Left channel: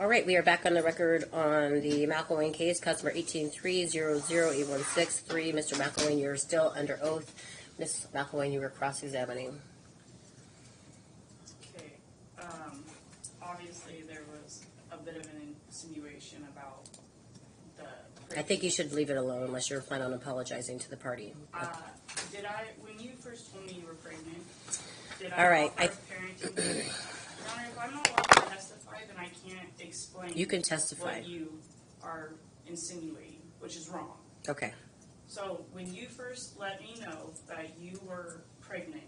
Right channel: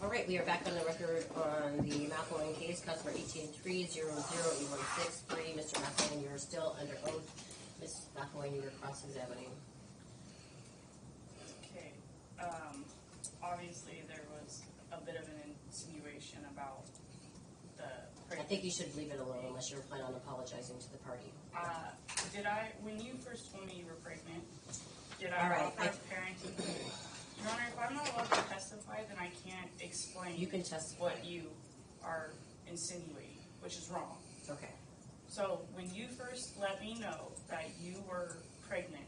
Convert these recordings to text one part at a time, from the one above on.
All right, we are back on the record on the McElwain case, customer 183008163. Mr. McElwain, you're still under oath. Ms. McElwain, you were cross-examining. Okay. Obviously, there was a bit of an insinuation about the. I think you should leave it alone unless you're planning on apologizing to the party. Did I, when you first told me you were pregnant, did All I right, offer a parenting? Your Honor, if I'm not allowed to testify, then I can't explain. You can testify. What you are insinuating, which is wrong. Okay. So when you first let me know that you were pregnant,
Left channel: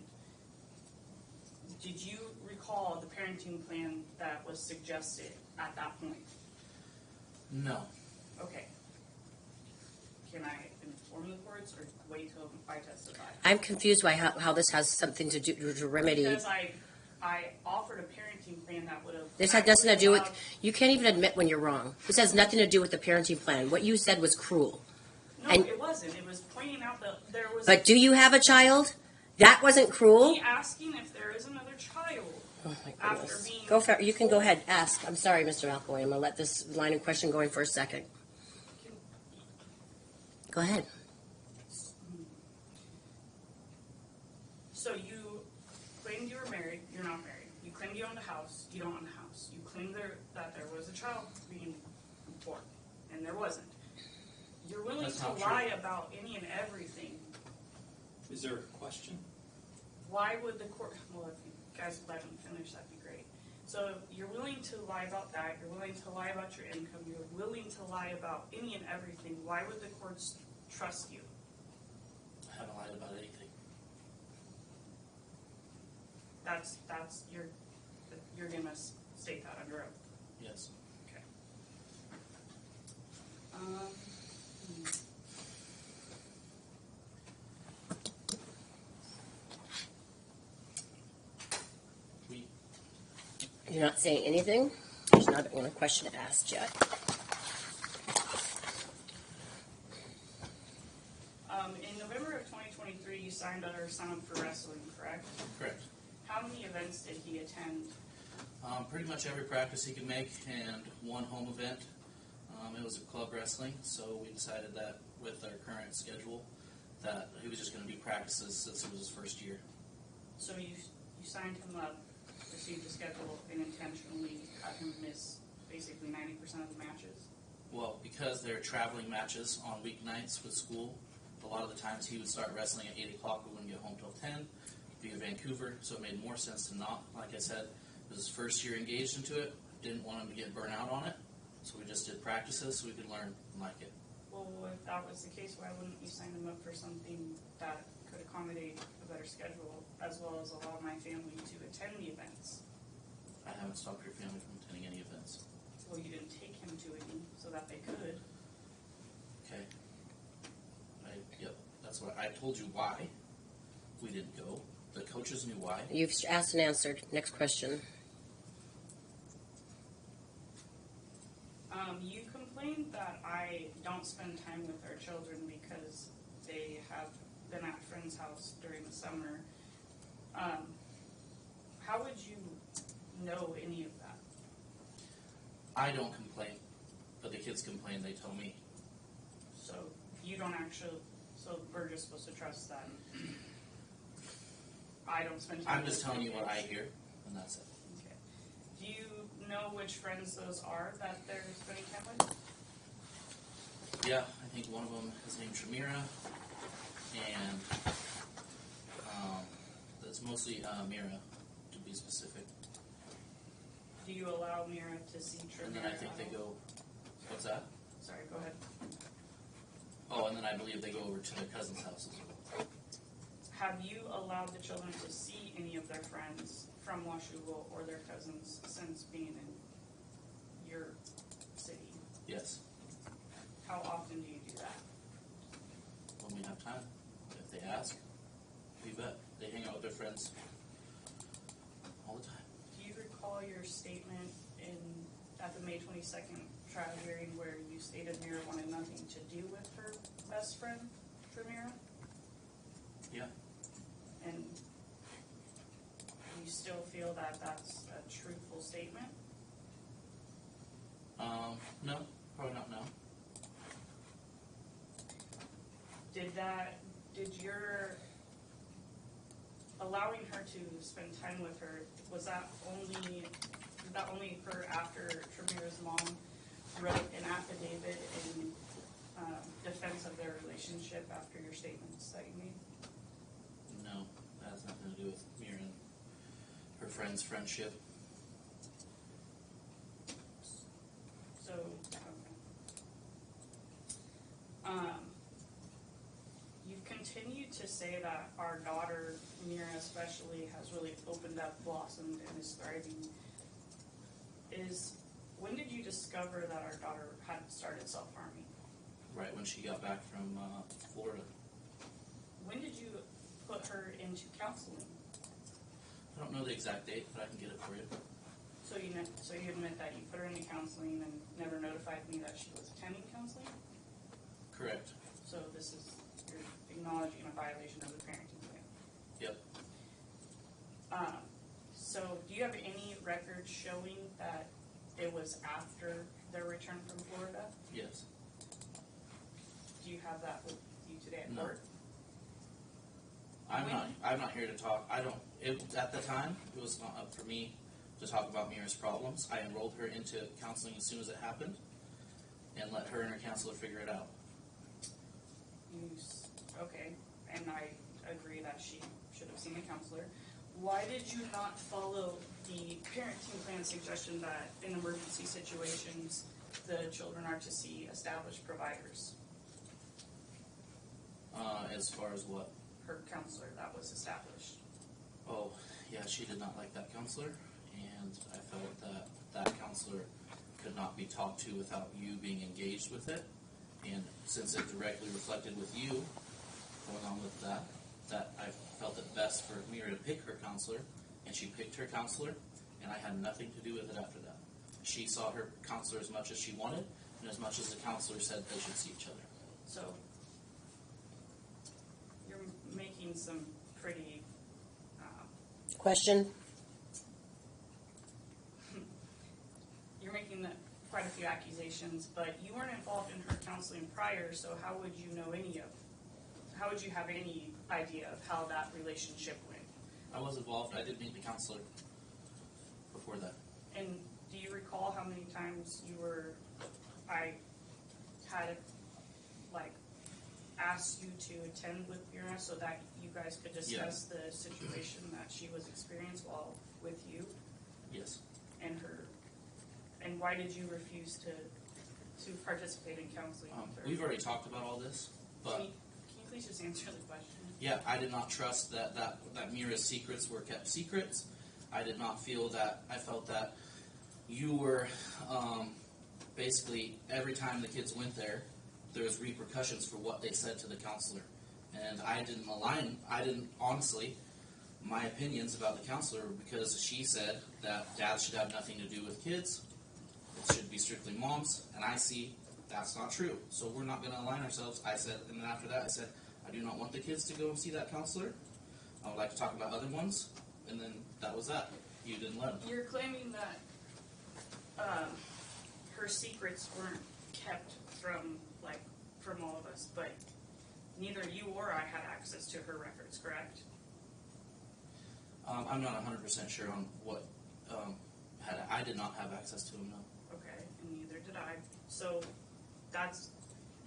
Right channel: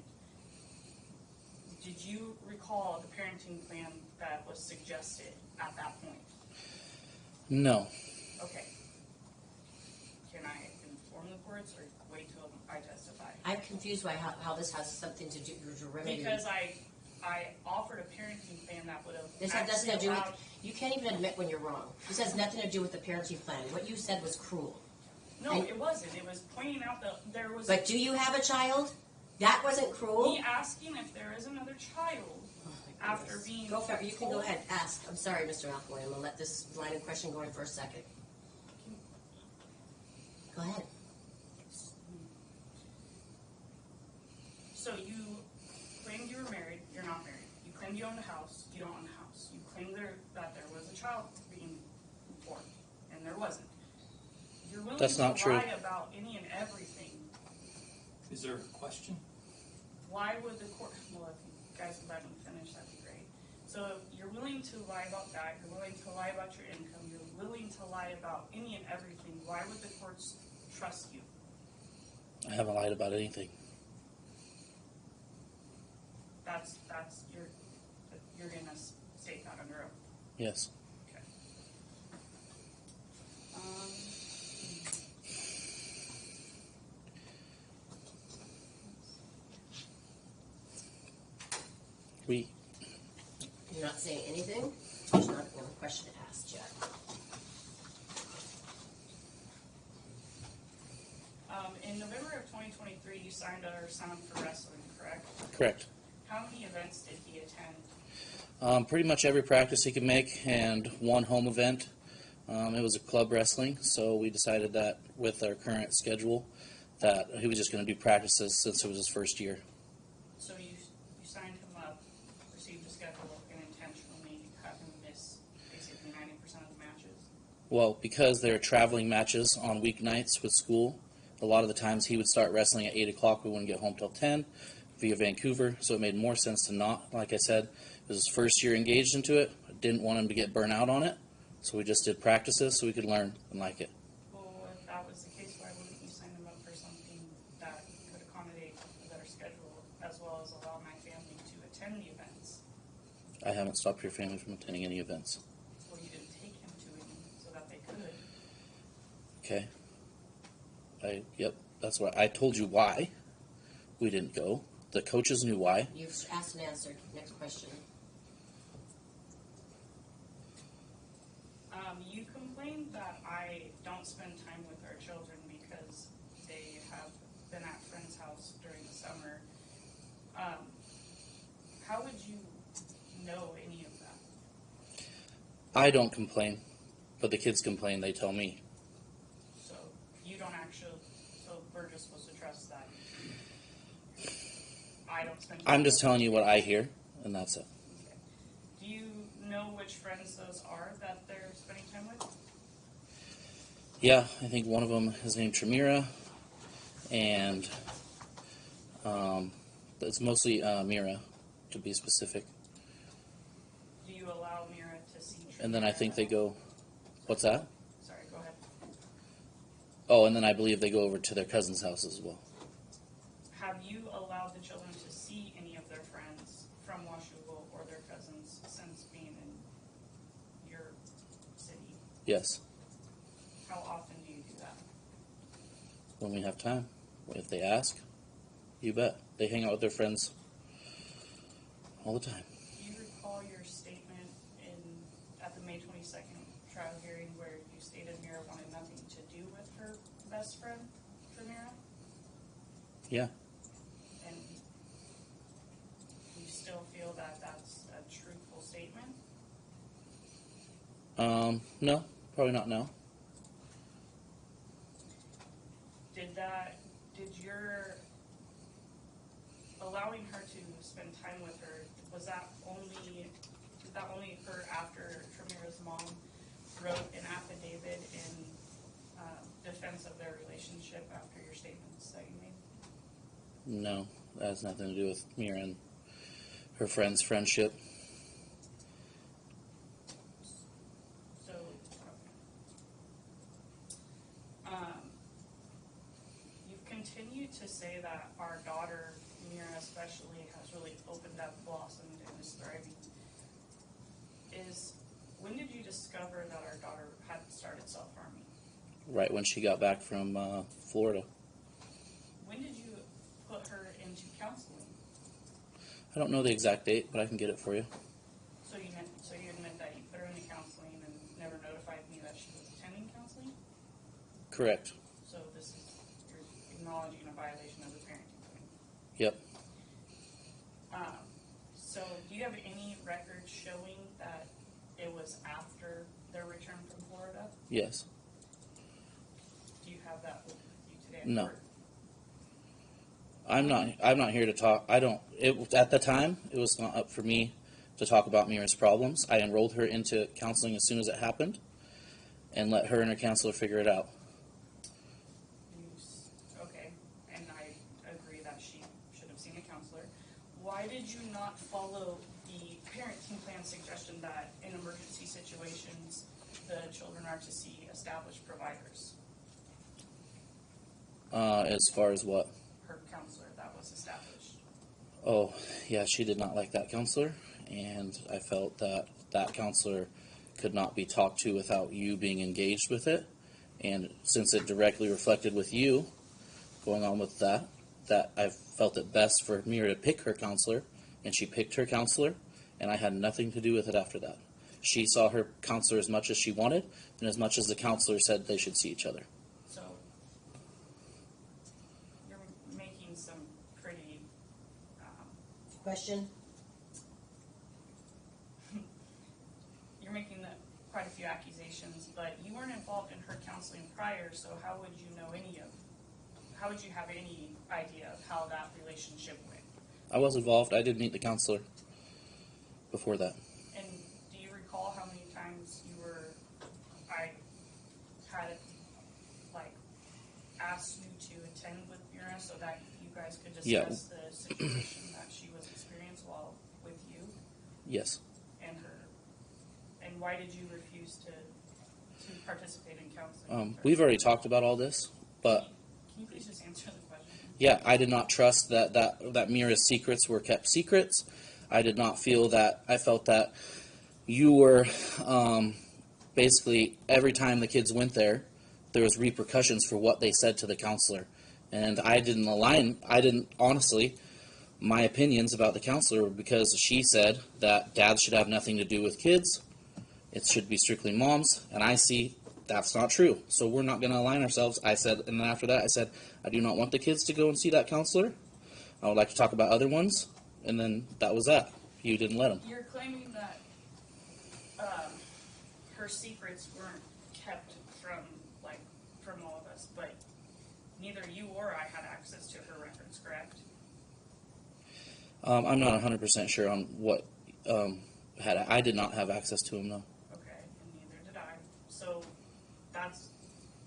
did you recall the parenting plan that was suggested at that point? No. Okay. Can I inform the courts or wait till I testify? I'm confused by how this has something to do to remedy. Because I offered a parenting plan that would have. This had nothing to do with. You can't even admit when you're wrong. This has nothing to do with the parenting plan. What you said was cruel. No, it wasn't. It was pointing out that there was. But do you have a child? That wasn't cruel. Me asking if there is another child. Oh my After goodness. being. Go for it. You can go ahead. Ask. I'm sorry, Mr. McElwain. I'm going to let this line of question going for a second. Go ahead. So you claimed you were married. You're not married. You claimed you owned a house. You don't own a house. You claimed that there was a child being born, and there wasn't. You're willing That's to not true. lie about any and everything. Is there a question? Why would the court? Well, if you guys would let me finish, that'd be great. So you're willing to lie about that. You're willing to lie about your income. You're willing to lie about any and everything. Why would the courts trust you? I haven't lied about anything. That's you're gonna state that under oath. Yes. Okay. You're not saying anything? There's not a question asked yet. In November of 2023, you signed our sign up for wrestling, correct? Correct. How many events did he attend? Pretty much every practice he could make, and one home event. It was a club wrestling, so we decided that with our current schedule that he was just going to do practices since it was his first year. So you signed him up, received a schedule, and intentionally had him miss basically 90% of the matches? Well, because they're traveling matches on weeknights with school, a lot of the times he would start wrestling at 8 o'clock. We wouldn't get home till 10 via Vancouver, so it made more sense to not. Like I said, it was his first year engaged into it. I didn't want him to get burnt out on it, so we just did practices so we could learn and like it. Well, if that was the case, why wouldn't you sign him up for something that could accommodate a better schedule, as well as allow my family to attend the events? I haven't stopped your family from attending any events. Well, you didn't take him to any so that they could. Okay. Yep, that's what I told you why we didn't go. The coaches knew why. You've asked and answered. Next question. You complained that I don't spend time with our children because they have been at friend's house during the summer. How would you know any of that? I don't complain, but the kids complain. They tell me. So you don't actually, so we're just supposed to trust them. I don't spend time I'm just with telling them. you what I hear, and that's it. Okay. Do you know which friends those are that they're spending time with? Yeah, I think one of them is named Tramira, and it's mostly Mira, to be specific. Do you allow Mira to see Tramira? And then I think they go, what's that? Sorry, go ahead. Oh, and then I believe they go over to their cousin's house as well. Have you allowed the children to see any of their friends from Washougal or their cousins since being in your city? Yes, How often do you do that? when we have time. If they ask, you bet. They hang out with their friends all the time. Do you recall your statement at the May 22nd trial hearing where you stated Mira wanted nothing to do with her best friend, Tramira? Yeah. And you still feel that that's a truthful statement? No, probably not now. Did your allowing her to spend time with her, did that only occur after Tremira's mom wrote an affidavit in defense of their relationship after your statements that you made? No, that has nothing to do with Mira and her friend's friendship. So, you've continued to say that our daughter, Mira especially, has really opened up, blossomed, and is thriving. When did you discover that our daughter had started self-harming? Right when she got back from Florida. When did you put her into counseling? I don't know the exact date, but I can get it for you. So you admit that you put her into counseling and never notified me that she was attending counseling? Correct. So you're acknowledging a violation of the parenting plan. Yep. So do you have any records showing that it was after their return from Florida? Yes. Do you have that with you today? No. I'm not here to talk. At the time, it was not up for me to talk about Mira's problems. I enrolled her into counseling as soon as it happened and let her and her counselor figure it out. Okay, and I agree that she should have seen a counselor. Why did you not follow the parenting plan suggestion that in emergency situations, the children are to see established providers? As far as what? Her counselor that was established. Oh, yeah, she did not like that counselor, and I felt that that counselor could not be talked to without you being engaged with it. And since it directly reflected with you going on with that I felt it best for Mira to pick her counselor, and she picked her counselor, and I had nothing to do with it after that. She saw her counselor as much as she wanted, and as much as the counselor said they should see each other. So you're making some pretty Question? you're making quite a few accusations, but you weren't involved in her counseling prior, so how would you have any idea of how that relationship went? I was involved. I did meet the counselor before that. And do you recall how many times I had asked you to attend with Mira so that you guys could discuss the situation that she was experiencing while with you Yes. and her? And why did you refuse to participate in counseling? with her? We've already talked about all this, but Can you please just answer the question? yeah, I did not trust that Mira's secrets were kept secrets. I did not feel that. I felt that you were basically every time the kids went there was repercussions for what they said to the counselor, and I didn't honestly. My opinions about the counselor were because she said that dads should have nothing to do with kids. It should be strictly moms, and I see that's not true. So we're not going to align ourselves. I said, and then after that, I said, I do not want the kids to go and see that counselor. I would like to talk about other ones, and then that was that. You didn't let them. You're claiming that her secrets weren't kept from all of us, but neither you or I had access to her records, correct? I'm not 100% sure on what I did not have access to them, no. Okay, and neither did I. So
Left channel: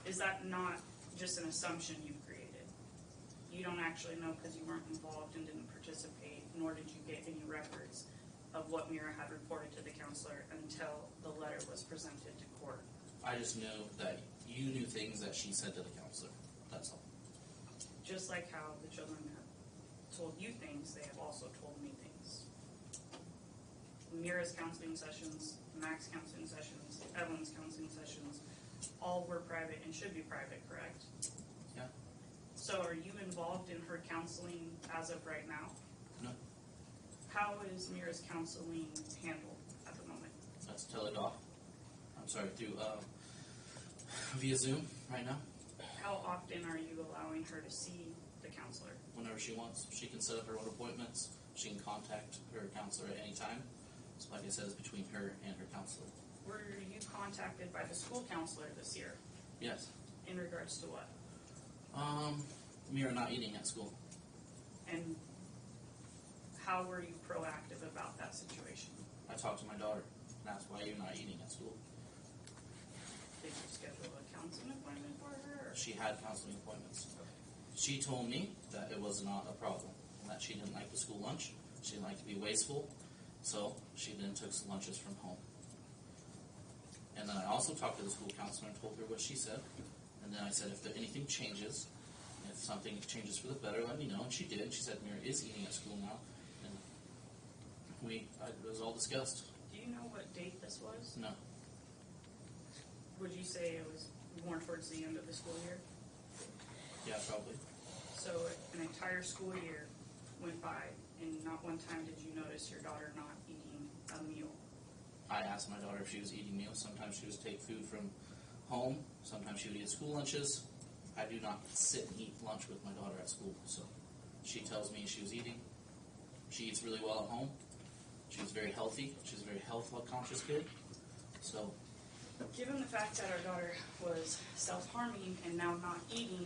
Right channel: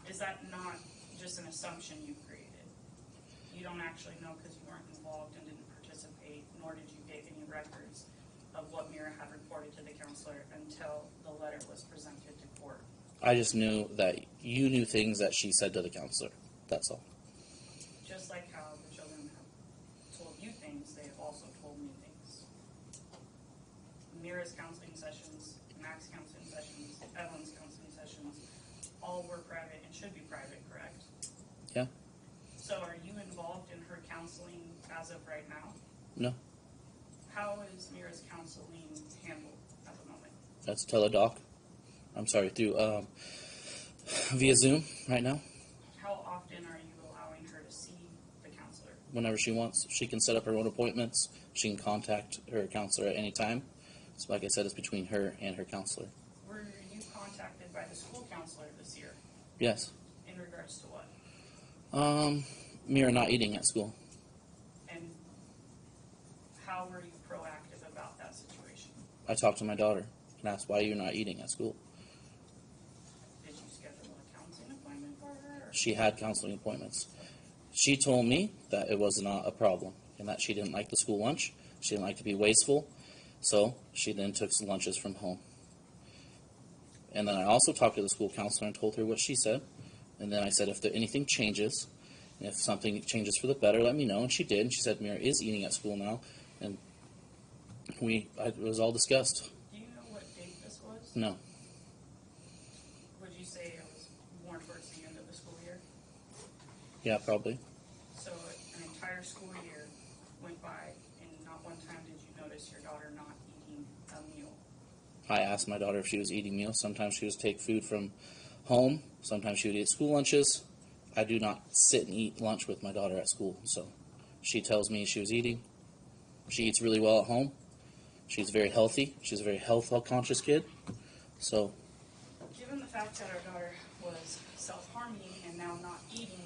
is that not just an assumption you created? You don't actually know because you weren't involved and didn't participate, nor did you get any records of what Mira had reported to the counselor until the letter was presented to court. I just knew that you knew things that she said to the counselor. That's all. Just like how the children have told you things, they have also told me things. Mira's counseling sessions, Mac's counseling sessions, Evelyn's counseling sessions, all were private and should be private, correct? Yeah. So are you involved in her counseling as of right now? No. How is Mira's counseling handled at the moment? That's teledoc. I'm sorry, through via Zoom right now. How often are you allowing her to see the counselor? Whenever she wants. She can set up her own appointments. She can contact her counselor at any time. So like I said, it's between her and her counselor. Were you contacted by the school counselor this year Yes. in regards to what? Mira not eating at school. And how were you proactive about that situation? I talked to my daughter, and that's why you're not eating at school. Did you schedule a counseling appointment for her? Or? She had counseling appointments. She told me that it was not a problem and that she didn't like the school lunch. She didn't like to be wasteful, so she then took some lunches from home. And then I also talked to the school counselor and told her what she said. And then I said, if anything changes, if something changes for the better, let me know. And she did. And she said Mira is eating at school now. And it was all discussed. Do you know what date this was? No. Would you say it was more towards the end of the school year? Yeah, probably. So an entire school year went by, and not one time did you notice your daughter not eating a meal. I asked my daughter if she was eating meals. Sometimes she would take food from home. Sometimes she would eat school lunches. I do not sit and eat lunch with my daughter at school. So she tells me she was eating. She eats really well at home. She's very healthy. She's a very health-conscious kid. So Given the fact that our daughter was self-harming and now not eating,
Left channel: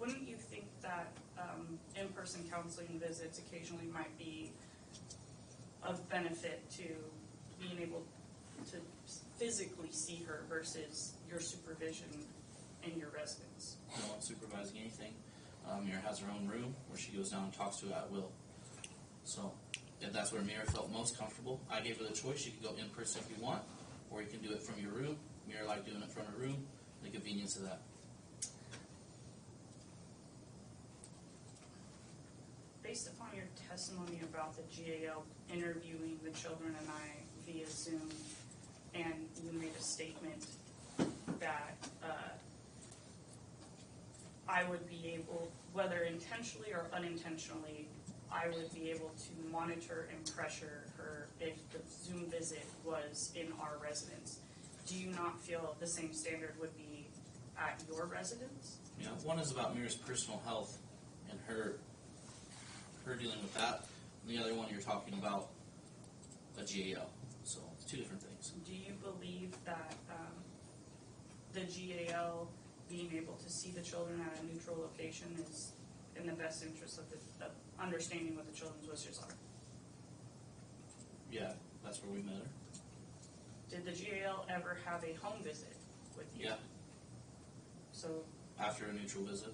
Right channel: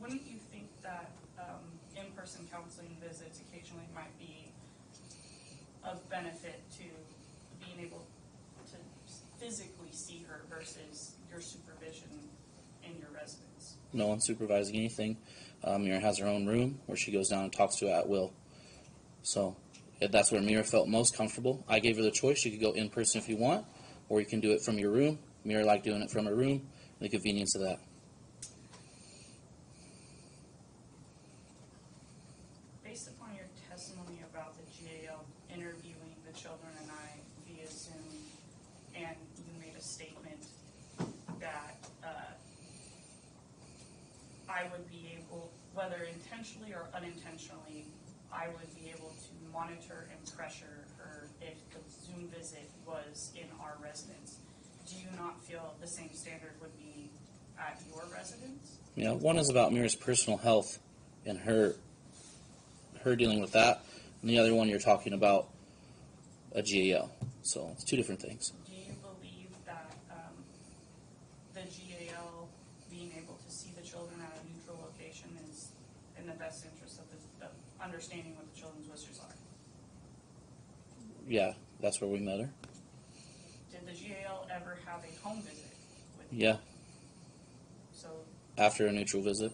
wouldn't you think that in-person counseling visits occasionally might be of benefit to being able to physically see her versus your supervision in your residence? no one's supervising anything. Mira has her own room where she goes down and talks to at will. So that's where Mira felt most comfortable. I gave her the choice. You could go in person if you want, or you can do it from your room. Mira liked doing it from her room, and the convenience of that. Based upon your testimony about the GAL interviewing the children and I via Zoom, and you made a statement that I would be able, whether intentionally or unintentionally, I would be able to monitor and pressure her if the Zoom visit was in our residence. Do you not feel the same standard would be at your residence? Yeah, one is about Mira's personal health and her dealing with that, and the other one you're talking about a GAL. So it's two different things. Do you believe that the GAL being able to see the children at a neutral location is in the best interest of understanding what the children's wishes are? Yeah, that's where we met her. Did the GAL ever have a home visit with you? Yeah, So, after a neutral visit.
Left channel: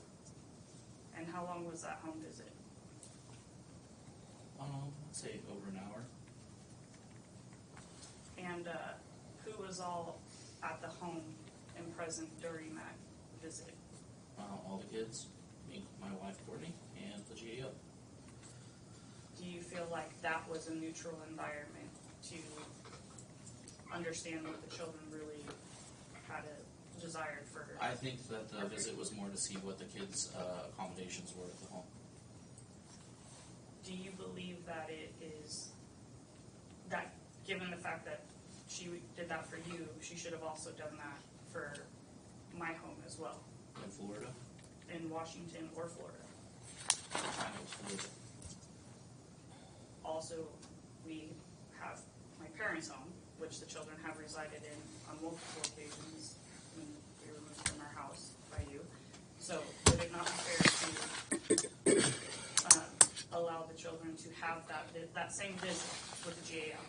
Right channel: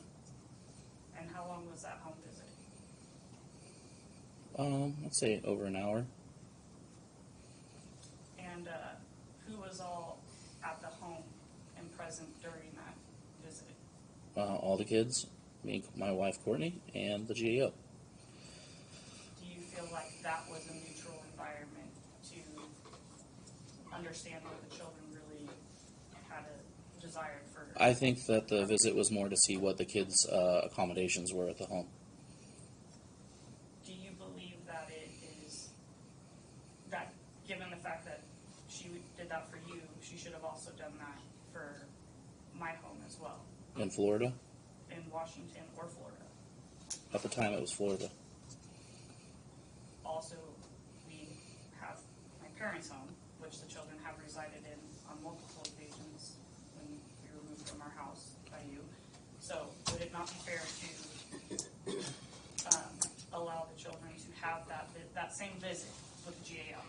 and how long was that home visit? Let's say over an hour. And who was all at the home and present during that visit? All the kids, me, my wife Courtney, and the GAL. Do you feel like that was a neutral environment to understand what the children really had a desire for? I think that the visit was more to see what the kids' accommodations were at the home. Do you believe that it is that, given the fact that she did that for you, she should have also done that for my home as well, In Florida, in Washington or Florida? at the time it was Florida. Also, we have my parents' home, which the children have resided in on multiple occasions when we were moved from our house by you. So, would it not be fair to allow the children to have that same visit with the GAL?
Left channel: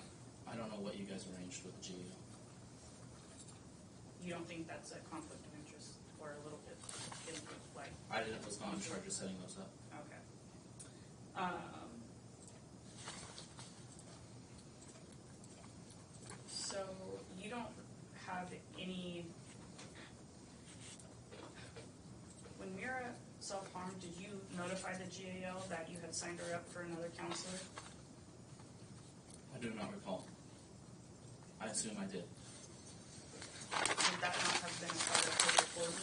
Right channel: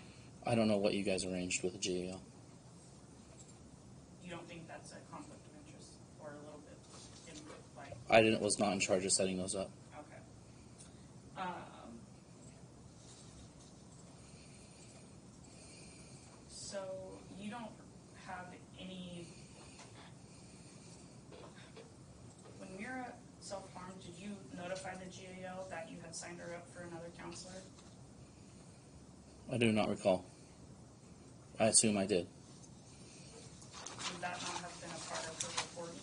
I don't know what you guys arranged with the GAL. You don't think that's a conflict of interest, or a little bit like? I was not in charge of setting those up. Okay. So you don't have any. When Mira self-harmed, did you notify the GAL that you had signed her up for another counselor? I do not recall. I assume I did. Would that not have been a part of her reporting?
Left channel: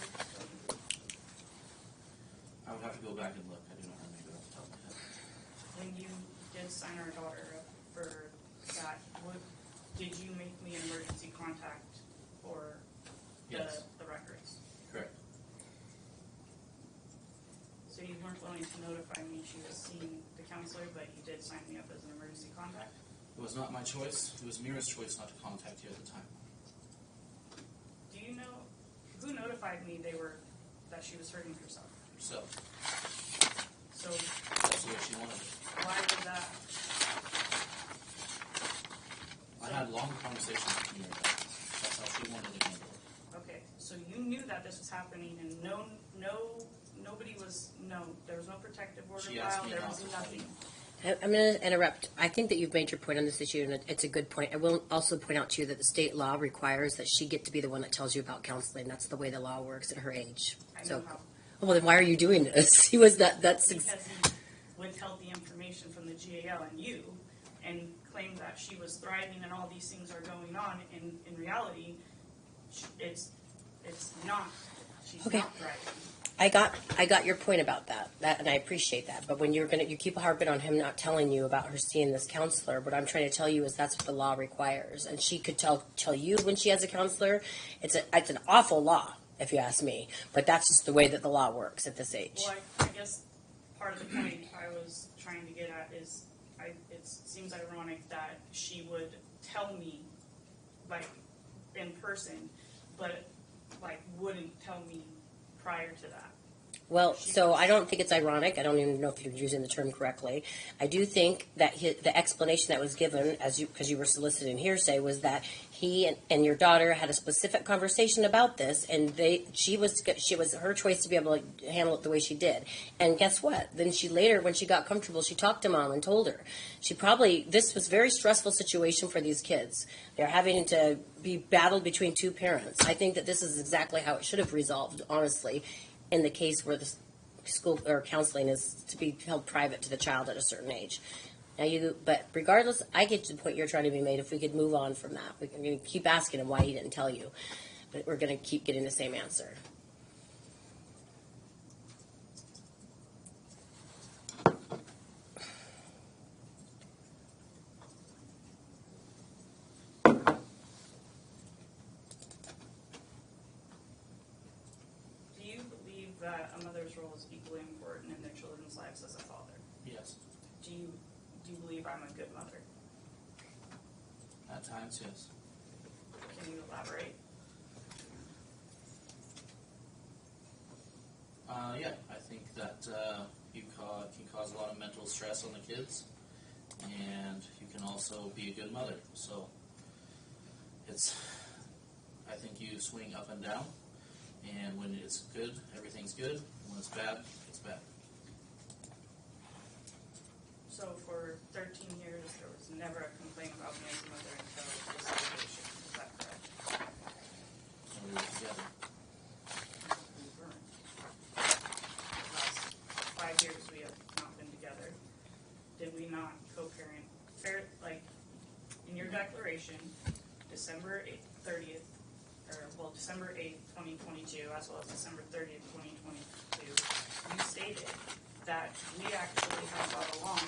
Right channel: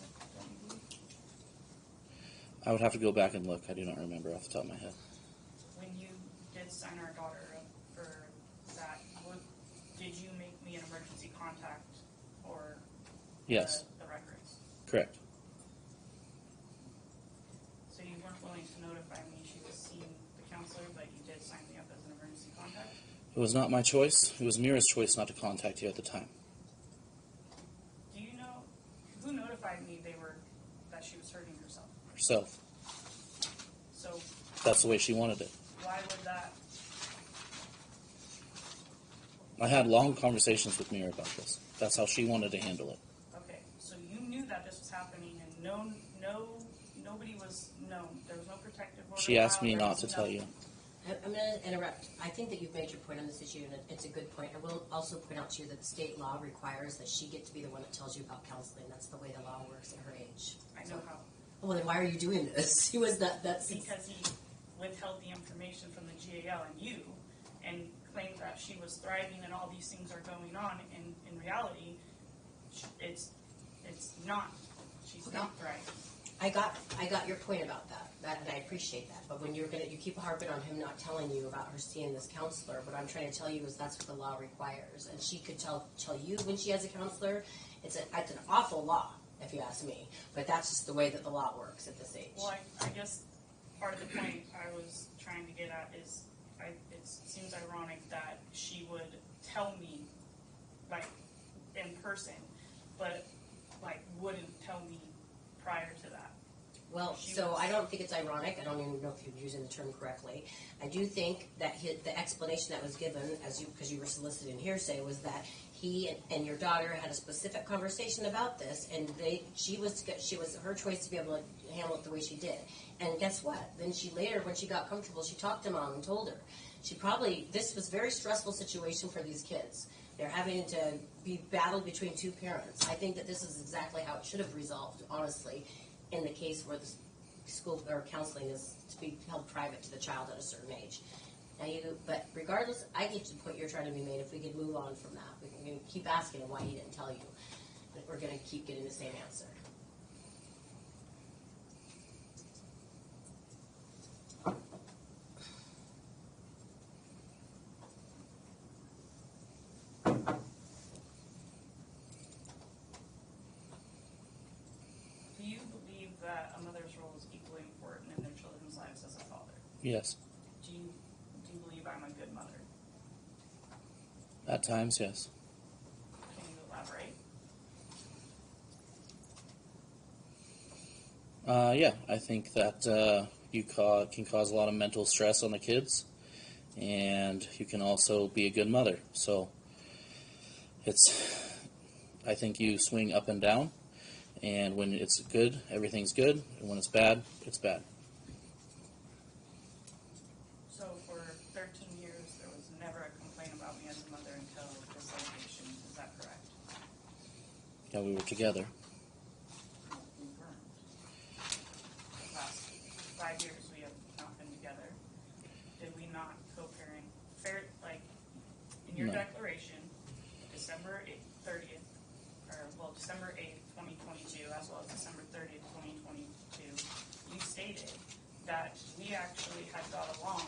I would have to go back and look. I do not remember off the top of my head. When you did sign our daughter up for that, did you make me an emergency contact or Yes, the records? correct. So you weren't willing to notify me she was seeing the counselor, but you did sign me up as an emergency contact? It was not my choice. It was Mira's choice not to contact you at the time. Do you know who notified me that she was hurting herself? Herself. So That's the way she wanted it. why would that? I had long conversations with Mira about this. That's how she wanted to handle it. Okay, so you knew that this was happening, and nobody was there was no protective order. She asked me there not was to tell you. I'm going to interrupt. I think that you've made your point on this issue, and it's a good point. I will also point out to you that the state law requires that she get to be the one that tells you about counseling. That's the way the law works at her age. I So, know how. well, then why are you doing this? He was that's Because he withheld the information from the GAL and you, and claimed that she was thriving and all these things are going on. And in reality, it's not. She's Okay. not thriving. I got your point about that, and I appreciate that. But when you keep harping on him not telling you about her seeing this counselor, what I'm trying to tell you is that's what the law requires, and she could tell you when she has a counselor. It's an awful law, if you ask me. But that's just the way that the law works at this age. Well, I guess part of the point I was trying to get at is it seems ironic that she would tell me, like, in person, but, like, wouldn't tell me prior to that. Well, so I don't think it's ironic. I don't even know if you're using the term correctly. I do think that the explanation that was given, because you were soliciting hearsay, was that he and your daughter had a specific conversation about this, and she was her choice to be able to handle it the way she did. And guess what? Then she later, when she got comfortable, she talked to mom and told her. This was a very stressful situation for these kids. They're having to be battled between two parents. I think that this is exactly how it should have resolved, honestly, in the case where the school or counseling is to be held private to the child at a certain age. But regardless, I get to the point you're trying to be made. If we could move on from that, we're going to keep asking him why he didn't tell you, but we're going to keep getting the same answer. Do you believe that a mother's role is equally important in their children's lives as a father? Yes. Do you believe I'm a good mother? At times, yes. Can you elaborate? Yeah, I think that you can cause a lot of mental stress on the kids, and you can also be a good mother. So I think you swing up and down, and when it's good, everything's good, and when it's bad, it's bad. So for 13 years, there was never a complaint about me as a mother until this litigation. Is that correct? That we were together. Last 5 years we have not been together. Did we not co-parent? In your No. declaration, December 30th, December 8th, 2022, as well as December 30th, 2022, you stated that we actually have got along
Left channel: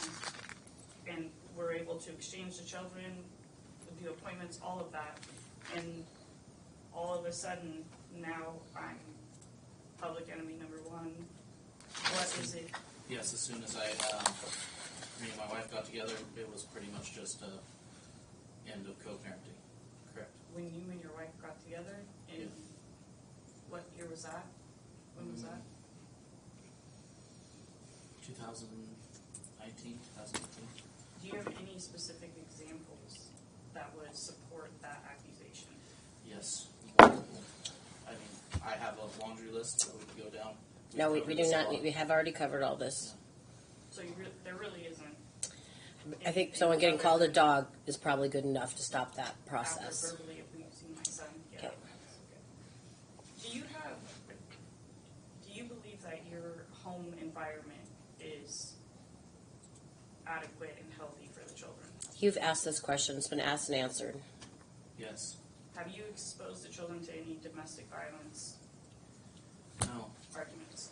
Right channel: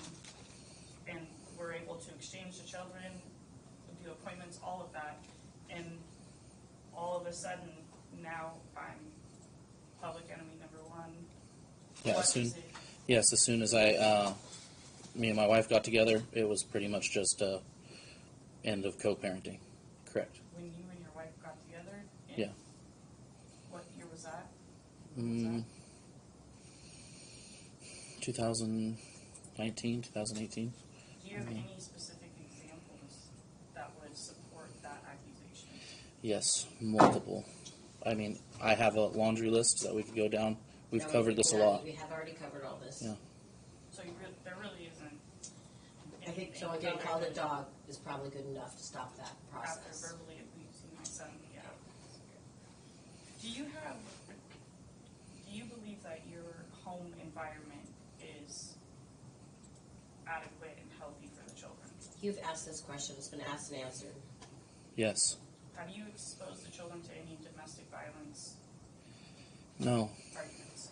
and were able to exchange the children, do appointments, all of that, and all of a sudden now I'm public enemy number one. Yeah, What as soon- is it? Yes, as soon as me and my wife got together, it was pretty much just end of co-parenting. Correct. When you and your wife got together? And Yeah. what year was that? What was that? 2019, 2018. Do you have any specific examples that would support that accusation? Yes, multiple. I mean, I have a laundry list that we could go down. We've No, covered we do this a not. lot. We have already covered all this. Yeah. So there really isn't. I think someone getting called a dog is probably good enough to stop that process. After verbally abusing my son, yeah. Okay. Do you believe that your home environment is adequate and healthy for the children? You've asked this question. It's been asked and answered. Yes. Have you exposed the children to any domestic violence No. arguments?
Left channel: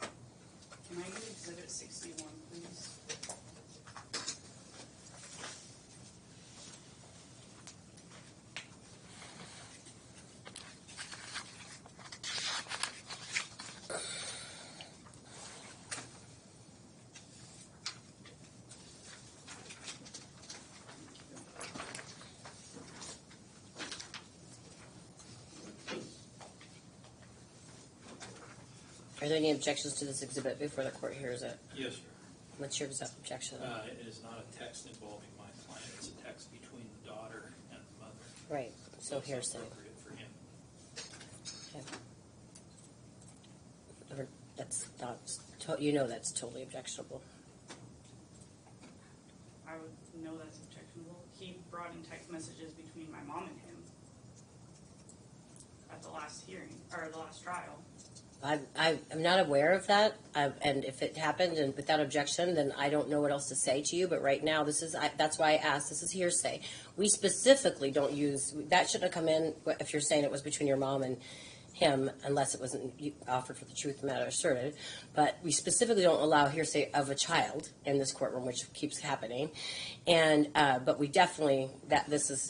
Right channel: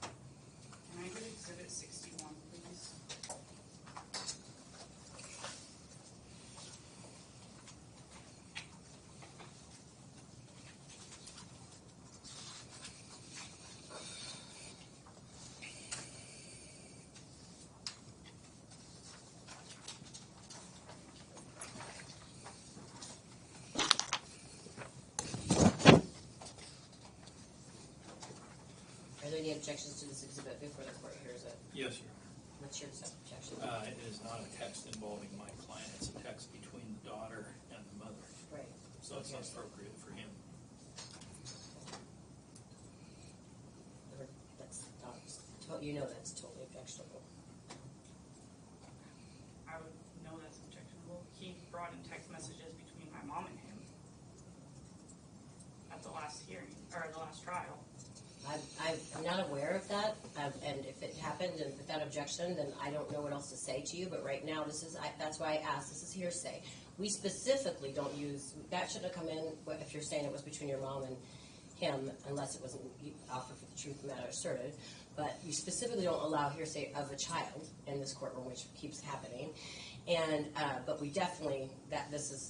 Can I get Exhibit 61, please? Are there any objections to this exhibit before the court hears it? Yes, sir. What's your objection? It is not a text involving my client. It's a text between the daughter and the mother. Right, so It's here's the, appropriate for him. that's not, you know that's totally objectionable. I would know that's objectionable. He brought in text messages between my mom and him at the last hearing, or the last trial. I'm not aware of that, and if it happened and without objection, then I don't know what else to say to you, but right now, that's why I asked, this is hearsay. We specifically don't use, that shouldn't have come in if you're saying it was between your mom and him, unless it wasn't offered for the truth of the matter asserted, but we specifically don't allow hearsay of a child in this courtroom, which keeps happening, and, but we definitely,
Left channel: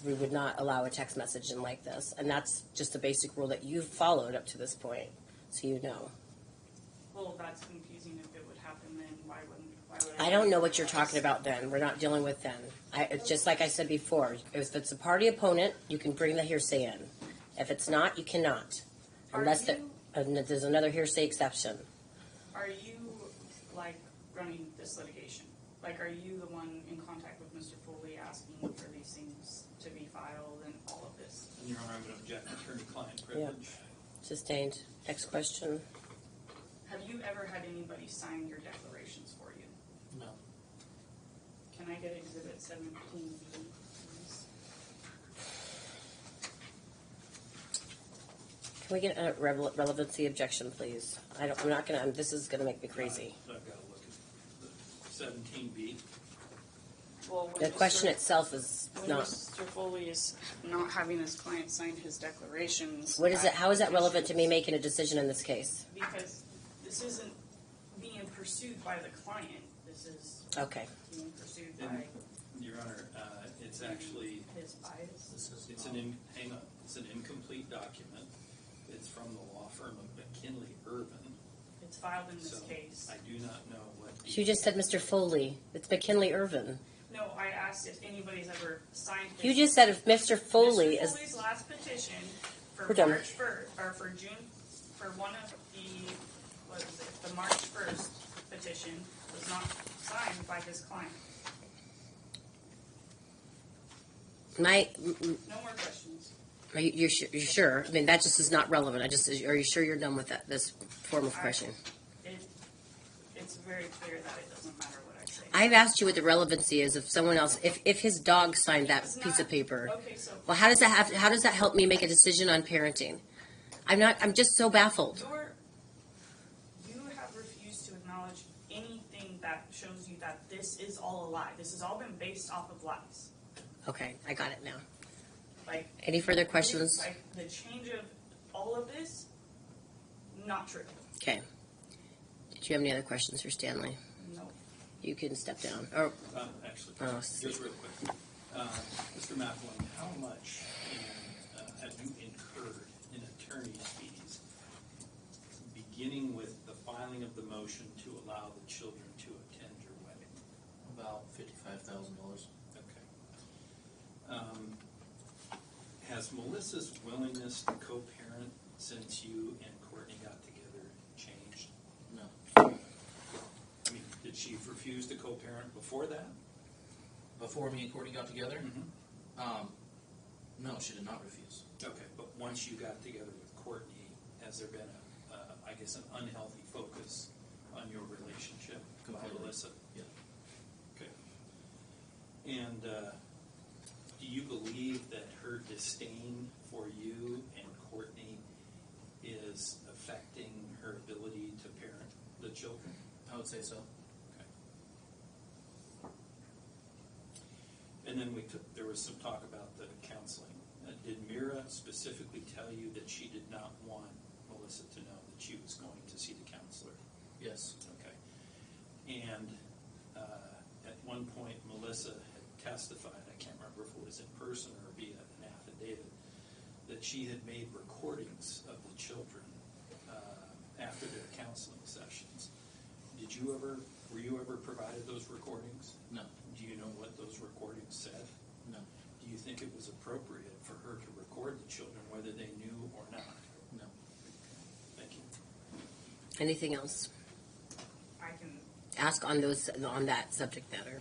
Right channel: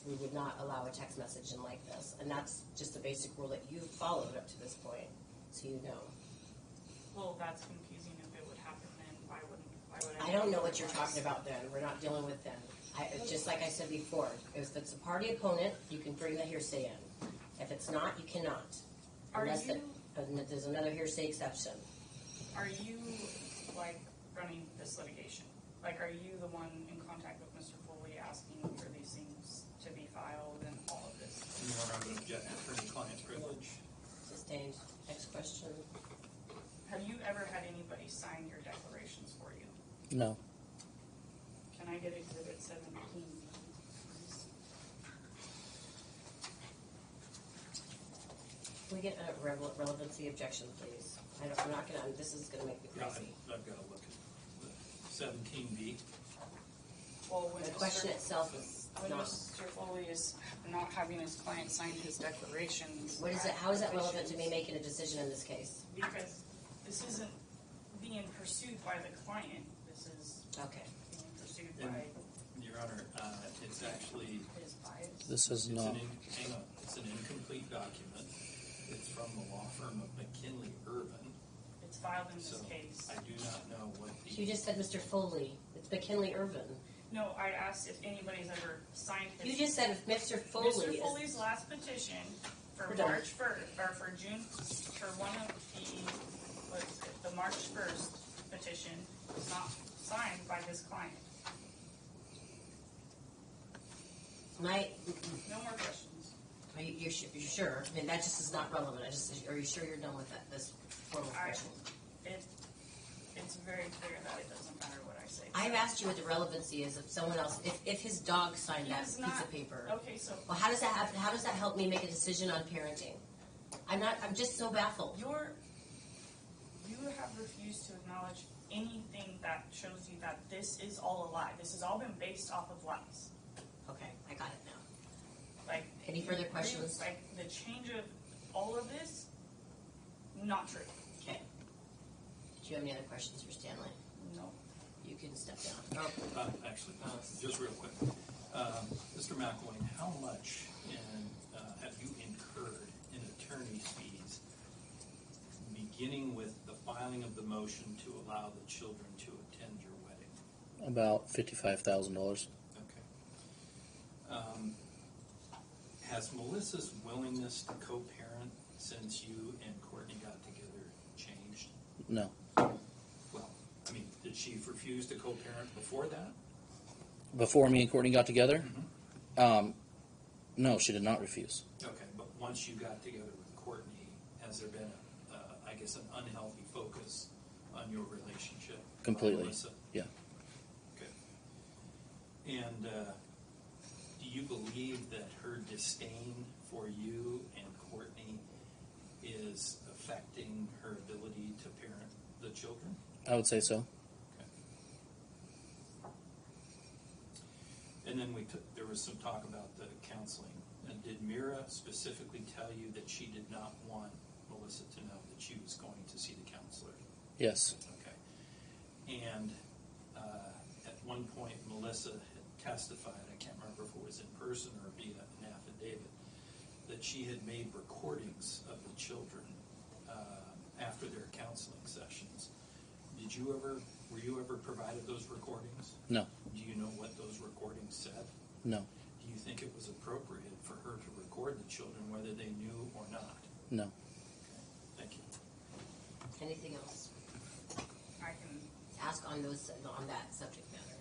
we would not allow a text message in like this, and that's just a basic rule that you've followed up to this point. So you know. Well, that's confusing. If it would happen, then why would I don't know what you're talking about then. We're not dealing with then. It's just like I said before. If it's a party opponent, you can bring the hearsay in. If it's not, you cannot. There's another hearsay exception. Are you, like, running this litigation? Like, are you the one in contact with Mr. Foley asking for these things to be filed and all of this? Your Honor, I would object to attorney-client privilege. Sustained. Next question. Have you ever had anybody sign your declarations for you? No. Can I get Exhibit 17, please? Can we get a relevancy objection, please? I'm not gonna. This is gonna make me crazy. I've got to look at 17B. Well, when The question itself is when not. Mr. Foley is not having his client sign his declarations. What is it? How is that relevant to me making a decision in this case? Because this isn't being pursued by the client. This is Okay. being pursued by Your Honor, it's actually his bias. This is not. hang on. It's an incomplete document. It's from the law firm of McKinley Urban. It's filed in this So case. I do not know what. You just said Mr. Foley. It's McKinley Irvin. No, I asked if anybody's ever signed his. You just said if Mr. Foley Mr. is. Foley's last petition for We're done. March 1st, or for June, for one of the, what is it, the March 1st petition was not signed by his client. No more questions. Are you sure? I mean, that just is not relevant. Are you sure you're done with that, this form of questioning? It's very clear that it doesn't matter what I say. I've asked you what the relevancy is if someone else, if his dog signed that It's piece not- of paper. Okay, so Well, how does that help me make a decision on parenting? I'm just so baffled. you have refused to acknowledge anything that shows you that this is all a lie. This has all been based off of lies. Okay, I got it now. Like, Any further questions? like the change of all of this, not true. Okay. Did you have any other questions for Stanley? No. You can step down. Or, Actually, Oh, just real quick. Mr. McElwain, how much have you incurred in attorney's fees beginning with the filing of the motion to allow the children to attend your wedding? About $55,000. Okay. Has Melissa's willingness to co-parent since you and Courtney got together changed? No. I mean, did she refuse to co-parent before that? Before me and Courtney got together? No, she did not refuse. Okay, but once you got together with Courtney, has there been, I guess, an unhealthy focus on your relationship? by Completely. Melissa? Yeah. Okay. And do you believe that her disdain for you and Courtney is affecting her ability to parent the children? I would say so. And then there was some talk about the counseling. Did Mira specifically tell you that she did not want Melissa to know that she was going to see the counselor? Yes. Okay. And at one point, Melissa had testified, I can't remember if it was in person or via an affidavit, that she had made recordings of the children after their counseling sessions. Were you ever provided those recordings? No. Do you know what those recordings said? No. Do you think it was appropriate for her to record the children, whether they knew or not? No. Thank you. Anything else? I can, Ask on that subject matter.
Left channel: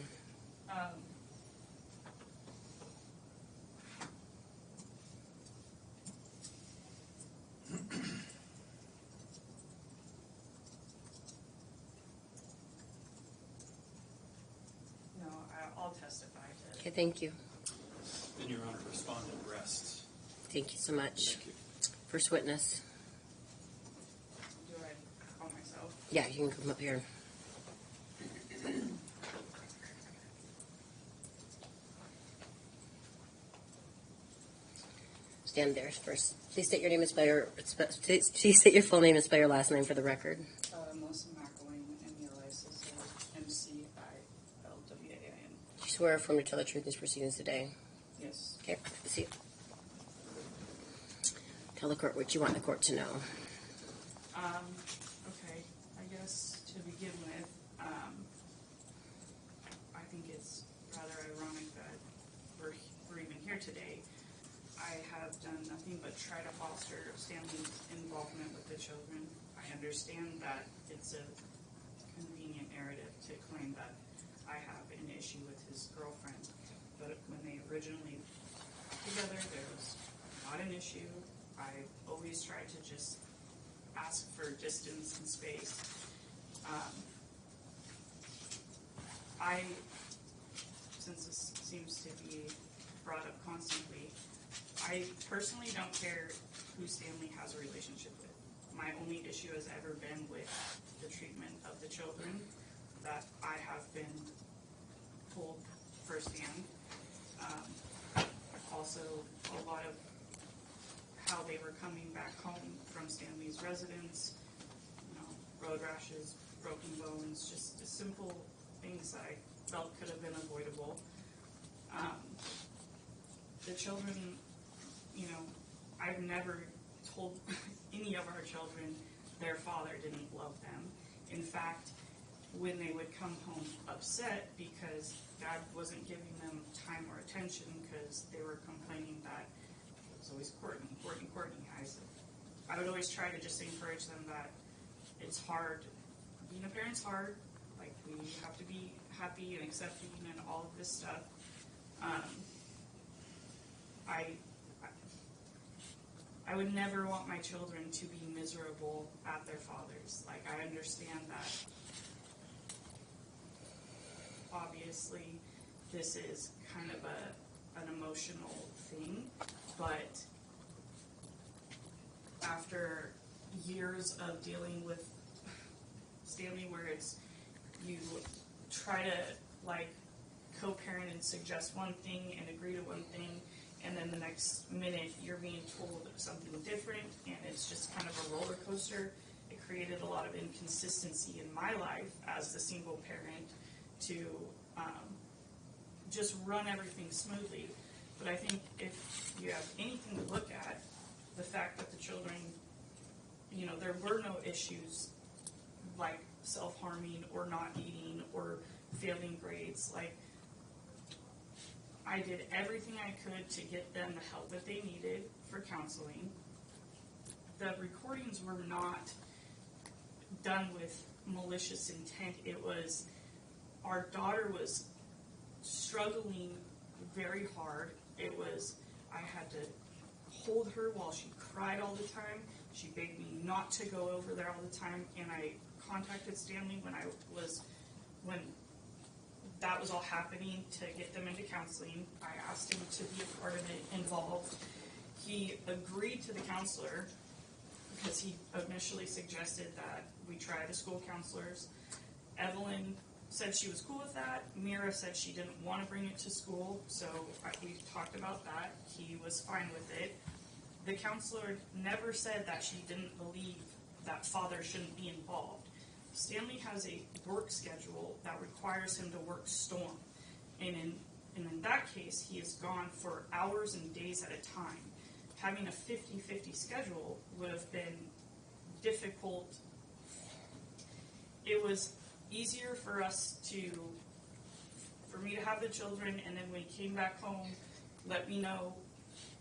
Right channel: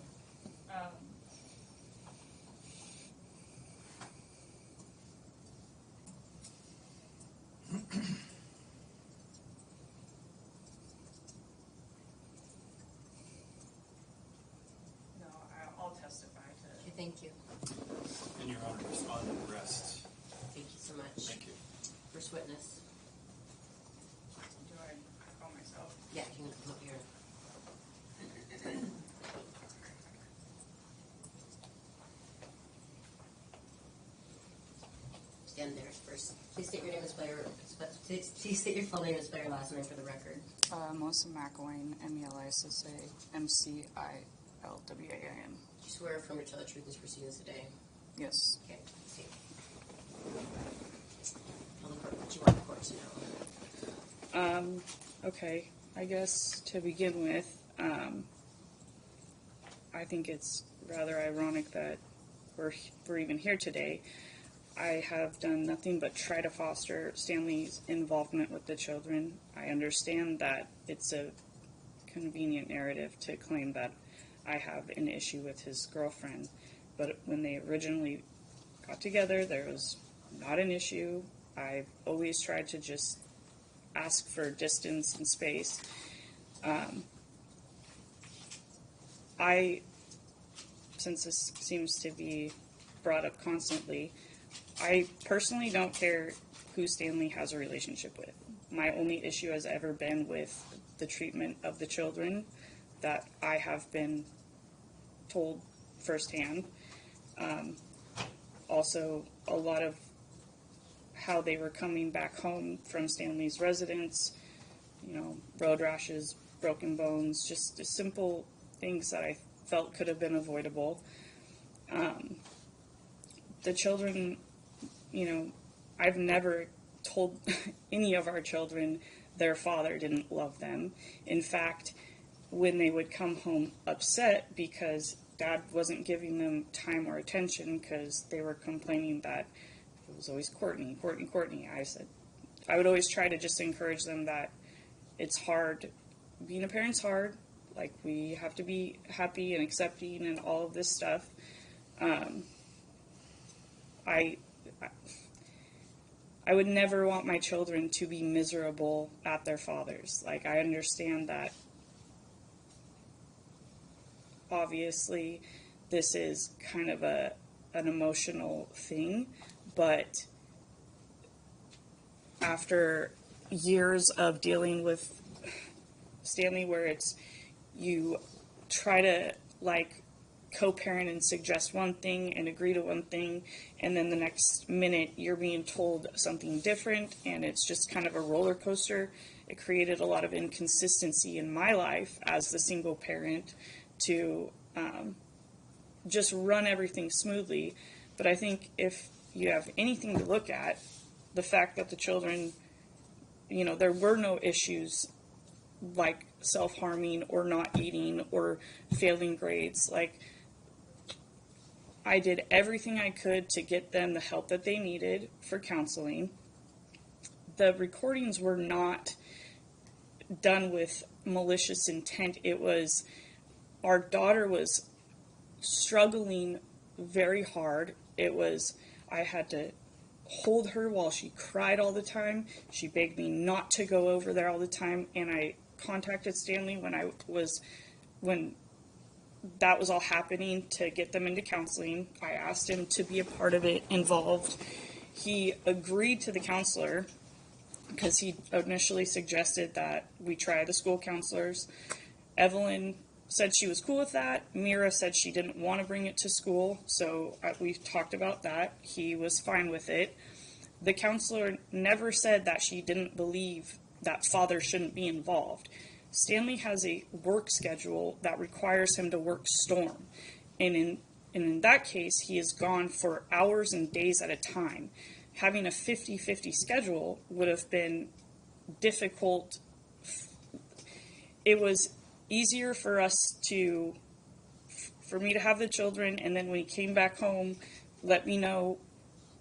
no, I'll testify to Okay, thank you. And Your Honor, respondent rests. Thank you so much. Thank you. First witness. do I call myself? Yeah, you can come up here. Stand there first. Please state your name and spell your. Please state your full name and spell your last name for the record. Melissa McElwain, MELISSA, MCILWAIN. Do you swear or affirm to tell the truth in these proceedings today? Yes. Okay, see you. Tell the court what you want the court to know. Okay, I guess to begin with, I think it's rather ironic that we're even here today. I have done nothing but try to foster Stanley's involvement with the children. I understand that it's a convenient narrative to claim that I have an issue with his girlfriend, but when they originally got together, there was not an issue. I've always tried to just ask for distance and space. Since this seems to be brought up constantly, I personally don't care who Stanley has a relationship with. My only issue has ever been with the treatment of the children that I have been told firsthand. Also, a lot of how they were coming back home from Stanley's residence, road rashes, broken bones, just the simple things that I felt could have been avoidable. The children, I've never told any of our children their father didn't love them. In fact, when they would come home upset because Dad wasn't giving them time or attention because they were complaining that it was always Courtney, I would always try to just encourage them that it's hard. Being a parent's hard. Like, we have to be happy and accepting and all of this stuff. I would never want my children to be miserable at their fathers. Like, I understand that obviously this is kind of an emotional thing, but after years of dealing with Stanley, where it's you try to co-parent and suggest one thing and agree to one thing, and then the next minute you're being told something different, and it's just kind of a roller coaster. It created a lot of inconsistency in my life as the single parent to just run everything smoothly. But I think if you have anything to look at, the fact that the children, there were no issues like self-harming or not eating or failing grades. Like, I did everything I could to get them the help that they needed for counseling. The recordings were not done with malicious intent. It was, our daughter was struggling very hard. I had to hold her while she cried all the time. She begged me not to go over there all the time, and I contacted Stanley when that was all happening to get them into counseling. I asked him to be a part of it, involved. He agreed to the counselor because he initially suggested that we try the school counselors. Evelyn said she was cool with that. Mira said she didn't want to bring it to school, so we talked about that. He was fine with it. The counselor never said that she didn't believe that father shouldn't be involved. Stanley has a work schedule that requires him to work storm, and in that case, he is gone for hours and days at a time. Having a 50-50 schedule would have been difficult. It was easier for me to have the children, and then when he came back home, let me know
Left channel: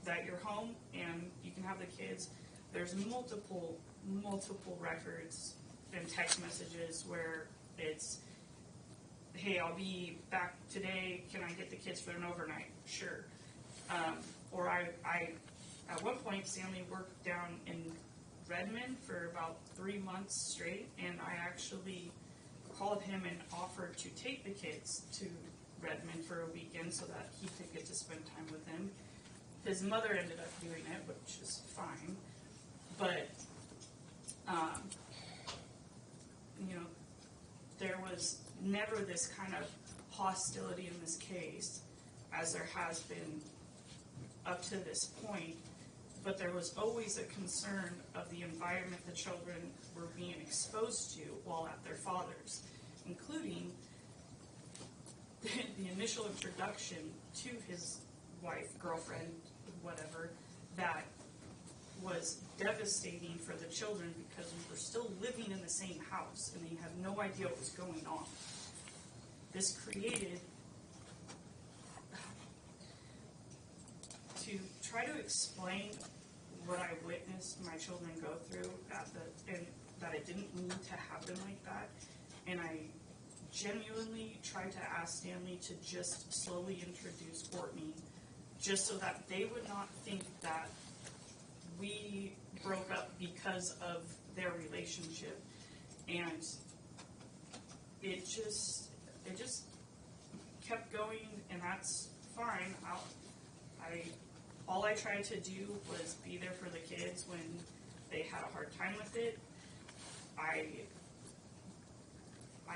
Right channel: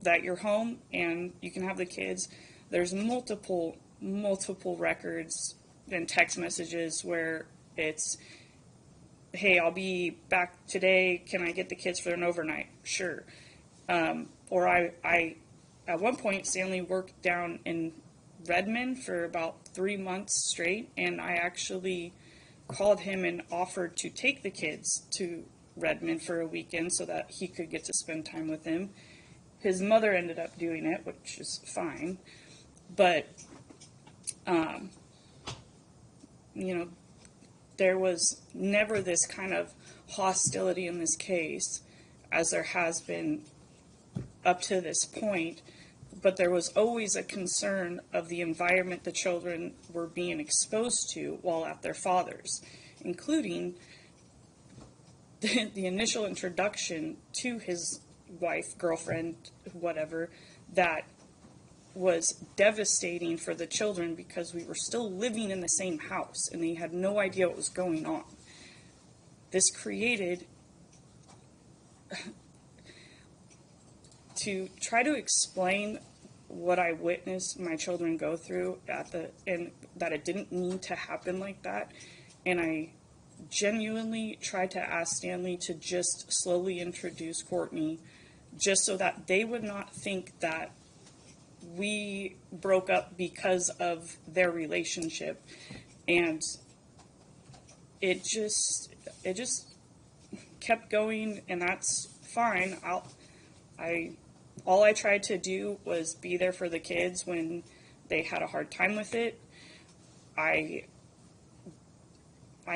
that you're home and you can have the kids. There's multiple records then text messages where it's, hey, I'll be back today. Can I get the kids for an overnight? Sure. Or I, at one point, Stanley worked down in Redmond for about 3 months straight, and I actually called him and offered to take the kids to Redmond for a weekend so that he could get to spend time with them. His mother ended up doing it, which is fine, but, there was never this kind of hostility in this case as there has been up to this point, but there was always a concern of the environment the children were being exposed to while at their father's, including the initial introduction to his wife, girlfriend, whatever, that was devastating for the children because we were still living in the same house and they had no idea what was going on. This created, to try to explain what I witnessed my children go through and that it didn't need to happen like that, and I genuinely tried to ask Stanley to just slowly introduce Courtney just so that they would not think that we broke up because of their relationship. And it just kept going, and that's fine. All I tried to do was be there for the kids when they had a hard time with it. I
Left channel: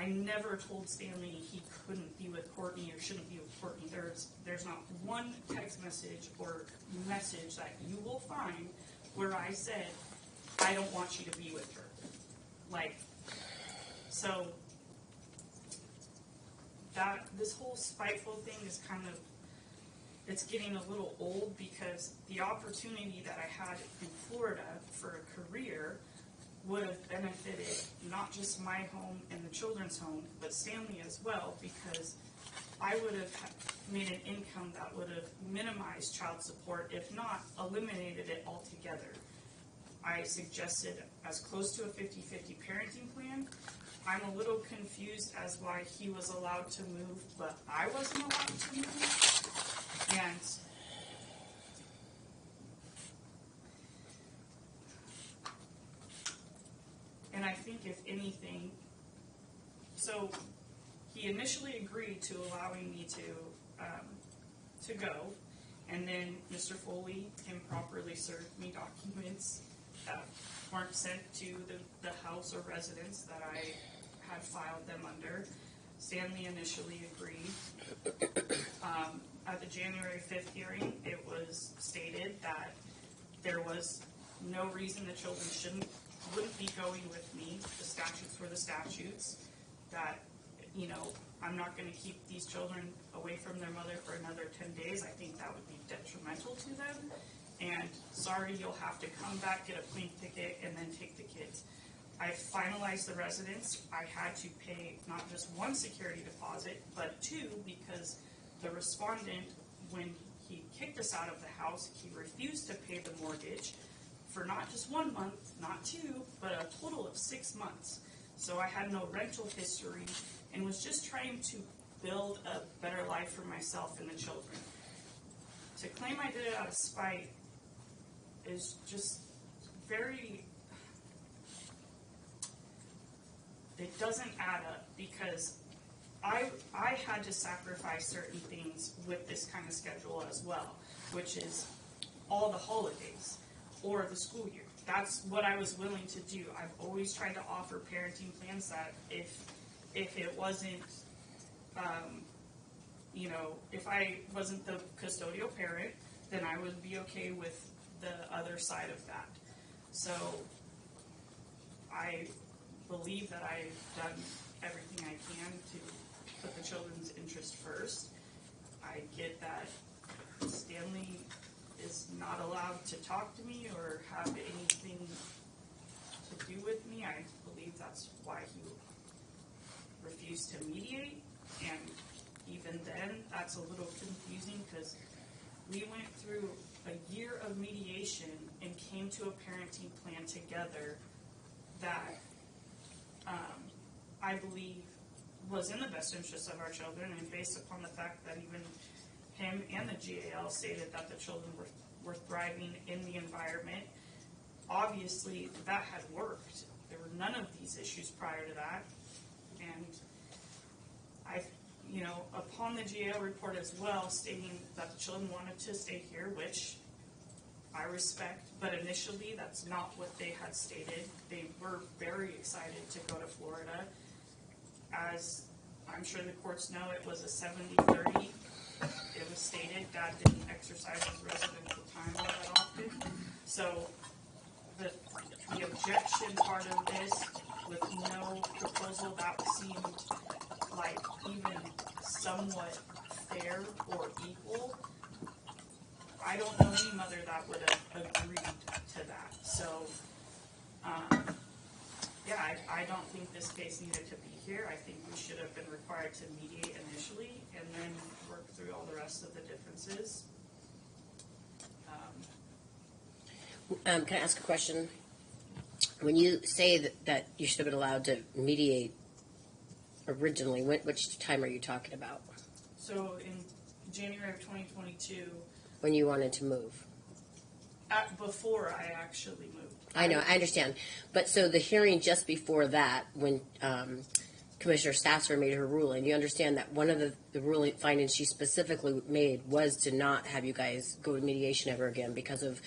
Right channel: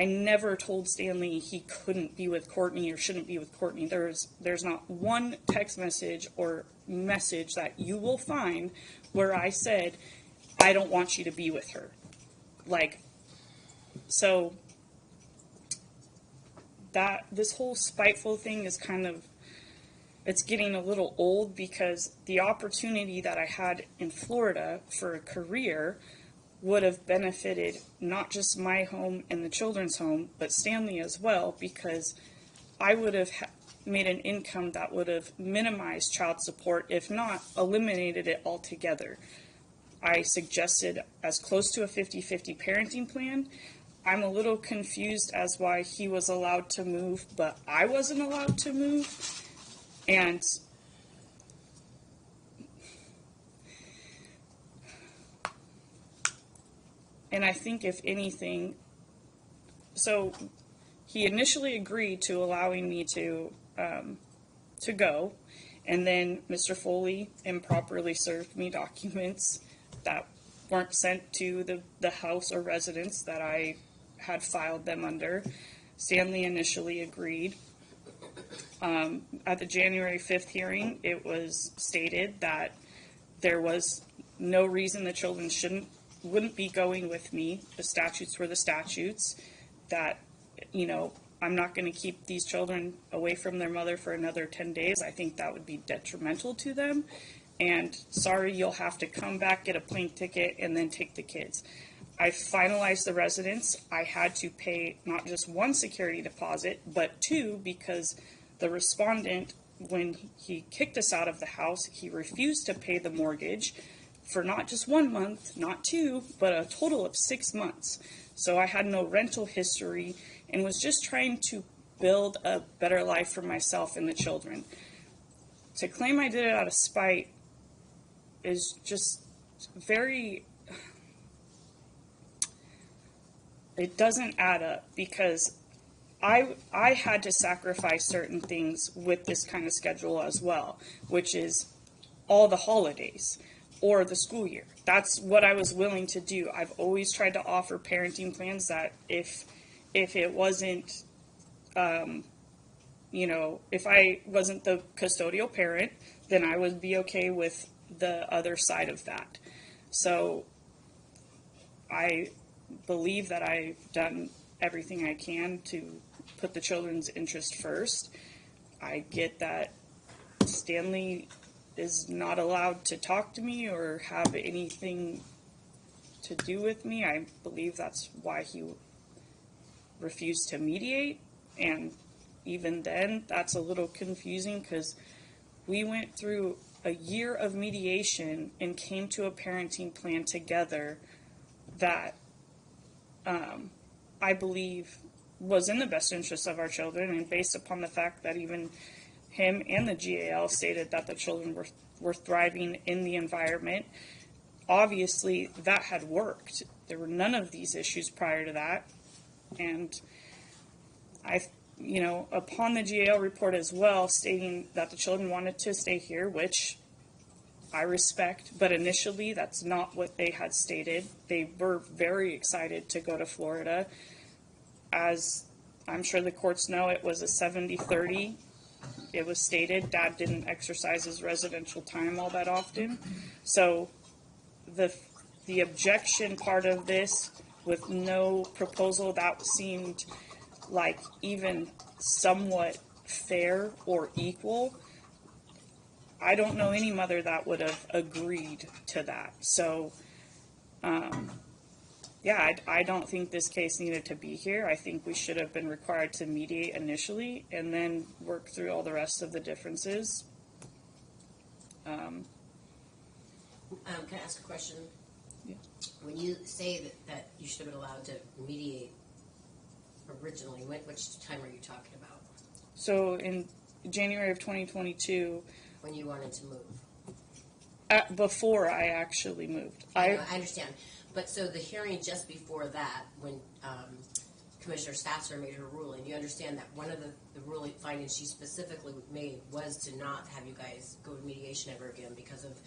never told Stanley he couldn't be with Courtney or shouldn't be with Courtney. There's not one text message or message that you will find where I said, I don't want you to be with her. So this whole spiteful thing is it's getting a little old, because the opportunity that I had in Florida for a career would have benefited not just my home and the children's home, but Stanley as well, because I would have made an income that would have minimized child support, if not eliminated it altogether. I suggested as close to a 50-50 parenting plan. I'm a little confused as why he was allowed to move, but I wasn't allowed to move. And I think if anything, so he initially agreed to allowing me to go, and then Mr. Foley improperly served me documents that weren't sent to the house or residence that I had filed them under. Stanley initially agreed. At the January 5th hearing, it was stated that there was no reason the children wouldn't be going with me. The statutes were the statutes. That, I'm not going to keep these children away from their mother for another 10 days. I think that would be detrimental to them. And sorry, you'll have to come back, get a plane ticket, and then take the kids. I finalized the residence. I had to pay not just one security deposit, but two, because the respondent, when he kicked us out of the house, he refused to pay the mortgage for not just 1 month, not two, but a total of 6 months. So I had no rental history and was just trying to build a better life for myself and the children. To claim I did it out of spite is just very... It doesn't add up, because I had to sacrifice certain things with this kind of schedule as well, which is all the holidays or the school year. That's what I was willing to do. I've always tried to offer parenting plans that if it wasn't, if I wasn't the custodial parent, then I would be okay with the other side of that. So I believe that I've done everything I can to put the children's interest first. I get that Stanley is not allowed to talk to me or have anything to do with me. I believe that's why he refused to mediate, and even then that's a little confusing, because we went through a year of mediation and came to a parenting plan together that I believe was in the best interest of our children, and based upon the fact that even him and the GAL stated that the children were thriving in the environment, obviously that had worked. There were none of these issues prior to that. And upon the GAL report as well, stating that the children wanted to stay here, which I respect, but initially that's not what they had stated. They were very excited to go to Florida. As I'm sure the courts know, it was a 70-30. It was stated Dad didn't exercise his residential time all that often. So the objection part of this, with no proposal, that seemed like even somewhat fair or equal. I don't know any mother that would have agreed to that. So, I don't think this case needed to be here. I think we should have been required to mediate initially and then work through all the rest of the differences. Can I ask a question? When you say that you should have been allowed to mediate originally, which time are you talking about? So in January of 2022, When you wanted to move? before I actually moved. I know, I understand. But so the hearing just before that, when Commissioner Stasser made her ruling, you understand that one of the ruling findings she specifically made was to not have you guys go to mediation ever again because of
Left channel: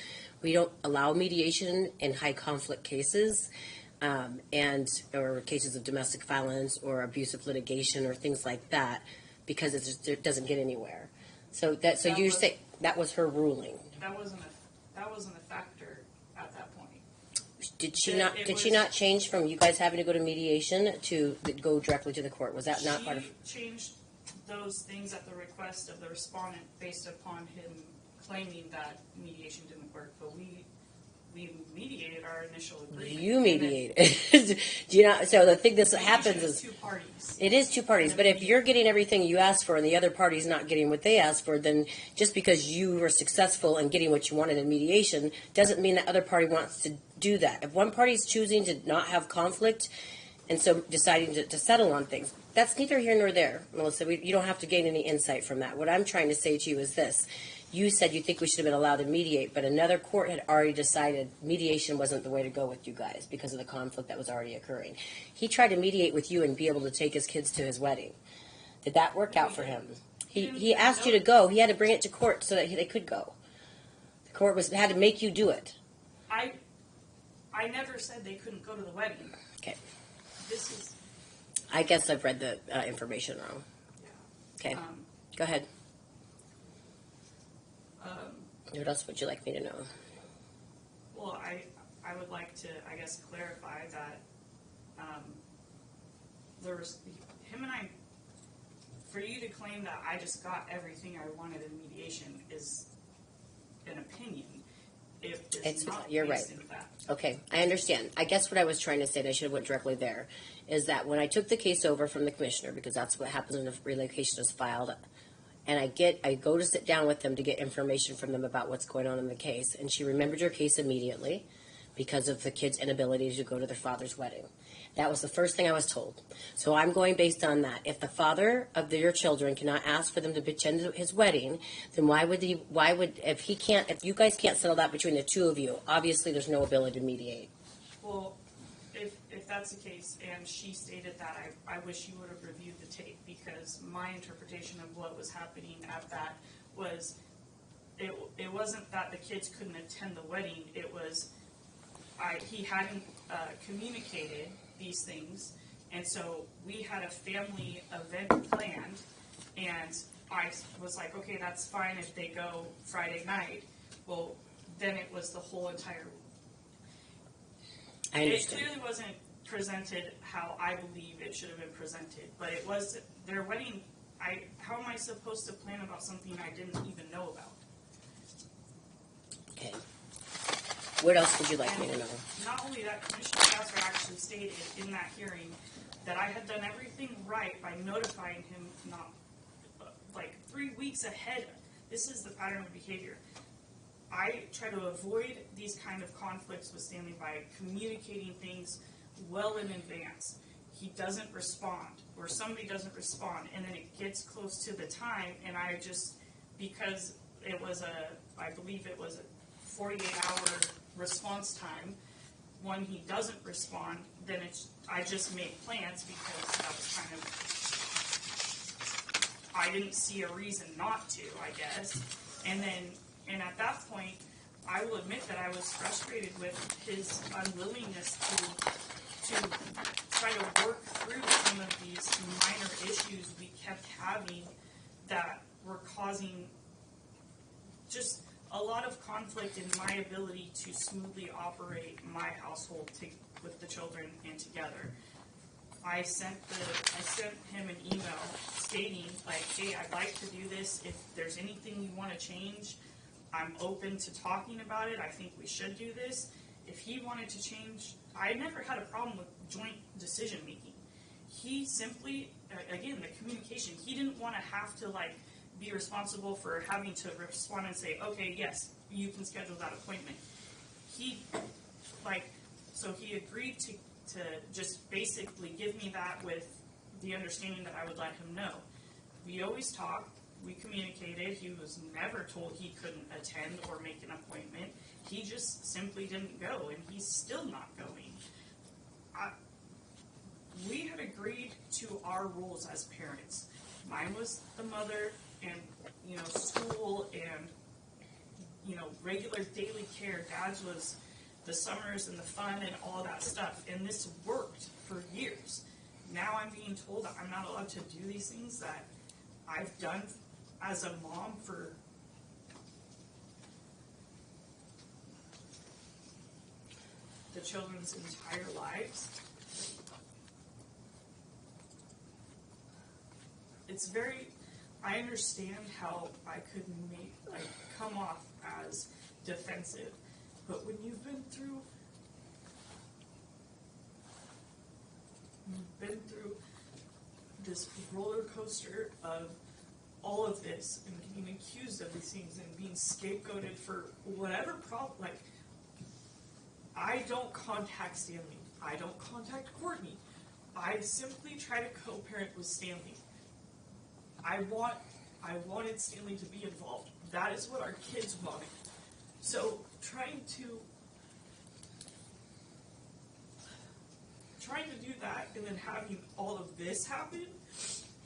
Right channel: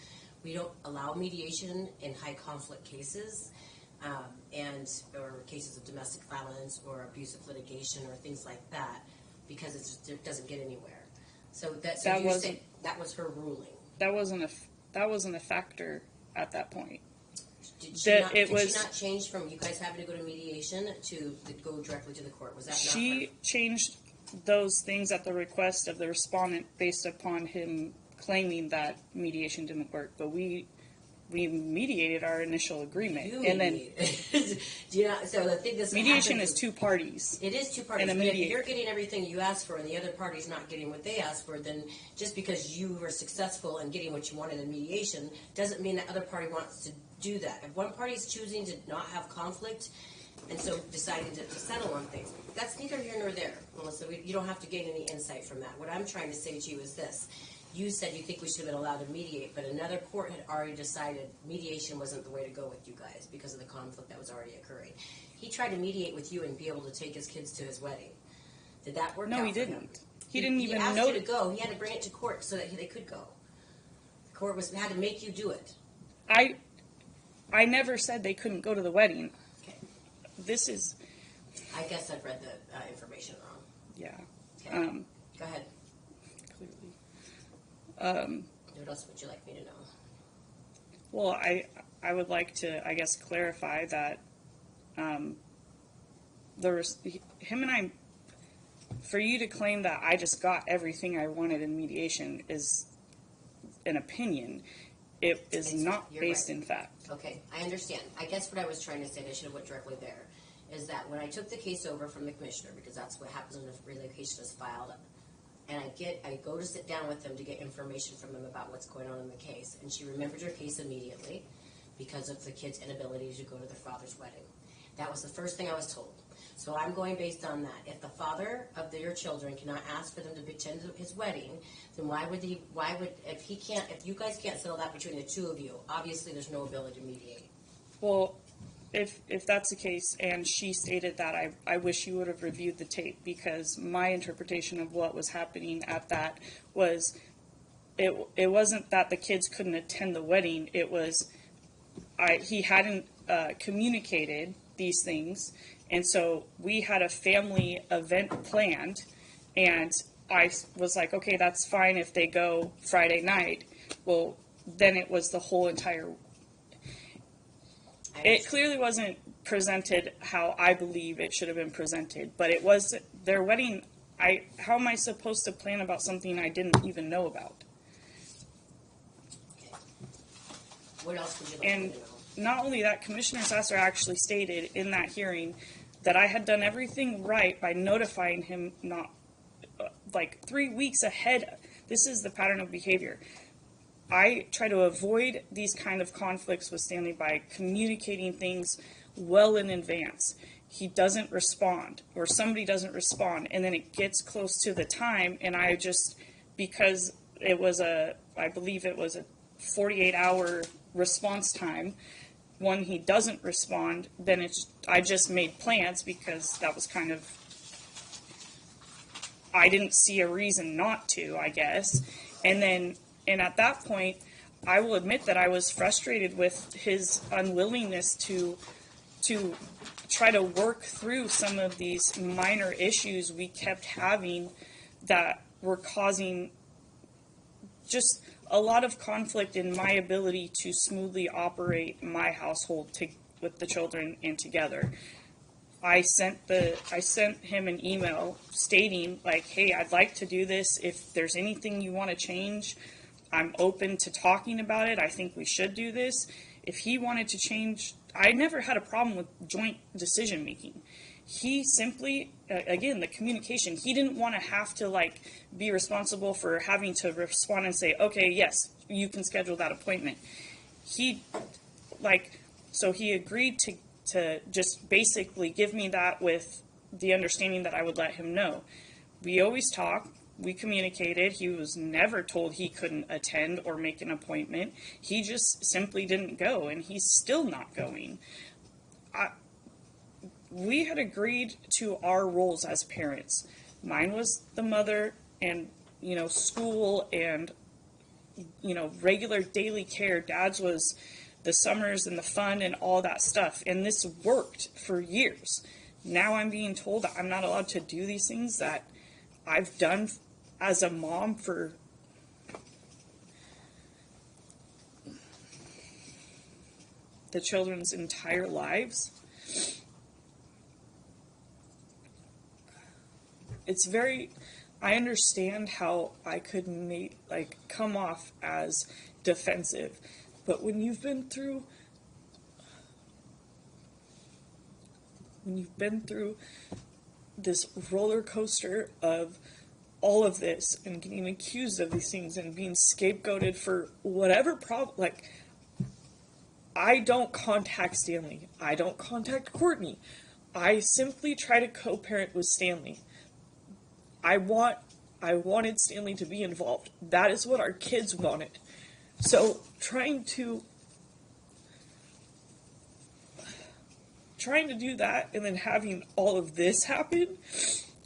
we don't allow mediation in high conflict cases or cases of domestic violence or abusive litigation or things like that because it doesn't get anywhere. So you say that was her ruling. That wasn't a factor at that point. Did she not change from you guys having to go to mediation to go directly to the court? Was that not part of? She changed those things at the request of the respondent based upon him claiming that mediation didn't work. But we mediated our initial agreement. You mediated. Do you not? So the thing that happens mediation is two parties. It is two parties, but if you're getting everything you asked for and the other party's not getting what they asked for, then just because you were successful in getting what you wanted in mediation doesn't mean that other party wants to do that. If one party's choosing to not have conflict and so deciding to settle on things, that's neither here nor there, Melissa. You don't have to gain any insight from that. What I'm trying to say to you is this. You said you think we should have been allowed to mediate, but another court had already decided mediation wasn't the way to go with you guys because of the conflict that was already occurring. He tried to mediate with you and be able to take his kids to his wedding. Did that work out for him? He asked you to go. He had to bring it to court so that they could go. The court had to make you do it. I never said they couldn't go to the wedding. Okay. This is. I guess I've read the information wrong. Yeah. Okay. Go ahead. What else would you like me to know? Well, I would like to, I guess, clarify that him and I, for you to claim that I just got everything I wanted in mediation is an opinion. It is not based in fact. Okay, I understand. I guess what I was trying to say, and I should have went directly there, is that when I took the case over from the commissioner, because that's what happens when a relocation is filed, and I go to sit down with them to get information from them about what's going on in the case, and she remembered your case immediately because of the kids' inability to go to their father's wedding. That was the first thing I was told. So I'm going based on that. If the father of your children cannot ask for them to attend his wedding, then if you guys can't settle that between the two of you, obviously there's no ability to mediate. Well, if that's the case, and she stated that, I wish you would have reviewed the tape, because my interpretation of what was happening at that was it wasn't that the kids couldn't attend the wedding. It was he hadn't communicated these things, and so we had a family event planned, and I was like, okay, that's fine if they go Friday night. Well, then it was the whole entire. It clearly wasn't presented how I believe it should have been presented, but it was their wedding. How am I supposed to plan about something I didn't even know about? Okay. What else would you like me to know? Not only that, Commissioner Sasser actually stated in that hearing that I had done everything right by notifying him not 3 weeks ahead. This is the pattern of behavior. I try to avoid these kind of conflicts with Stanley by communicating things well in advance. he doesn't respond, or somebody doesn't respond, and then it gets close to the time, and I just, because it was I believe it was a 48-hour response time, when he doesn't respond, then I just made plans, because that was kind of, I didn't see a reason not to, I guess. And at that point, I will admit that I was frustrated with his unwillingness to try to work through some of these minor issues we kept having that were causing just a lot of conflict in my ability to smoothly operate my household with the children and together. I sent him an email stating, like, hey, I'd like to do this. If there's anything you want to change, I'm open to talking about it. I think we should do this. If he wanted to change, I never had a problem with joint decision making. He simply, again, the communication, he didn't want to have to, like, be responsible for having to respond and say, okay, yes, you can schedule that appointment. So he agreed to just basically give me that with the understanding that I would let him know. We always talk. We communicated. He was never told he couldn't attend or make an appointment. He just simply didn't go, and he's still not going. We had agreed to our roles as parents. Mine was the mother, and, school and, regular daily care. Dad's was the summers and the fun and all that stuff. And this worked for years. Now I'm being told that I'm not allowed to do these things that I've done as a mom for the children's entire lives. I understand how I could come off as defensive, but when you've been through this roller coaster of all of this and getting accused of these things and being scapegoated for whatever problem, I don't contact Stanley. I don't contact Courtney. I simply try to co-parent with Stanley. I wanted Stanley to be involved. That is what our kids wanted. So trying to do that and then having all of this happen,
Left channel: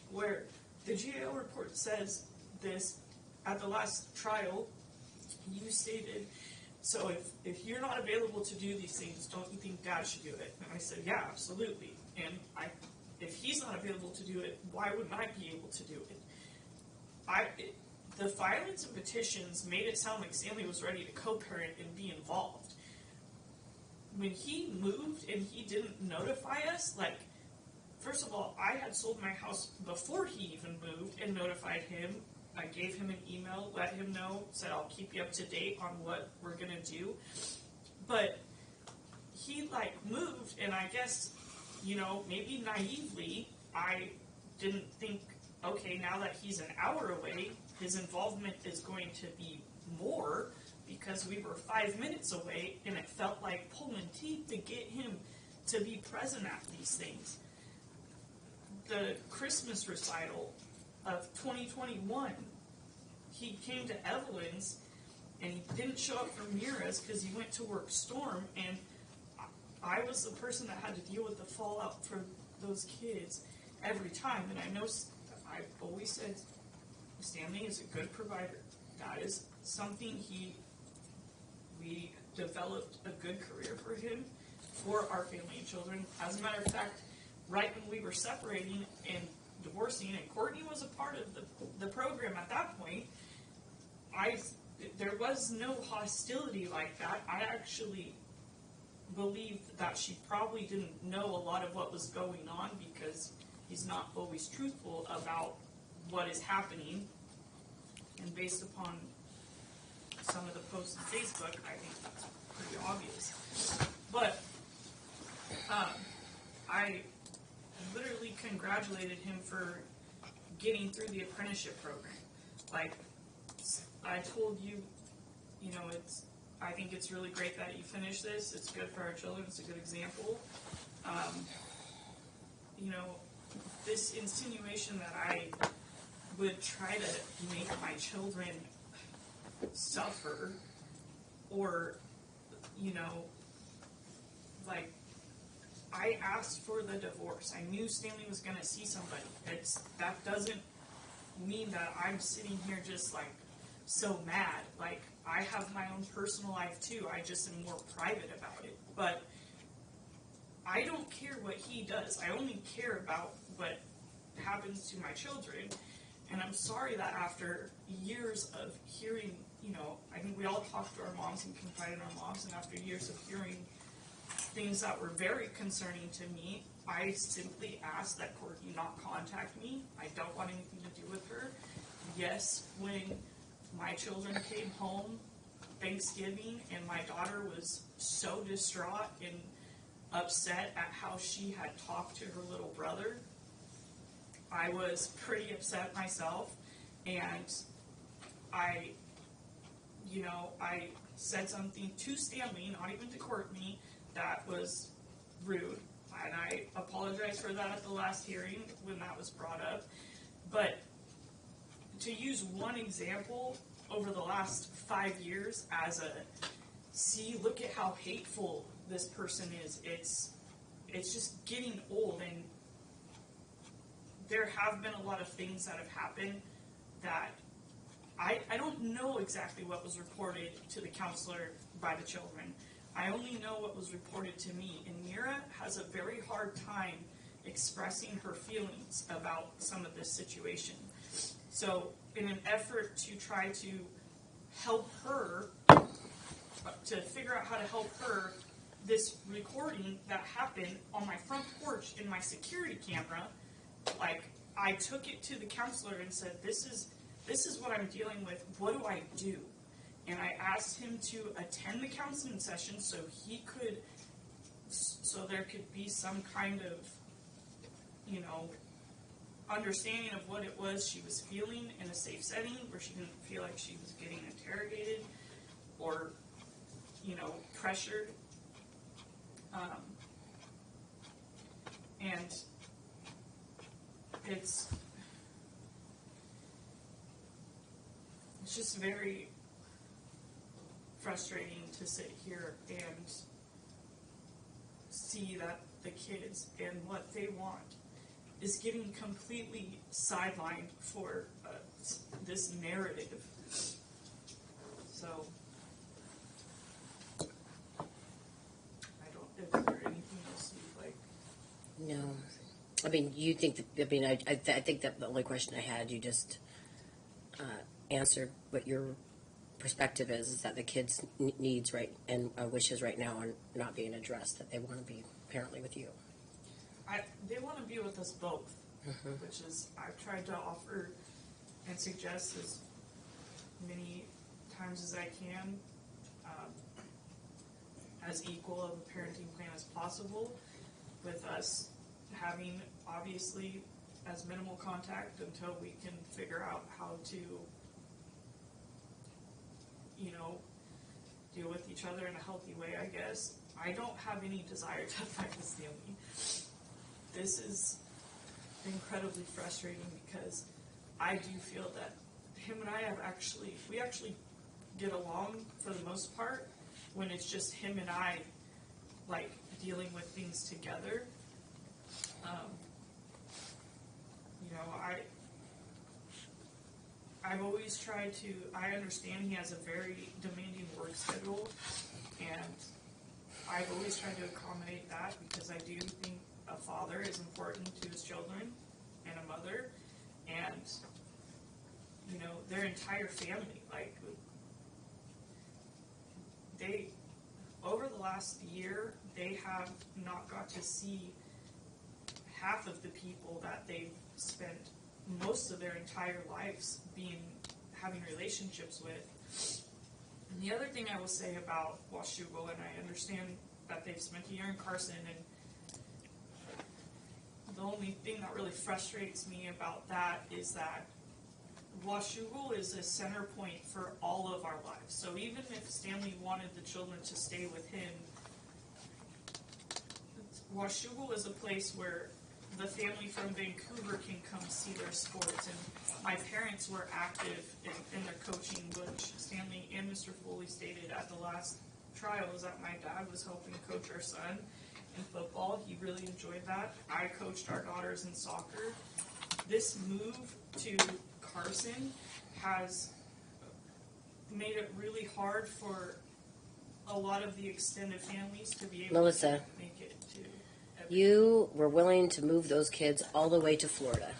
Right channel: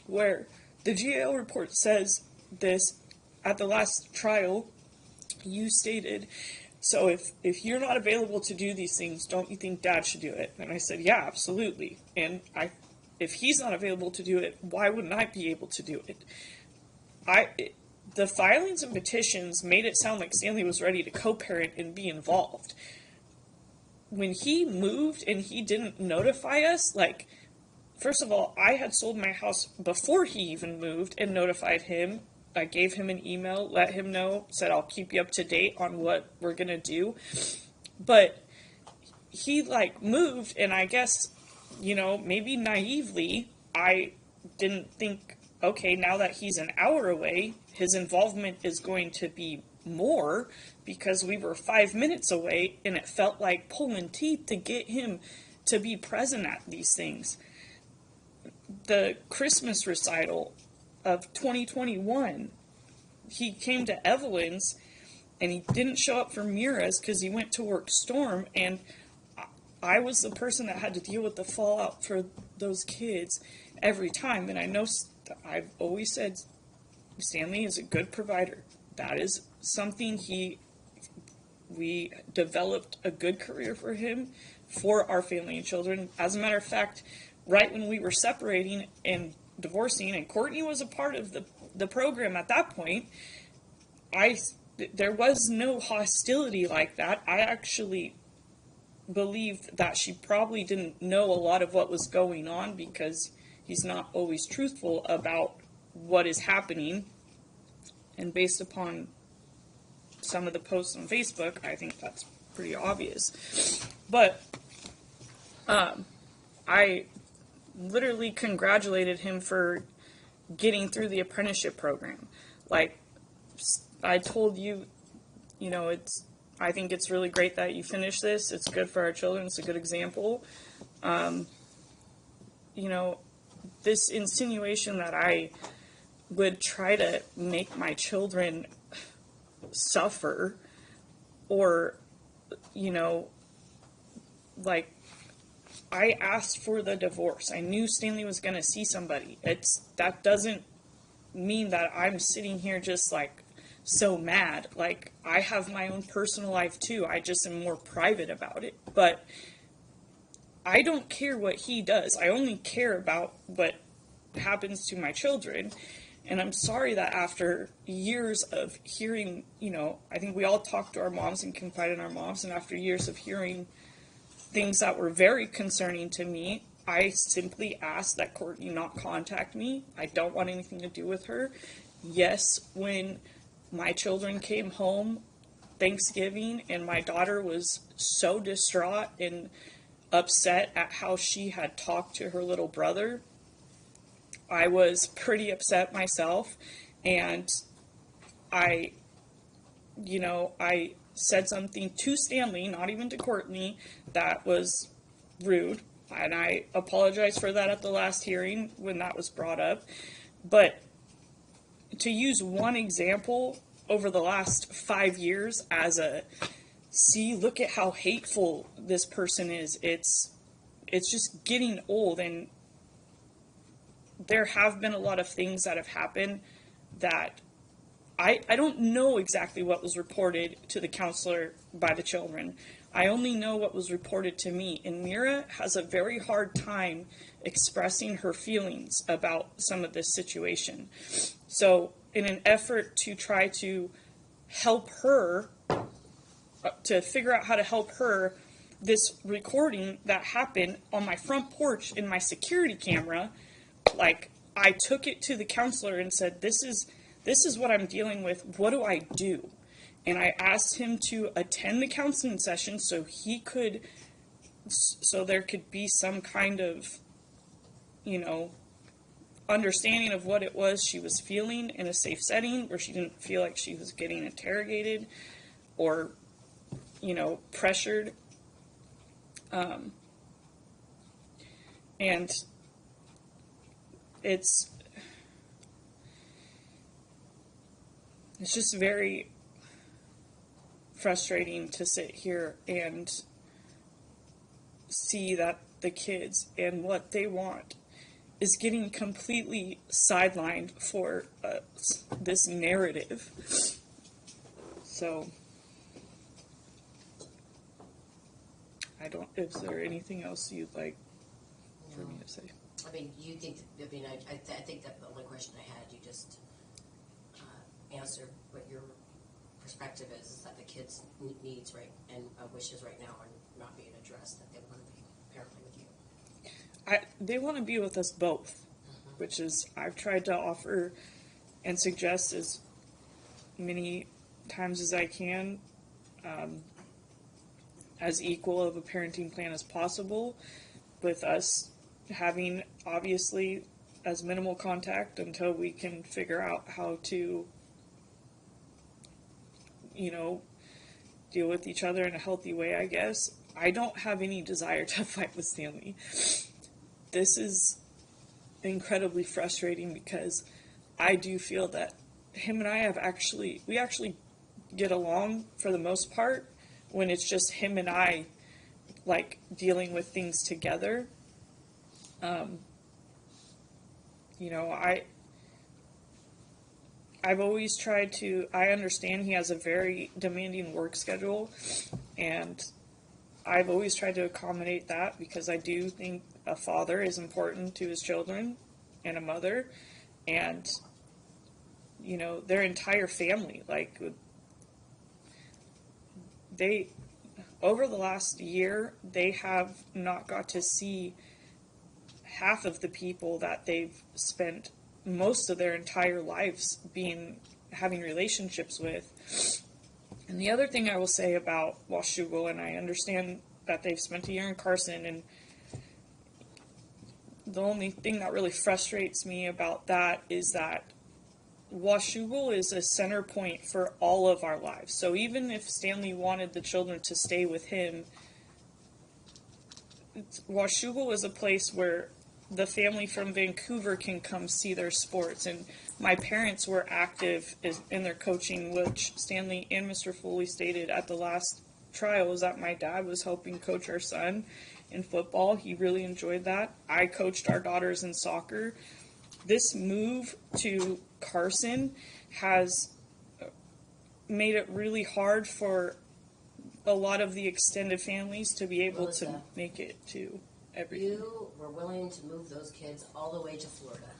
where the GAL report says this, at the last trial, you stated, so if you're not available to do these things, don't you think Dad should do it? And I said, yeah, absolutely. And if he's not available to do it, why wouldn't I be able to do it? The filings and petitions made it sound like Stanley was ready to co-parent and be involved. When he moved and he didn't notify us, first of all, I had sold my house before he even moved and notified him. I gave him an email, let him know, said I'll keep you up to date on what we're going to do. But he, moved, and I guess, maybe naively, I didn't think, okay, now that he's an hour away, his involvement is going to be more, because we were 5 minutes away, and it felt like pulling teeth to get him to be present at these things. The Christmas recital of 2021, he came to Evelyn's, and he didn't show up for Mira's because he went to work Storm, and I was the person that had to deal with the fallout for those kids every time. And I know I've always said Stanley is a good provider. That is something we developed a good career for him, for our family and children. As a matter of fact, right when we were separating and divorcing, and Courtney was a part of the program at that point, there was no hostility like that. I actually believed that she probably didn't know a lot of what was going on, because he's not always truthful about what is happening. And based upon some of the posts on Facebook, I think that's pretty obvious. But I literally congratulated him for getting through the apprenticeship program. I told you, I think it's really great that you finished this. It's good for our children. It's a good example. you know, this insinuation that I would try to make my children suffer, or, you know, like, I asked for the divorce. I knew Stanley was going to see somebody. That doesn't mean that I'm sitting here just like so mad. Like, I have my own personal life too. I just am more private about it. But I don't care what he does. I only care about what happens to my children. And I'm sorry that after years of hearing, you know, I think we all talk to our moms and confide in our moms, and after years of hearing things that were very concerning to me, I simply asked that Courtney not contact me. I don't want anything to do with her. Yes, when my children came home Thanksgiving and my daughter was so distraught and upset at how she had talked to her little brother, I was pretty upset myself, and I said something to Stanley, not even to Courtney, that was rude, and I apologize for that at the last hearing when that was brought up. But to use one example over the last 5 years as look at how hateful this person is, it's just getting old. And there have been a lot of things that have happened that I don't know exactly what was reported to the counselor by the children. I only know what was reported to me. And Mira has a very hard time expressing her feelings about some of this situation. So in an effort to try to help her, to figure out how to help her, this recording that happened on my front porch in my security camera, like, I took it to the counselor and said, this is what I'm dealing with. What do I do? And I asked him to attend the counseling session so there could be some kind of, you know, understanding of what it was she was feeling in a safe setting where she didn't feel like she was getting interrogated or, you know, pressured. And it's just very frustrating to sit here and see that the kids and what they want is getting completely sidelined for this narrative. So, is there anything else you'd like No. for me to say? I mean, you think, I think that the only question I had, you just answered what your perspective is that the kids' needs and wishes right now are not being addressed, that they want to be apparently with you. They want to be with us both, which is, I've tried to offer and suggest as many times as I can, as equal of a parenting plan as possible, with us having, obviously, as minimal contact until we can figure out how to, you know, deal with each other in a healthy way, I guess. I don't have any desire to fight with Stanley. This is incredibly frustrating because I do feel that him and I we actually get along for the most part when it's just him and I, like, dealing with things together. You know, I've always tried to, I understand he has a very demanding work schedule, and I've always tried to accommodate that because I do think a father is important to his children and a mother, and, you know, their entire family, like, over the last year, they have not got to see half of the people that they've spent most of their entire lives having relationships with. And the other thing I will say about Washougal, and I understand that they've spent a year in Carson, and the only thing that really frustrates me about that is that Washougal is a center point for all of our lives. So even if Stanley wanted the children to stay with him, Washougal is a place where the family from Vancouver can come see their sports. And my parents were active in their coaching, which Stanley and Mr. Foley stated at the last trials that my dad was helping coach our son in football. He really enjoyed that. I coached our daughters in soccer. This move to Carson has made it really hard for a lot of the extended families to be able to Melissa, make it to every. You were willing to move those kids all the way to Florida,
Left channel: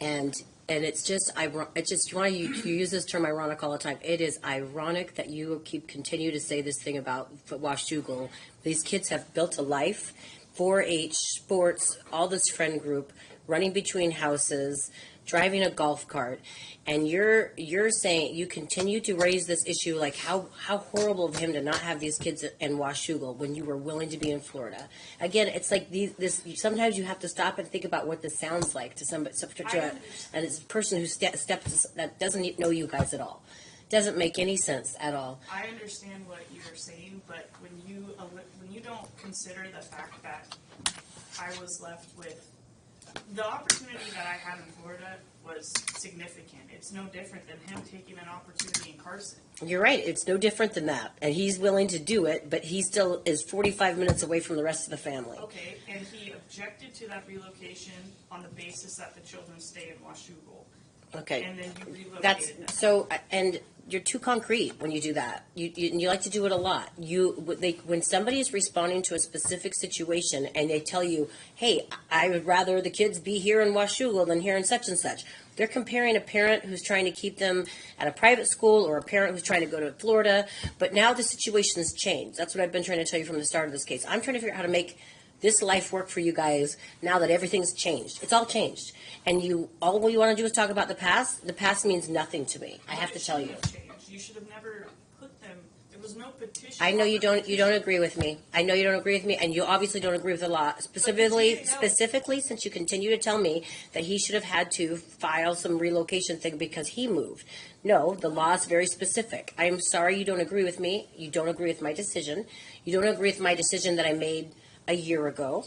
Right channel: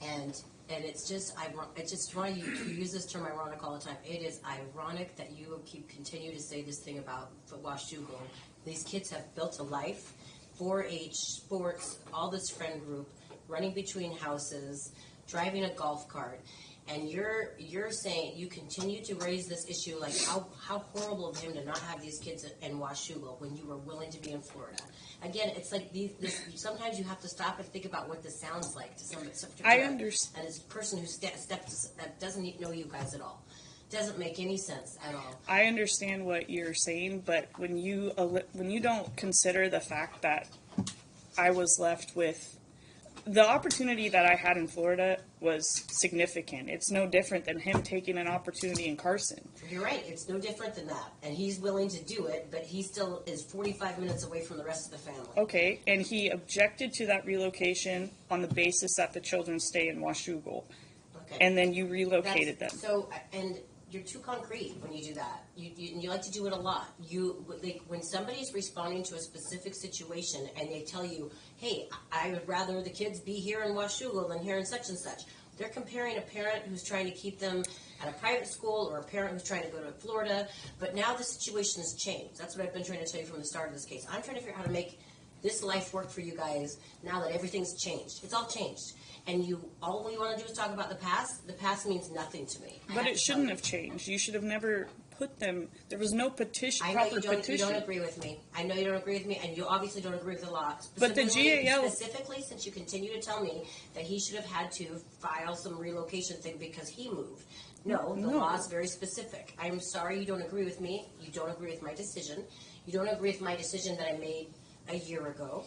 and it's just it's just why you use this term ironic all the time. It is ironic that you continue to say this thing about Washougal. These kids have built a life, 4-H sports, all this friend group, running between houses, driving a golf cart, and you're saying you continue to raise this issue like how horrible of him to not have these kids in Washougal when you were willing to be in Florida. Again, it's like this. Sometimes you have to stop and think about what this sounds like to somebody. I understand. And it's a person who steps that doesn't know you guys at all. Doesn't make any sense at all. I understand what you're saying, but when you don't consider the fact that I was left with the opportunity that I had in Florida was significant. It's no different than him taking an opportunity in Carson. You're right. It's no different than that. And he's willing to do it, but he still is 45 minutes away from the rest of the family. Okay, and he objected to that relocation on the basis that the children stay in Washougal. Okay. And then you relocated them. So, and you're too concrete when you do that. You like to do it a lot. When somebody is responding to a specific situation and they tell you, hey, I would rather the kids be here in Washougal than here in such and such. They're comparing a parent who's trying to keep them at a private school or a parent who's trying to go to Florida. But now the situation has changed. That's what I've been trying to tell you from the start of this case. I'm trying to figure out how to make this life work for you guys now that everything's changed. It's all changed. And all you want to do is talk about the past. The past means nothing to me. I But have it to tell shouldn't you. have changed. You should have never put them. There was no petition. I know you proper don't. You don't petition. agree with me. I know you don't agree with me, and you obviously don't agree with the law. Specifically, since you continue to tell me that he should have had to file some relocation thing because he moved. No, the law is very specific. I'm sorry you don't agree with me. You don't agree with my decision. You don't agree with my decision that I made a year ago,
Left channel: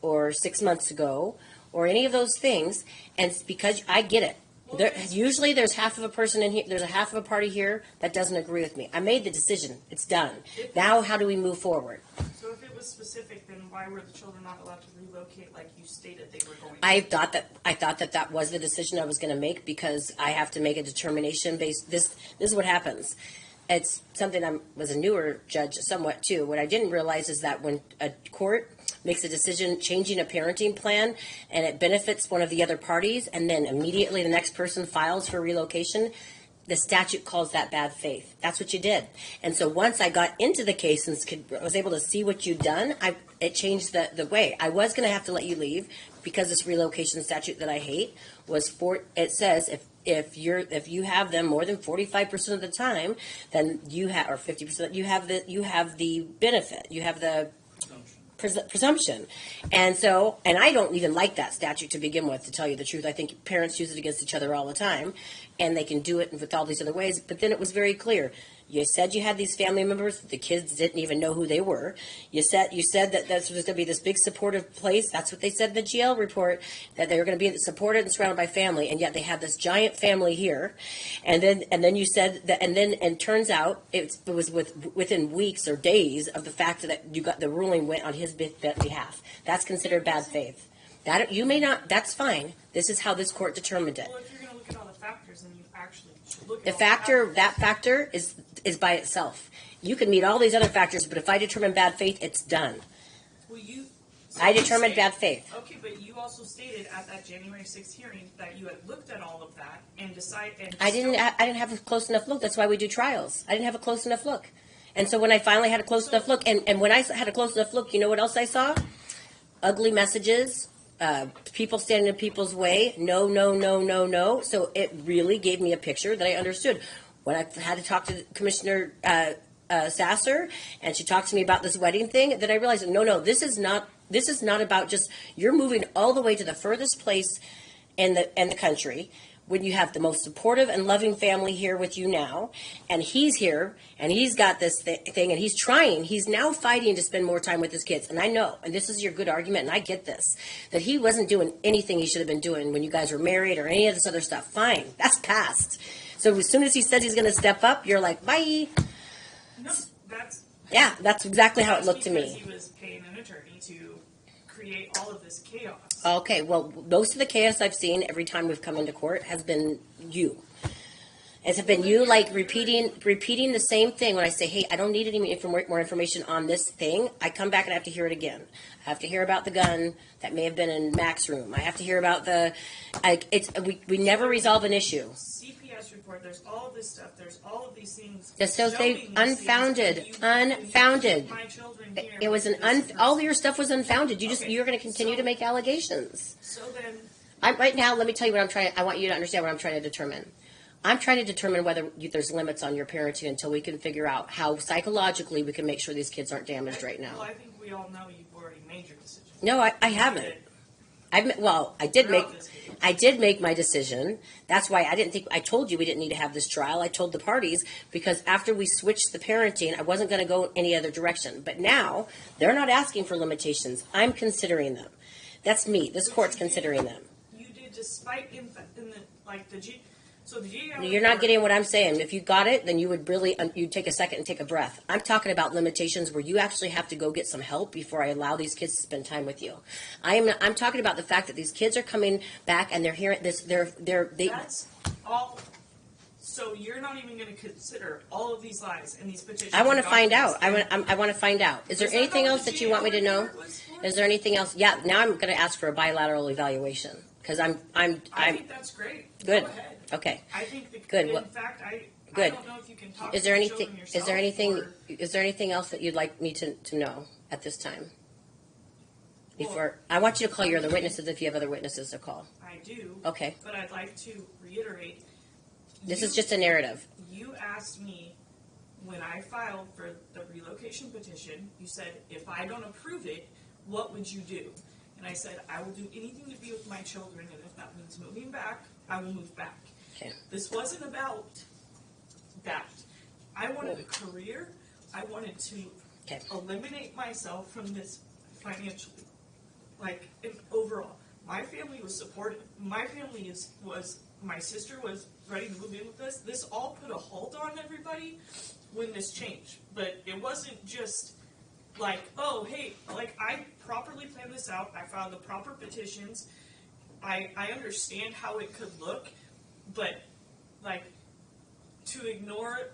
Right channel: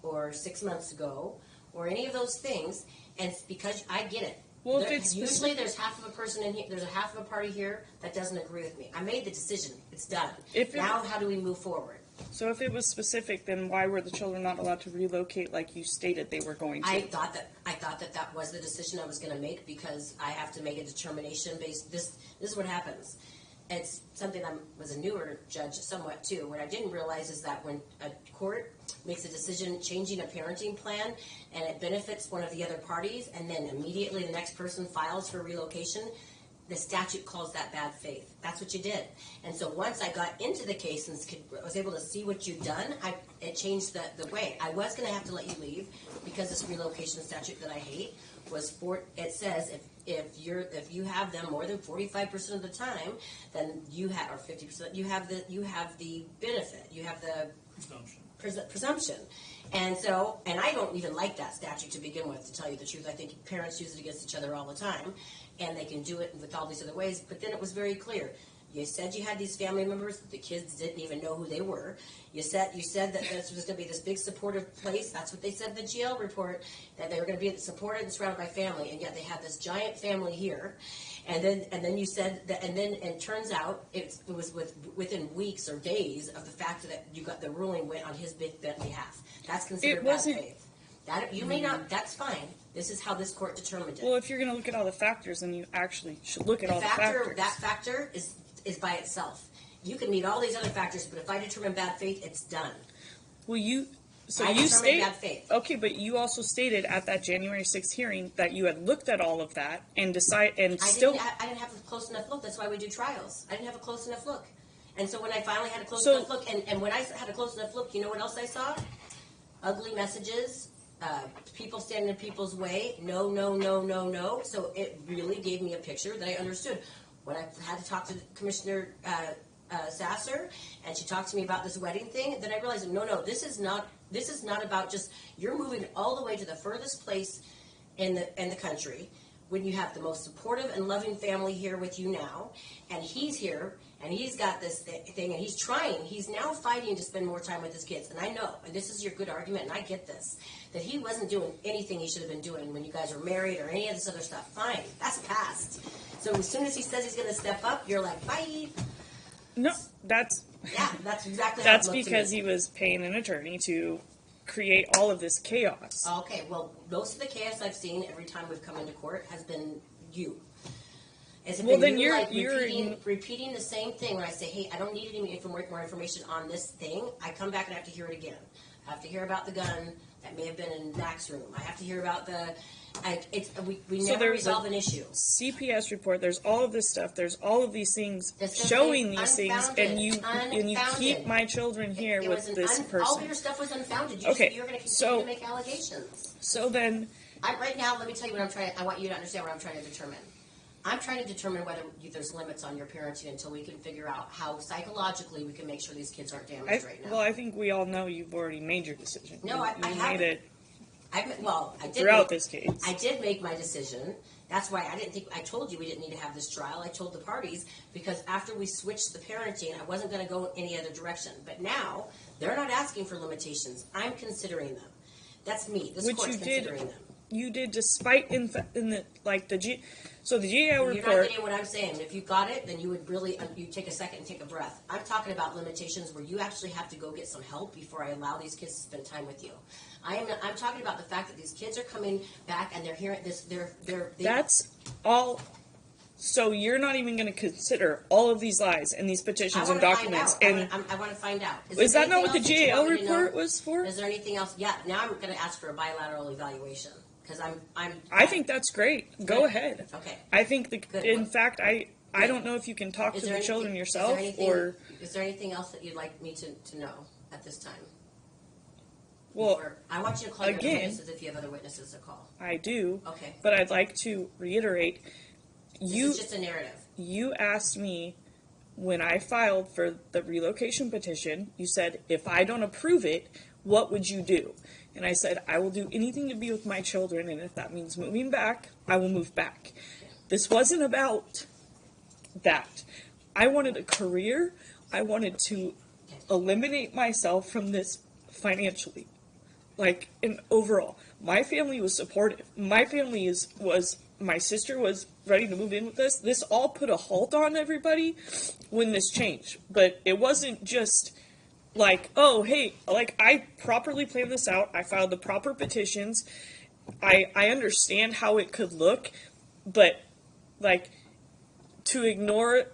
or 6 months ago, or any of those things. And it's because I get it. Well, Usually there's half of a person in here, there's a half of a party here that doesn't agree with me. I made the decision. It's done. Now how do we move forward? So if it was specific, then why were the children not allowed to relocate like you stated they were going to? I thought that was the decision I was going to make because I have to make a determination based. This is what happens. It's something I was a newer judge somewhat too. What I didn't realize is that when a court makes a decision changing a parenting plan and it benefits one of the other parties and then immediately the next person files for relocation, the statute calls that bad faith. That's what you did. And so once I got into the case and was able to see what you'd done, it changed the way. I was going to have to let you leave because this relocation statute that I hate it says if you have them more than 45% of the time, then you have, or 50%, you have the benefit. You have the presumption. And I don't even like that statute to begin with, to tell you the truth. I think parents use it against each other all the time, and they can do it with all these other ways. But then it was very clear. You said you had these family members. The kids didn't even know who they were. You said that this was going to be this big supportive place. That's what they said in the GL report, that they were going to be supported and surrounded by family. And yet they had this giant family here. And then you said that, and turns out it was within weeks or days of the fact that you got the ruling went on his behalf. That's considered bad faith. That you may not. That's fine. This is how this court determined it. Well, if you're going to look at all the factors, then you actually should look at all the factors. That factor is by itself. You can meet all these other factors, but if I determine bad faith, it's done. Well, I determined bad faith. Okay, but you also stated at that January 6th hearing that you had looked at all of that and I didn't have a close enough look. That's why we do trials. I didn't have a close enough look. And so when I finally had a close enough look, and when I had a close enough look, you know what else I saw? Ugly messages. People standing in people's way. No, no, no, no, no. So it really gave me a picture that I understood. When I had to talk to Commissioner Sasser, and she talked to me about this wedding thing, then I realized, no, this is not about just you're moving all the way to the furthest place in the country. when you have the most supportive and loving family here with you now, and he's here, and he's got this thing, and he's now fighting to spend more time with his kids. And I know, and this is your good argument, and I get this, that he wasn't doing anything he should have been doing when you guys were married or any of this other stuff. Fine, that's past. So as soon as he says he's going to step up, you're like, bye. No, that's That's exactly how it that's looked to me. because he was paying an attorney to create all of this chaos. Okay, well, most of the chaos I've seen every time we've come into court has been you. It's been then you you're- like you're repeating the same thing when I say, hey, I don't need any more information on this thing. I come back and I have to hear it again. I have to hear about the gun that may have been in Mac's room. I have to hear about we never there's resolve a- an issue. CPS report. There's all of this stuff. There's all of these things That's so showing these unfounded, things, and you unfounded. keep my children here. It was with an this person. all your stuff was unfounded. Okay, You're going to continue so- to make allegations. So then, Right now, let me tell you what I'm trying. I want you to understand what I'm trying to determine. I'm trying to determine whether there's limits on your parenting until we can figure out how psychologically we can make sure these kids aren't damaged right now. well, I think we all know you've already made your decision. No, I You made haven't. it I did throughout make this case. I did make my decision. That's why I told you we didn't need to have this trial. I told the parties because after we switched the parenting, I wasn't going to go any other direction. But now they're not asking for limitations. I'm considering them. That's me. This Which court's you did. considering them. You did, despite in the like the G. So the GAO You're report, not getting what I'm saying. If you got it, then you would really you'd take a second and take a breath. I'm talking about limitations where you actually have to go get some help before I allow these kids to spend time with you. I'm talking about the fact that these kids are coming back and they're hearing this. That's all. So you're not even going to consider all of these lies and these petitions. I want to and find out. documents, I want to find out. Is Is there that not anything what else the that you want me to GAO know? report was for? Is there anything else? Yeah. Now I'm going to ask for a bilateral evaluation because I think that's great. Good. Go ahead. Okay. I think Good. In fact, I Good. don't know if you can talk Is to there the anything? children yourself. Is there anything else that you'd like me to know at this time? Well, Before I want you to call your other again- witnesses if you have other witnesses to call. I do. Okay. But I'd like to reiterate. This is just a narrative. You asked me when I filed for the relocation petition, you said, if I don't approve it, what would you do? And I said, I will do anything to be with my children, and if that means moving back, I will move back. Okay. This wasn't about that. I wanted a career. I wanted to Okay. eliminate myself from this financially. And overall, my family was supportive. My family my sister was ready to move in with us. This all put a halt on everybody when this changed. But it wasn't just oh, hey, I properly planned this out. I filed the proper petitions. I understand how it could look, but to ignore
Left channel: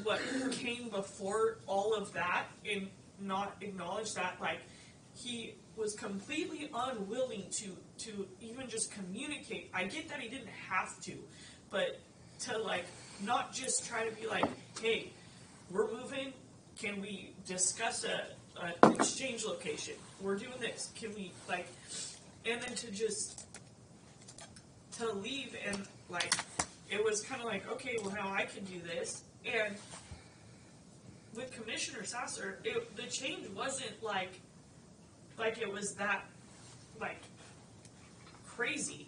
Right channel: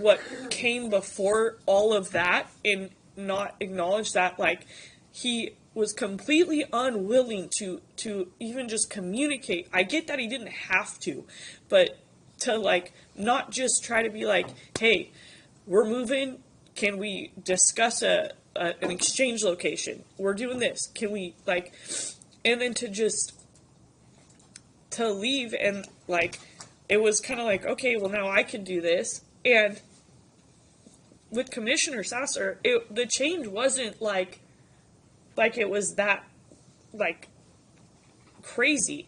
what came before all of that and not acknowledge that he was completely unwilling to even just communicate. I get that he didn't have to, but to not just try to be hey, we're moving, can we discuss an exchange location, we're doing this, can we and then to leave and it was kind of okay, well, now I can do this. And with Commissioner Sasser, the change wasn't it was that crazy.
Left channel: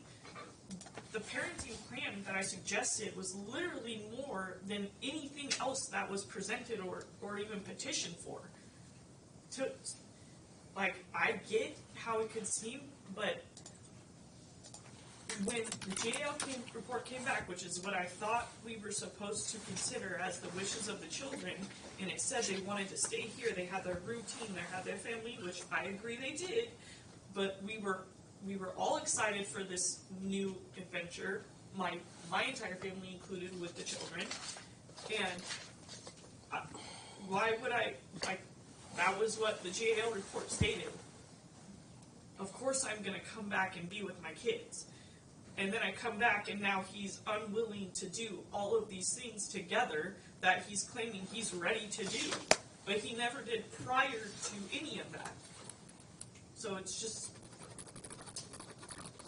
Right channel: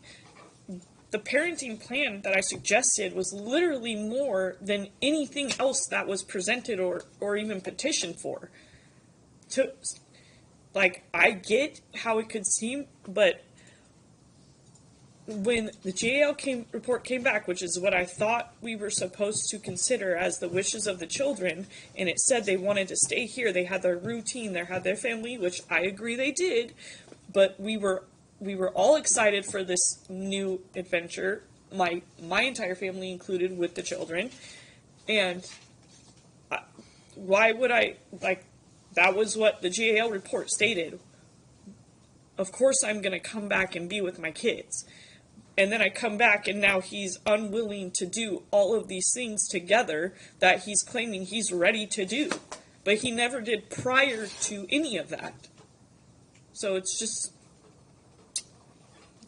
The parenting plan that I suggested was literally more than anything else that was presented or even petitioned for. I get how it could seem, but when the JAL report came back, which is what I thought we were supposed to consider as the wishes of the children, and it said they wanted to stay here, they had their routine, they had their family, which I agree they did, but we were all excited for this new adventure, my entire family included with the children, and why would I, that was what the JAL report stated. Of course I'm going to come back and be with my kids. And then I come back and now he's unwilling to do all of these things together that he's claiming he's ready to do. But he never did prior to any of that. So it's just,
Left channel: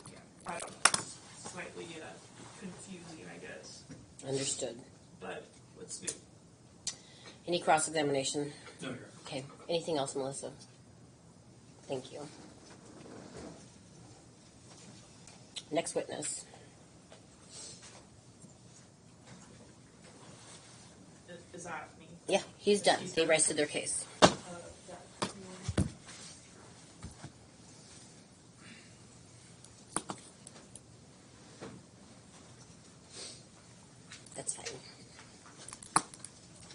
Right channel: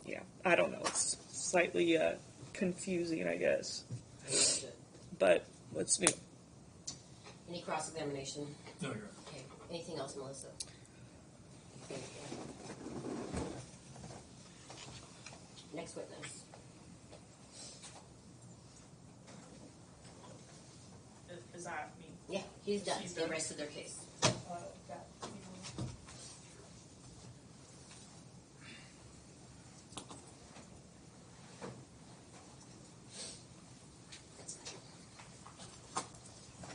yeah, I don't know. It's slightly confusing, I guess. Understood. But what's new? Any cross-examination? No, you're Okay. Anything else, Melissa? Thank you. Next witness. that mean? Yeah, he's done. He's They done. rested their case. That, That's fine.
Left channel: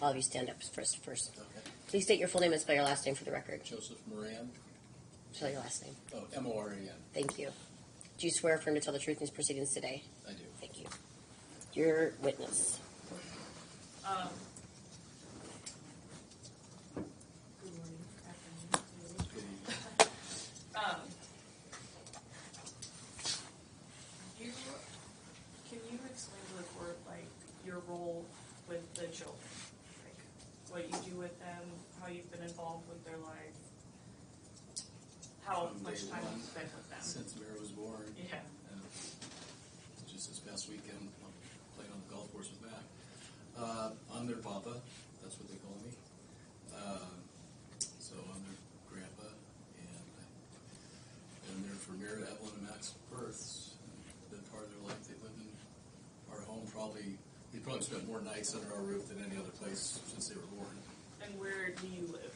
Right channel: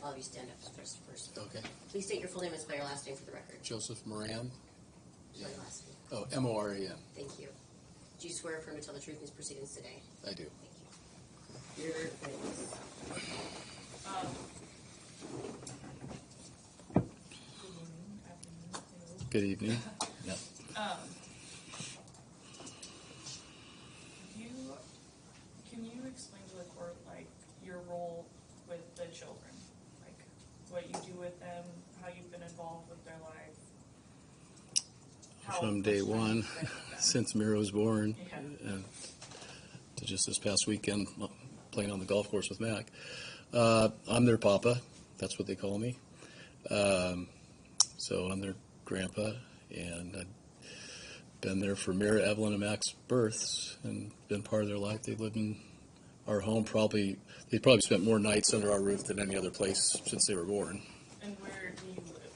All of you stand up first. Okay. Please state your full name and spell your last name for the record. Joseph Moran. Spell your last name. Oh, M-O-R-A-N. Thank you. Do you swear affirm to tell the truth in these proceedings today? I do. Thank you. Your witness. good morning, afternoon, Good evening. Can you explain to the court, like, your role with the children? Like, what you do with them, how you've been involved with their life? From much day time one, you've spent with them? since Mira was born, Yeah. and to just this past weekend, playing on the golf course with Mac. I'm their papa. That's what they call me. So I'm their grandpa, and I've been there for Mira, Evelyn, and Mac's births, and been part of their life. They live in our home. They probably spent more nights under our roof than any other place since they were born. And where do you live?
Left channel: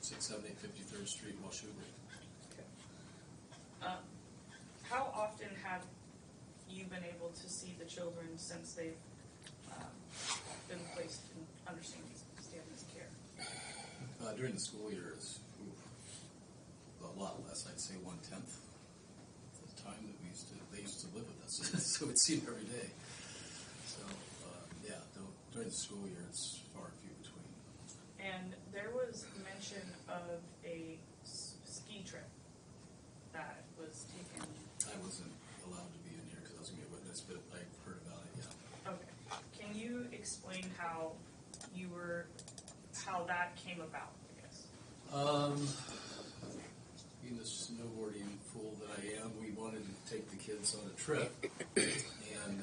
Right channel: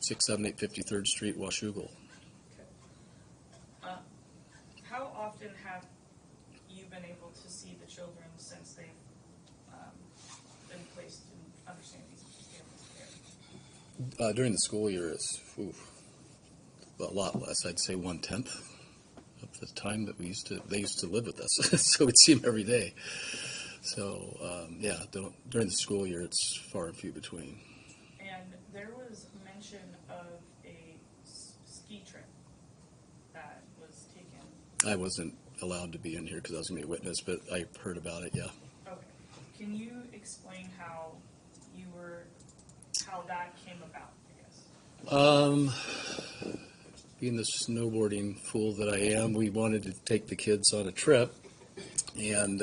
678 53rd Street, Washougal. How often have you been able to see the children since they've been placed in understanding care? During the school year, it's a lot less. I'd say 1/10 of the time that they used to live with us. So we'd see them every day. So during the school year, it's far and few between. And there was mention of a ski trip that was taken. I wasn't allowed to be in here because I was going to be a witness, but I heard about it. Yeah. Okay. Can you explain how that came about, I guess? Being the snowboarding fool that I am, we wanted to take the kids on a trip, and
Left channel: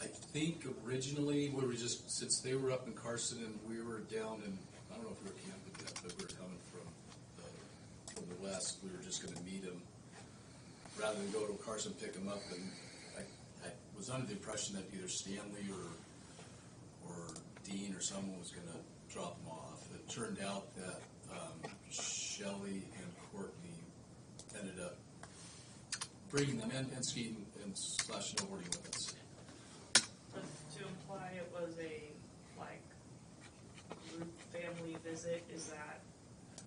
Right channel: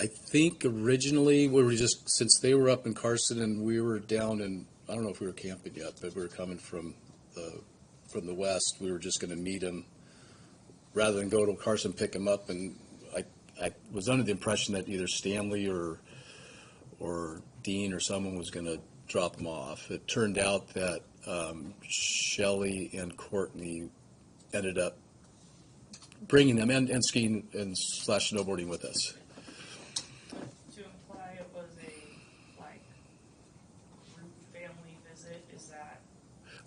I think originally since they were up in Carson and we were down in, I don't know if we were camping yet, but we were coming from the west. We were just going to meet them rather than go to Carson, pick them up, and I was under the impression that either Stanley or Dean or someone was going to drop them off. It turned out that Shelley and Courtney ended up bringing them and skiing and / snowboarding with us. To imply it was a group family visit, is that?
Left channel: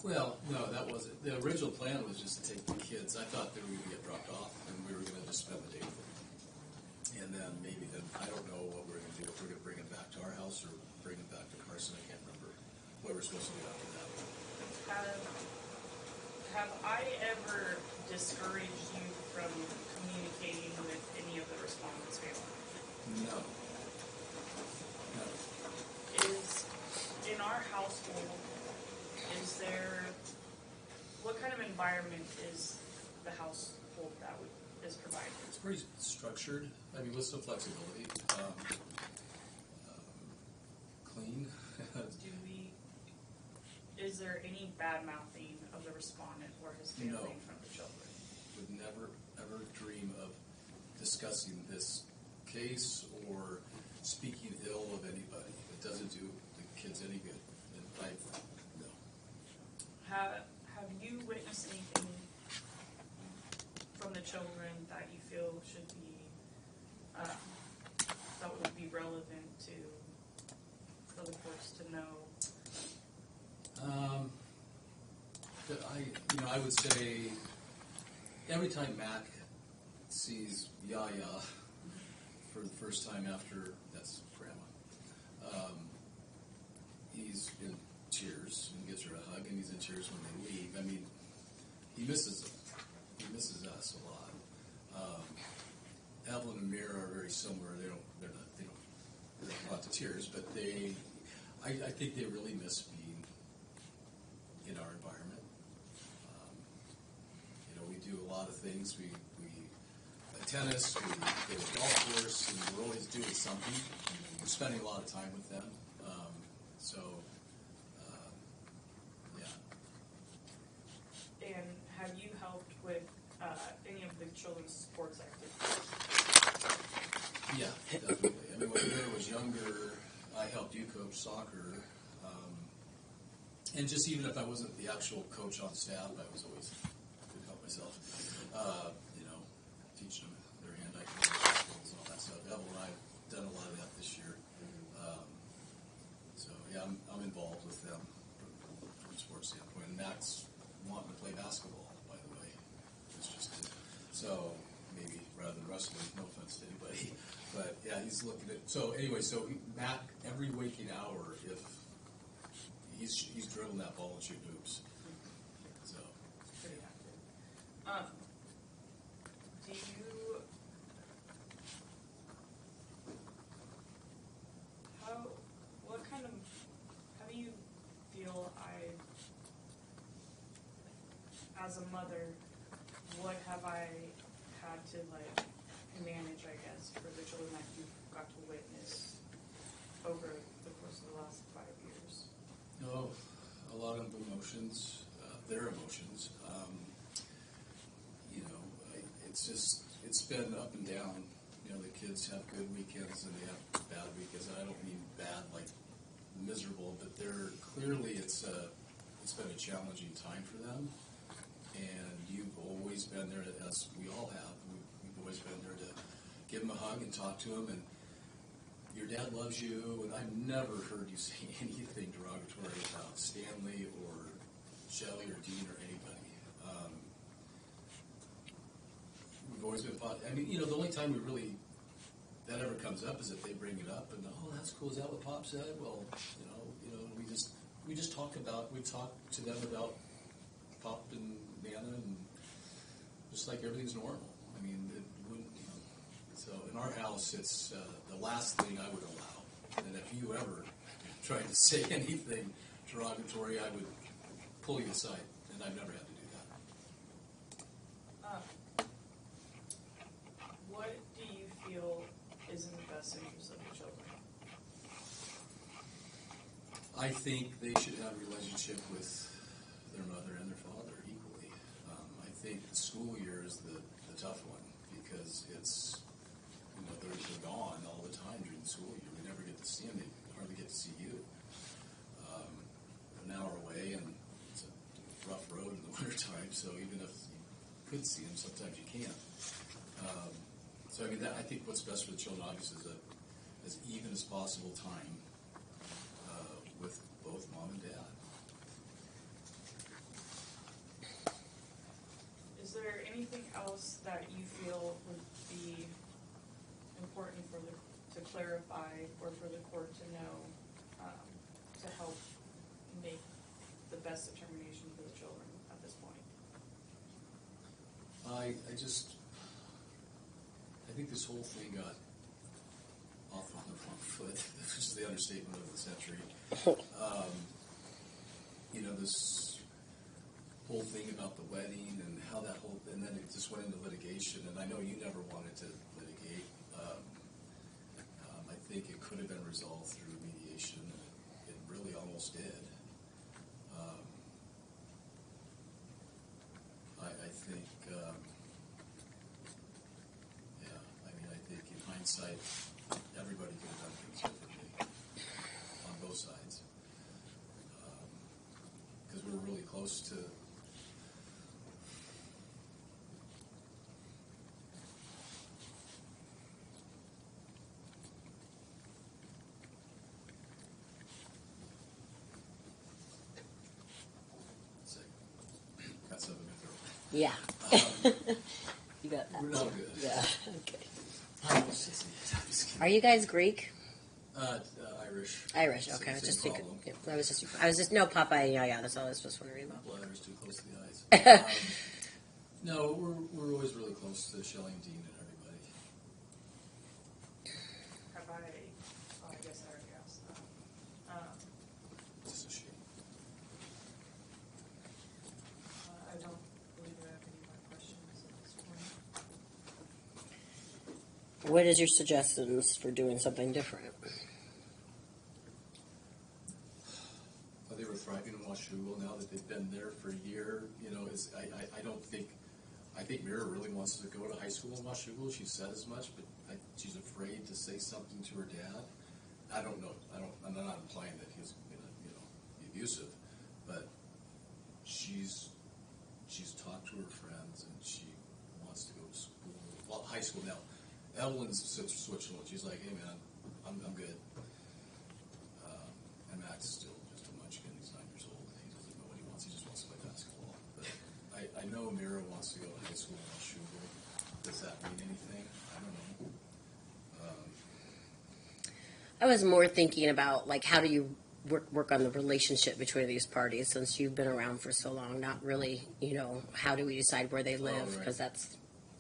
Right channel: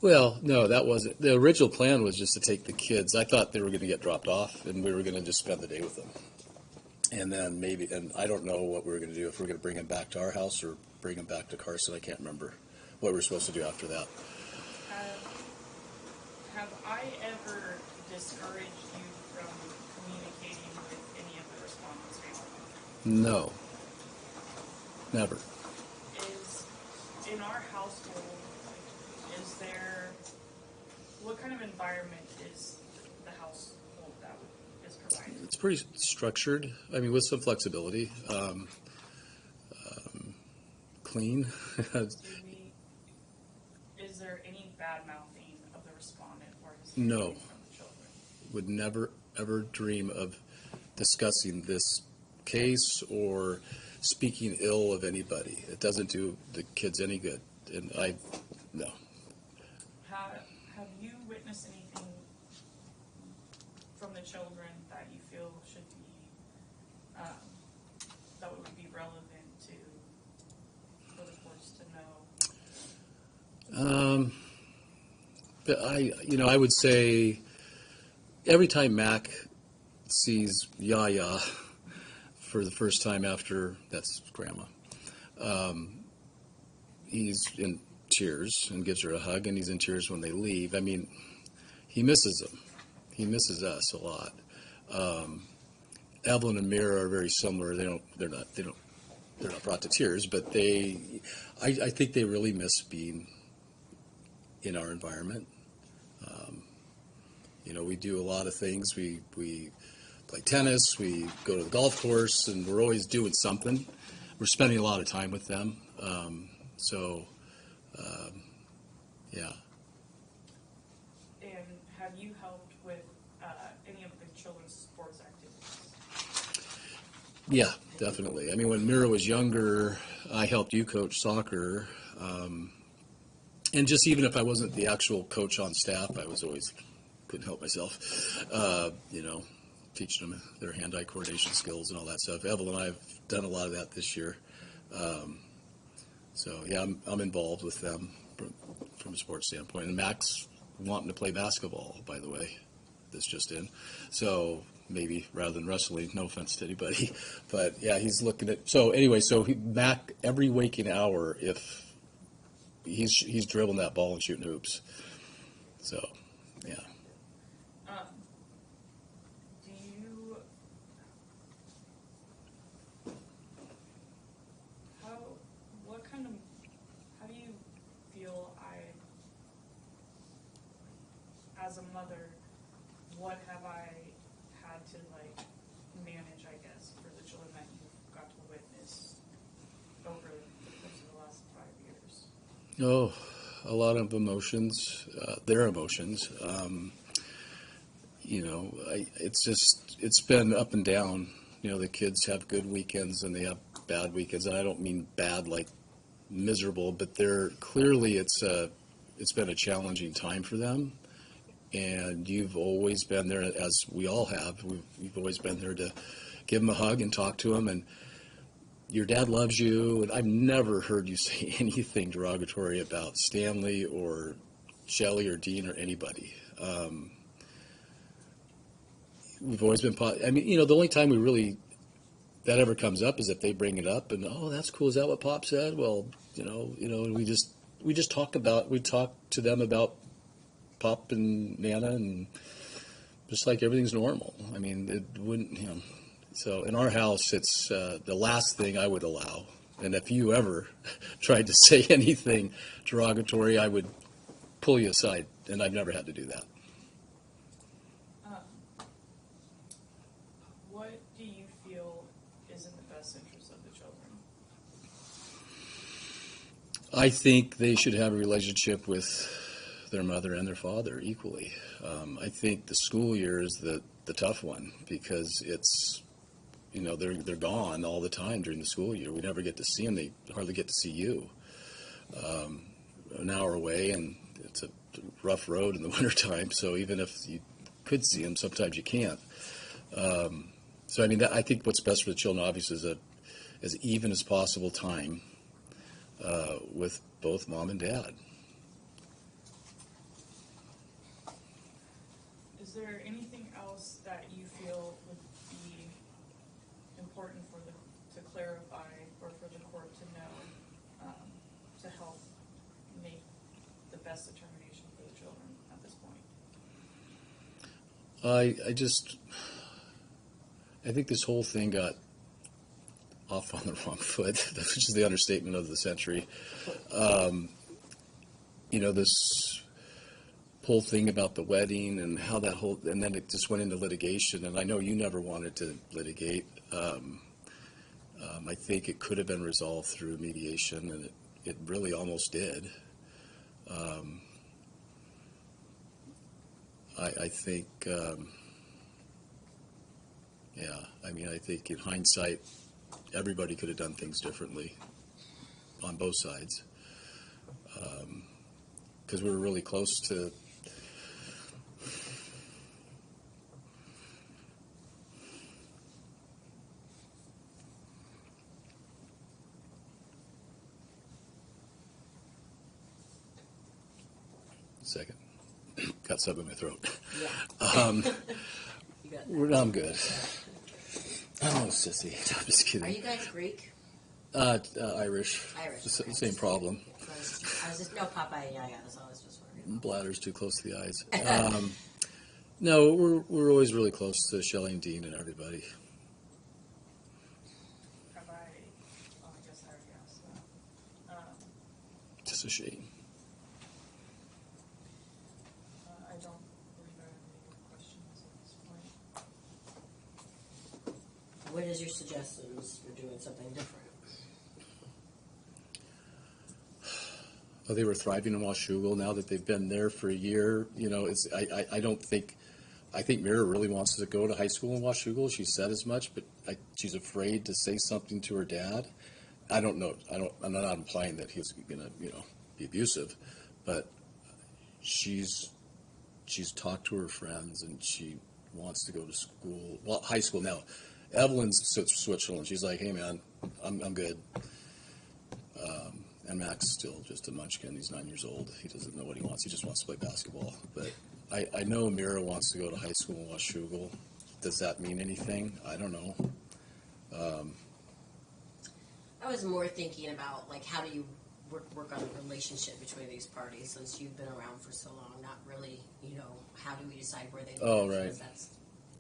Well, no, that wasn't. The original plan was just to take the kids. I thought they were going to get dropped off, and we were going to just spend the day with them. And then and I don't know what we were going to do, if we were going to bring them back to our house or bring them back to Carson. I can't remember what we were supposed to do after that. Have I ever discouraged you from communicating with any of the respondents' family? No. Never. In our household, what kind of environment is the household that is provided? It's pretty structured. I mean, with some flexibility. Clean. Is there any bad mouthing of the respondent or his No. family from the children? Would never, ever dream of discussing this case or speaking ill of anybody. It doesn't do the kids any good. And no. Have you witnessed anything from the children that you feel should be, that would be relevant for the courts to know? But I would say every time Mac sees Yaya for the first time after, that's Grandma, he's in tears and gives her a hug, and he's in tears when they leave. I mean, he misses them. He misses us a lot. Evelyn and Mira are very similar. They're not brought to tears, but I think they really miss being in our environment. We do a lot of things. We play tennis. We go to the golf course, and we're always doing something. We're spending a lot of time with them. Yeah. And have you helped with any of the children's sports activities? Yeah, definitely. I mean, when Mira was younger, I helped you coach soccer. And just even if I wasn't the actual coach on staff, I was always, couldn't help myself, you know, teaching them their hand-eye coordination skills and all that stuff. Evelyn and I have done a lot of that this year. So yeah, I'm involved with them from a sports standpoint. And Max wanting to play basketball, by the way, that's just in. So maybe rather than wrestling, no offense to anybody, but yeah, he's looking at. So anyway, Mac every waking hour, if he's dribbling that ball and shooting hoops. So yeah. Do you, how do you feel as a mother, what have I had to like manage, I guess, for the children that you've got to witness over the course of the last 5 years? Oh, a lot of emotions, their emotions. You know, it's been up and down. You know, the kids have good weekends and they have bad weekends, and I don't mean bad like miserable, but it's been a challenging time for them. And you've always been there, as we all have. We've always been there to give them a hug and talk to them. And your dad loves you. And I've never heard you say anything derogatory about Stanley or Shelley or Dean or anybody. We've always been. I mean, you know, the only time that ever comes up is if they bring it up, and oh, that's cool. Is that what Pop said? Well, you know, and we just talk to them about Pop and Nana, and just like everything's normal. I mean, it wouldn't, you know. So in our house, it's the last thing I would allow. And if you ever tried to say anything derogatory, I would pull you aside, and I've never had to do that. What do you feel is in the best interest of the children? I think they should have a relationship with their mother and their father equally. I think the school year is the tough one because it's, you know, they're gone all the time during the school year. We never get to see them. They hardly get to see you. An hour away, and it's a rough road in the wintertime, so even if you could see them, sometimes you can't. So, I mean, I think what's best for the children, obviously, is as even as possible time with both mom and dad. Is there anything else that you feel would be important to clarify or for the court to know to help make the best determination for the children at this point? I think this whole thing got off on the wrong foot, which is the understatement of the century. You know, this whole thing about the wedding and how and then it just went into litigation, and I know you never wanted to litigate. I think it could have been resolved through mediation, and it really almost did. I think, I mean, I think in hindsight, everybody could have done things differently on both sides. Because we were really close to. Second. Got something in my throat. Yeah. You got that. I'm good. Yeah. Oh, sissy. I'm just kidding. Are you guys Greek? Irish. Irish. Okay. Same problem. I was just no Popeye. Yeah. That's all I was just wondering about. Bladder's too close to the eyes. No, we're always really close to Shelley and Dean and everybody. I guess I already asked that. Just a shame. I don't believe I have any more questions at this point. What is your suggestions for doing something different? Well, they were thriving in Washougal. Now that they've been there for a year, you know, I think Mira really wants to go to high school in Washougal. She said as much, but she's afraid to say something to her dad. I don't know. I'm not implying that he's going to, be abusive, but she's talked to her friends and she wants to go to school. Well, high school now. Evelyn's Switzerland. She's like, hey man, I'm good. And Max is still just a munchkin. He's 9 years old. He doesn't know what he wants. He just wants to play basketball. But I know Mira wants to go to high school in Washougal. Does that mean anything? I don't know. I was more thinking about like how do you work on the relationship between these parties since you've been around for so long. Not really, how do we decide where they live right. because that's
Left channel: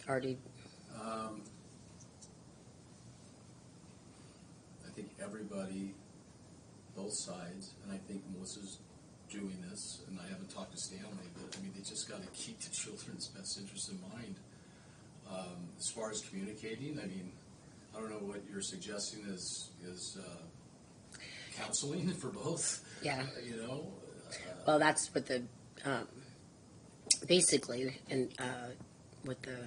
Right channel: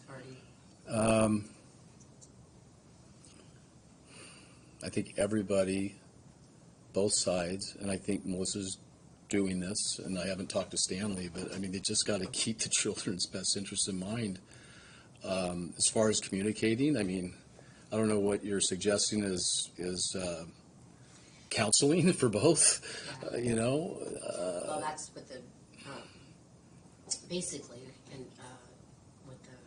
already. I think everybody, both sides, and I think Melissa's doing this, and I haven't talked to Stanley, but I mean, they just got to keep the children's best interests in mind. As far as communicating, I mean, I don't know what you're suggesting is counseling for both. Yeah. Well, that's what the basically, and what the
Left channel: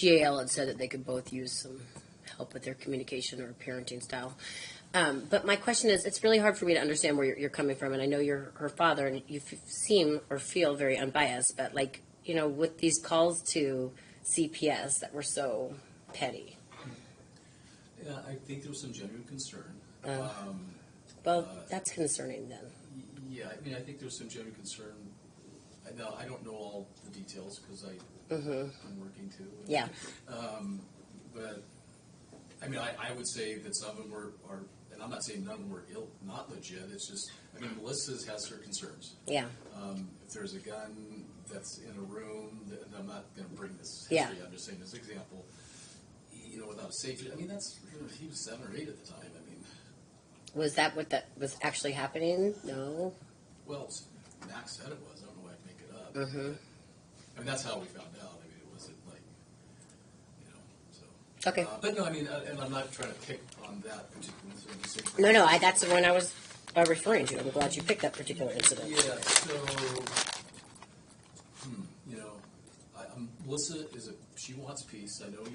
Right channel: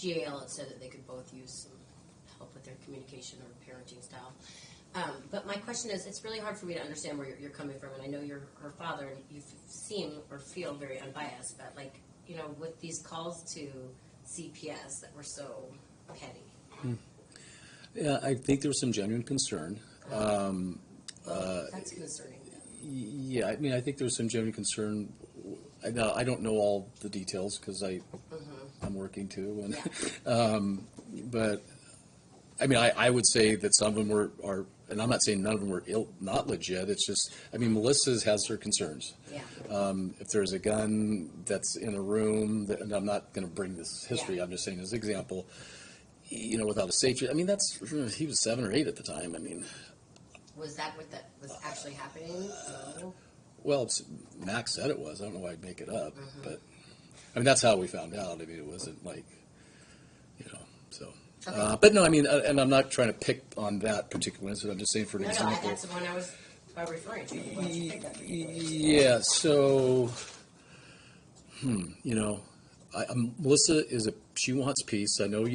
GAL had said that they could both use some help with their communication or parenting style. But my question is, it's really hard for me to understand where you're coming from, and I know you're her father, and you seem or feel very unbiased, but like, with these calls to CPS that were so petty. Yeah, I think there was some genuine concern. That's concerning then. Yeah, I mean, I think there's some genuine concern. I don't know all the details because I'm working too. And, Yeah. But I mean, I would say that some of them are, and I'm not saying none of them were not legit. It's just, I mean, Melissa's has her concerns. Yeah. If there's a gun that's in a room, and I'm not going to bring this history. Yeah. I'm just saying as an example. Without a safety. I mean, he was 7 or 8 at the time. I mean, Was that what that was actually happening? No. well, Max said it was. I don't know why I'd make it up. But I mean, that's how we found out. I mean, it wasn't like, so. Okay. But no, I mean, and I'm not trying to pick on that particular incident. I'm just saying for No, example. that's the one I was referring to. I'm glad you picked that particular incident. Yeah. So, Melissa she wants peace. I know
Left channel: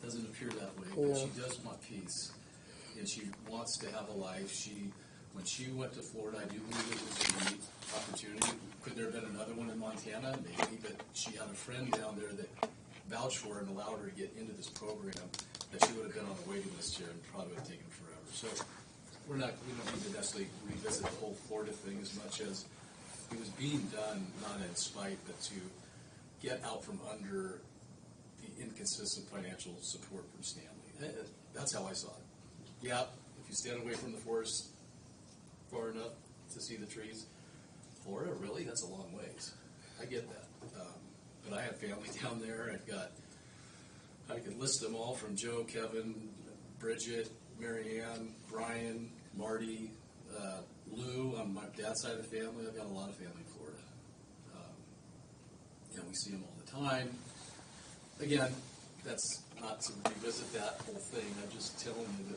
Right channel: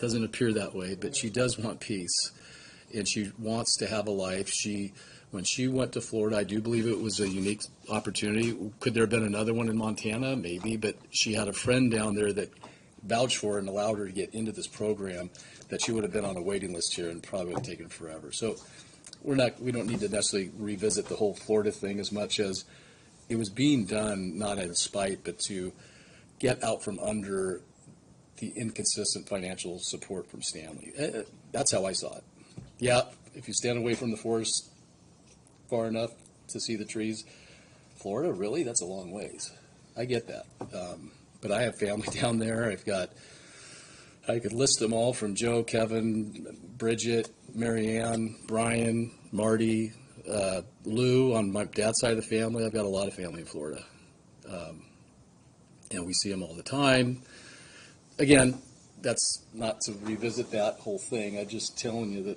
doesn't appear that way, but she does want peace, and she wants to have a life. When she went to Florida, I do believe it was a unique opportunity. Could there have been another one in Montana? Maybe, but she had a friend down there that vouched for her and allowed her to get into this program that she would have been on a waiting list here and probably would have taken forever. So we don't need to necessarily revisit the whole Florida thing as much as it was being done not out of spite, but to get out from under the inconsistent financial support from Stanley. That's how I saw it. Yeah, if you stand away from the forest far enough to see the trees, Florida, really? That's a long ways. I get that. But I have family down there. I could list them all from Joe, Kevin, Bridget, Marianne, Brian, Marty, Lou on my dad's side of the family. I've got a lot of family in Florida. And we see them all the time. Again, that's not to revisit that whole thing. I'm just telling you that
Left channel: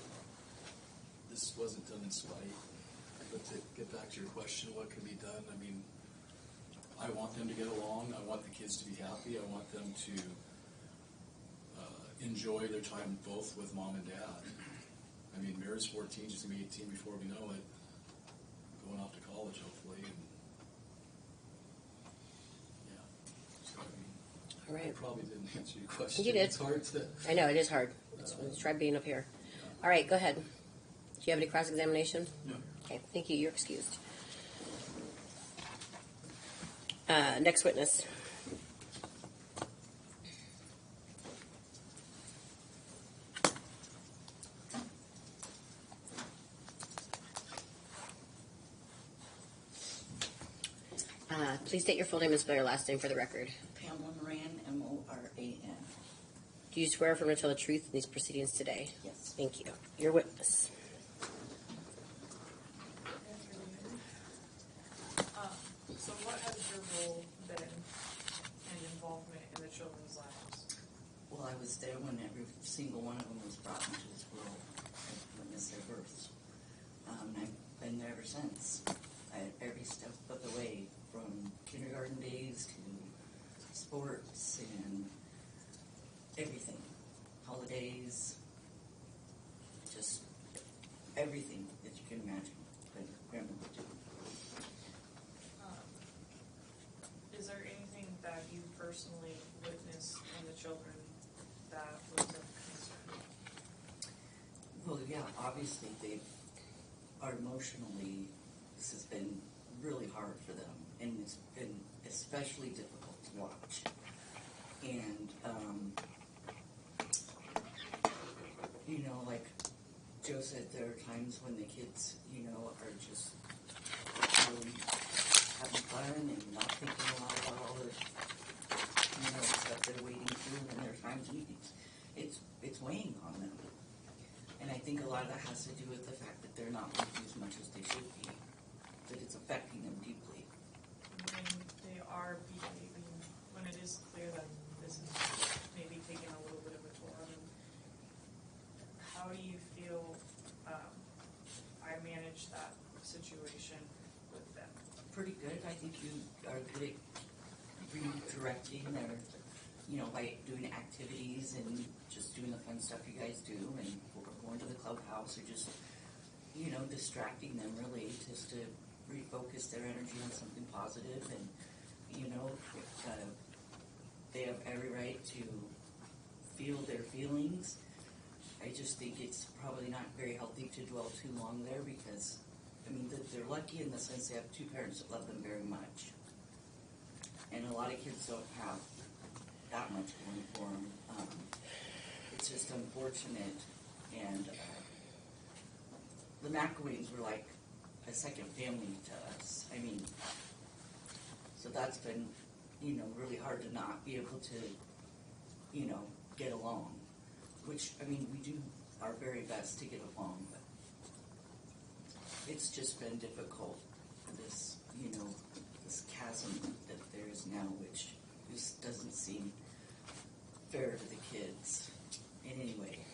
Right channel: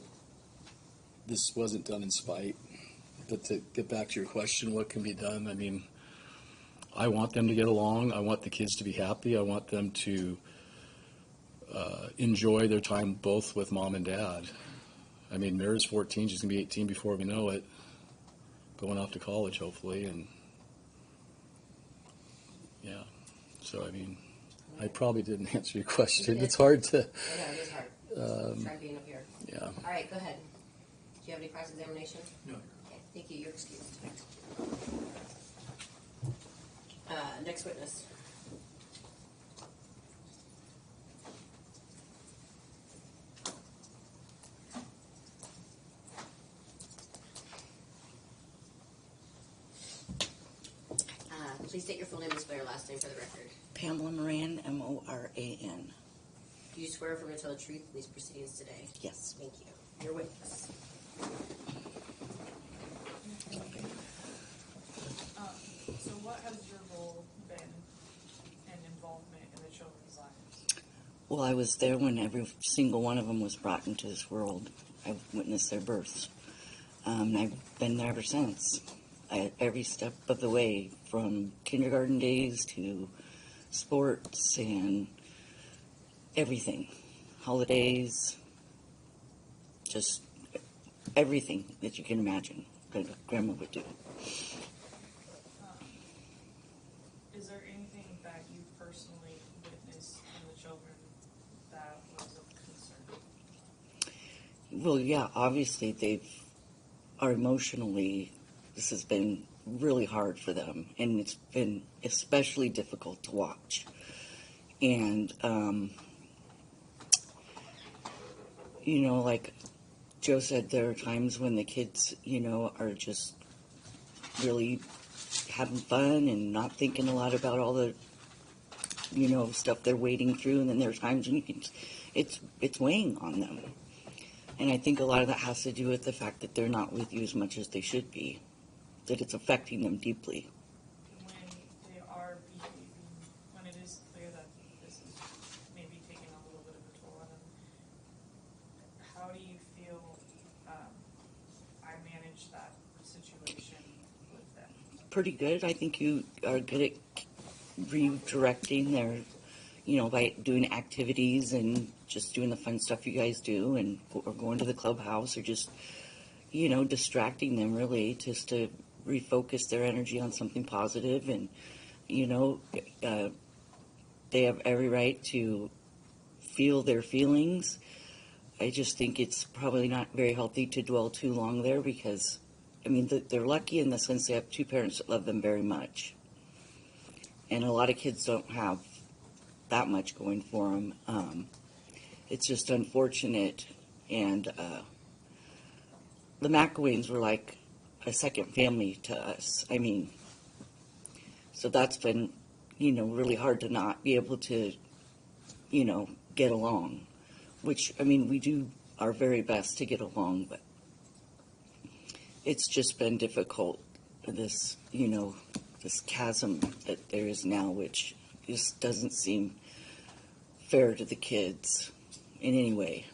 this wasn't done in spite. But to get back to your question, what can be done? I mean, I want them to get along. I want the kids to be happy. I want them to enjoy their time both with mom and dad. I mean, Mira's 14. She's going to be 18 before we know it. Going off to college, hopefully. And, yeah. So, I mean, I probably didn't answer your question. You did. It's hard to. I know, it is hard. Let's try being up here. Yeah. All right, go ahead. Do you have any cross-examination? No. Okay, thank you. You're excused. Next witness. Please state your full name and spell your last name for the record. Pamela Moran, Moran. Do you swear affirm to tell the truth in these proceedings today? Yes. Thank you. Your witness. So what has your role been and involvement in the children's lives? Well, I was there when every single one of them was brought into this world. I've witnessed their births. I've been there ever since. Every step of the way, from kindergarten days to sports and everything. Holidays, just everything that you can imagine that grandma would do. Is there anything that you personally witnessed from the children that was of concern? Well, yeah, obviously are emotionally, this has been really hard for them, and it's been especially difficult to watch. And, you know, like Joe said, there are times when the kids, you know, are just really having fun and not thinking a lot about all the, you know, stuff they're wading through, and then there are times when you can, it's weighing on them. And I think a lot of that has to do with the fact that they're not with you as much as they should be, that it's affecting them deeply. When they are behaving, when it is clear that this is maybe taking a little bit of a toll on them, how do you feel I manage that situation with them? Pretty good. I think you are good at redirecting their, you know, by doing activities and just doing the fun stuff you guys do, and or going to the clubhouse, or just, you know, distracting them really, just to refocus their energy on something positive. And, you know, they have every right to feel their feelings. I just think it's probably not very healthy to dwell too long there, because, I mean, they're lucky in the sense they have two parents that love them very much. And a lot of kids don't have that much going for them. It's just unfortunate. And the McElwains were like a second family to us. I mean, so that's been, you know, really hard to not be able to, you know, get along. Which, I mean, we do our very best to get along, but it's just been difficult, this, you know, this chasm that there is now, which just doesn't seem fair to the kids in any way.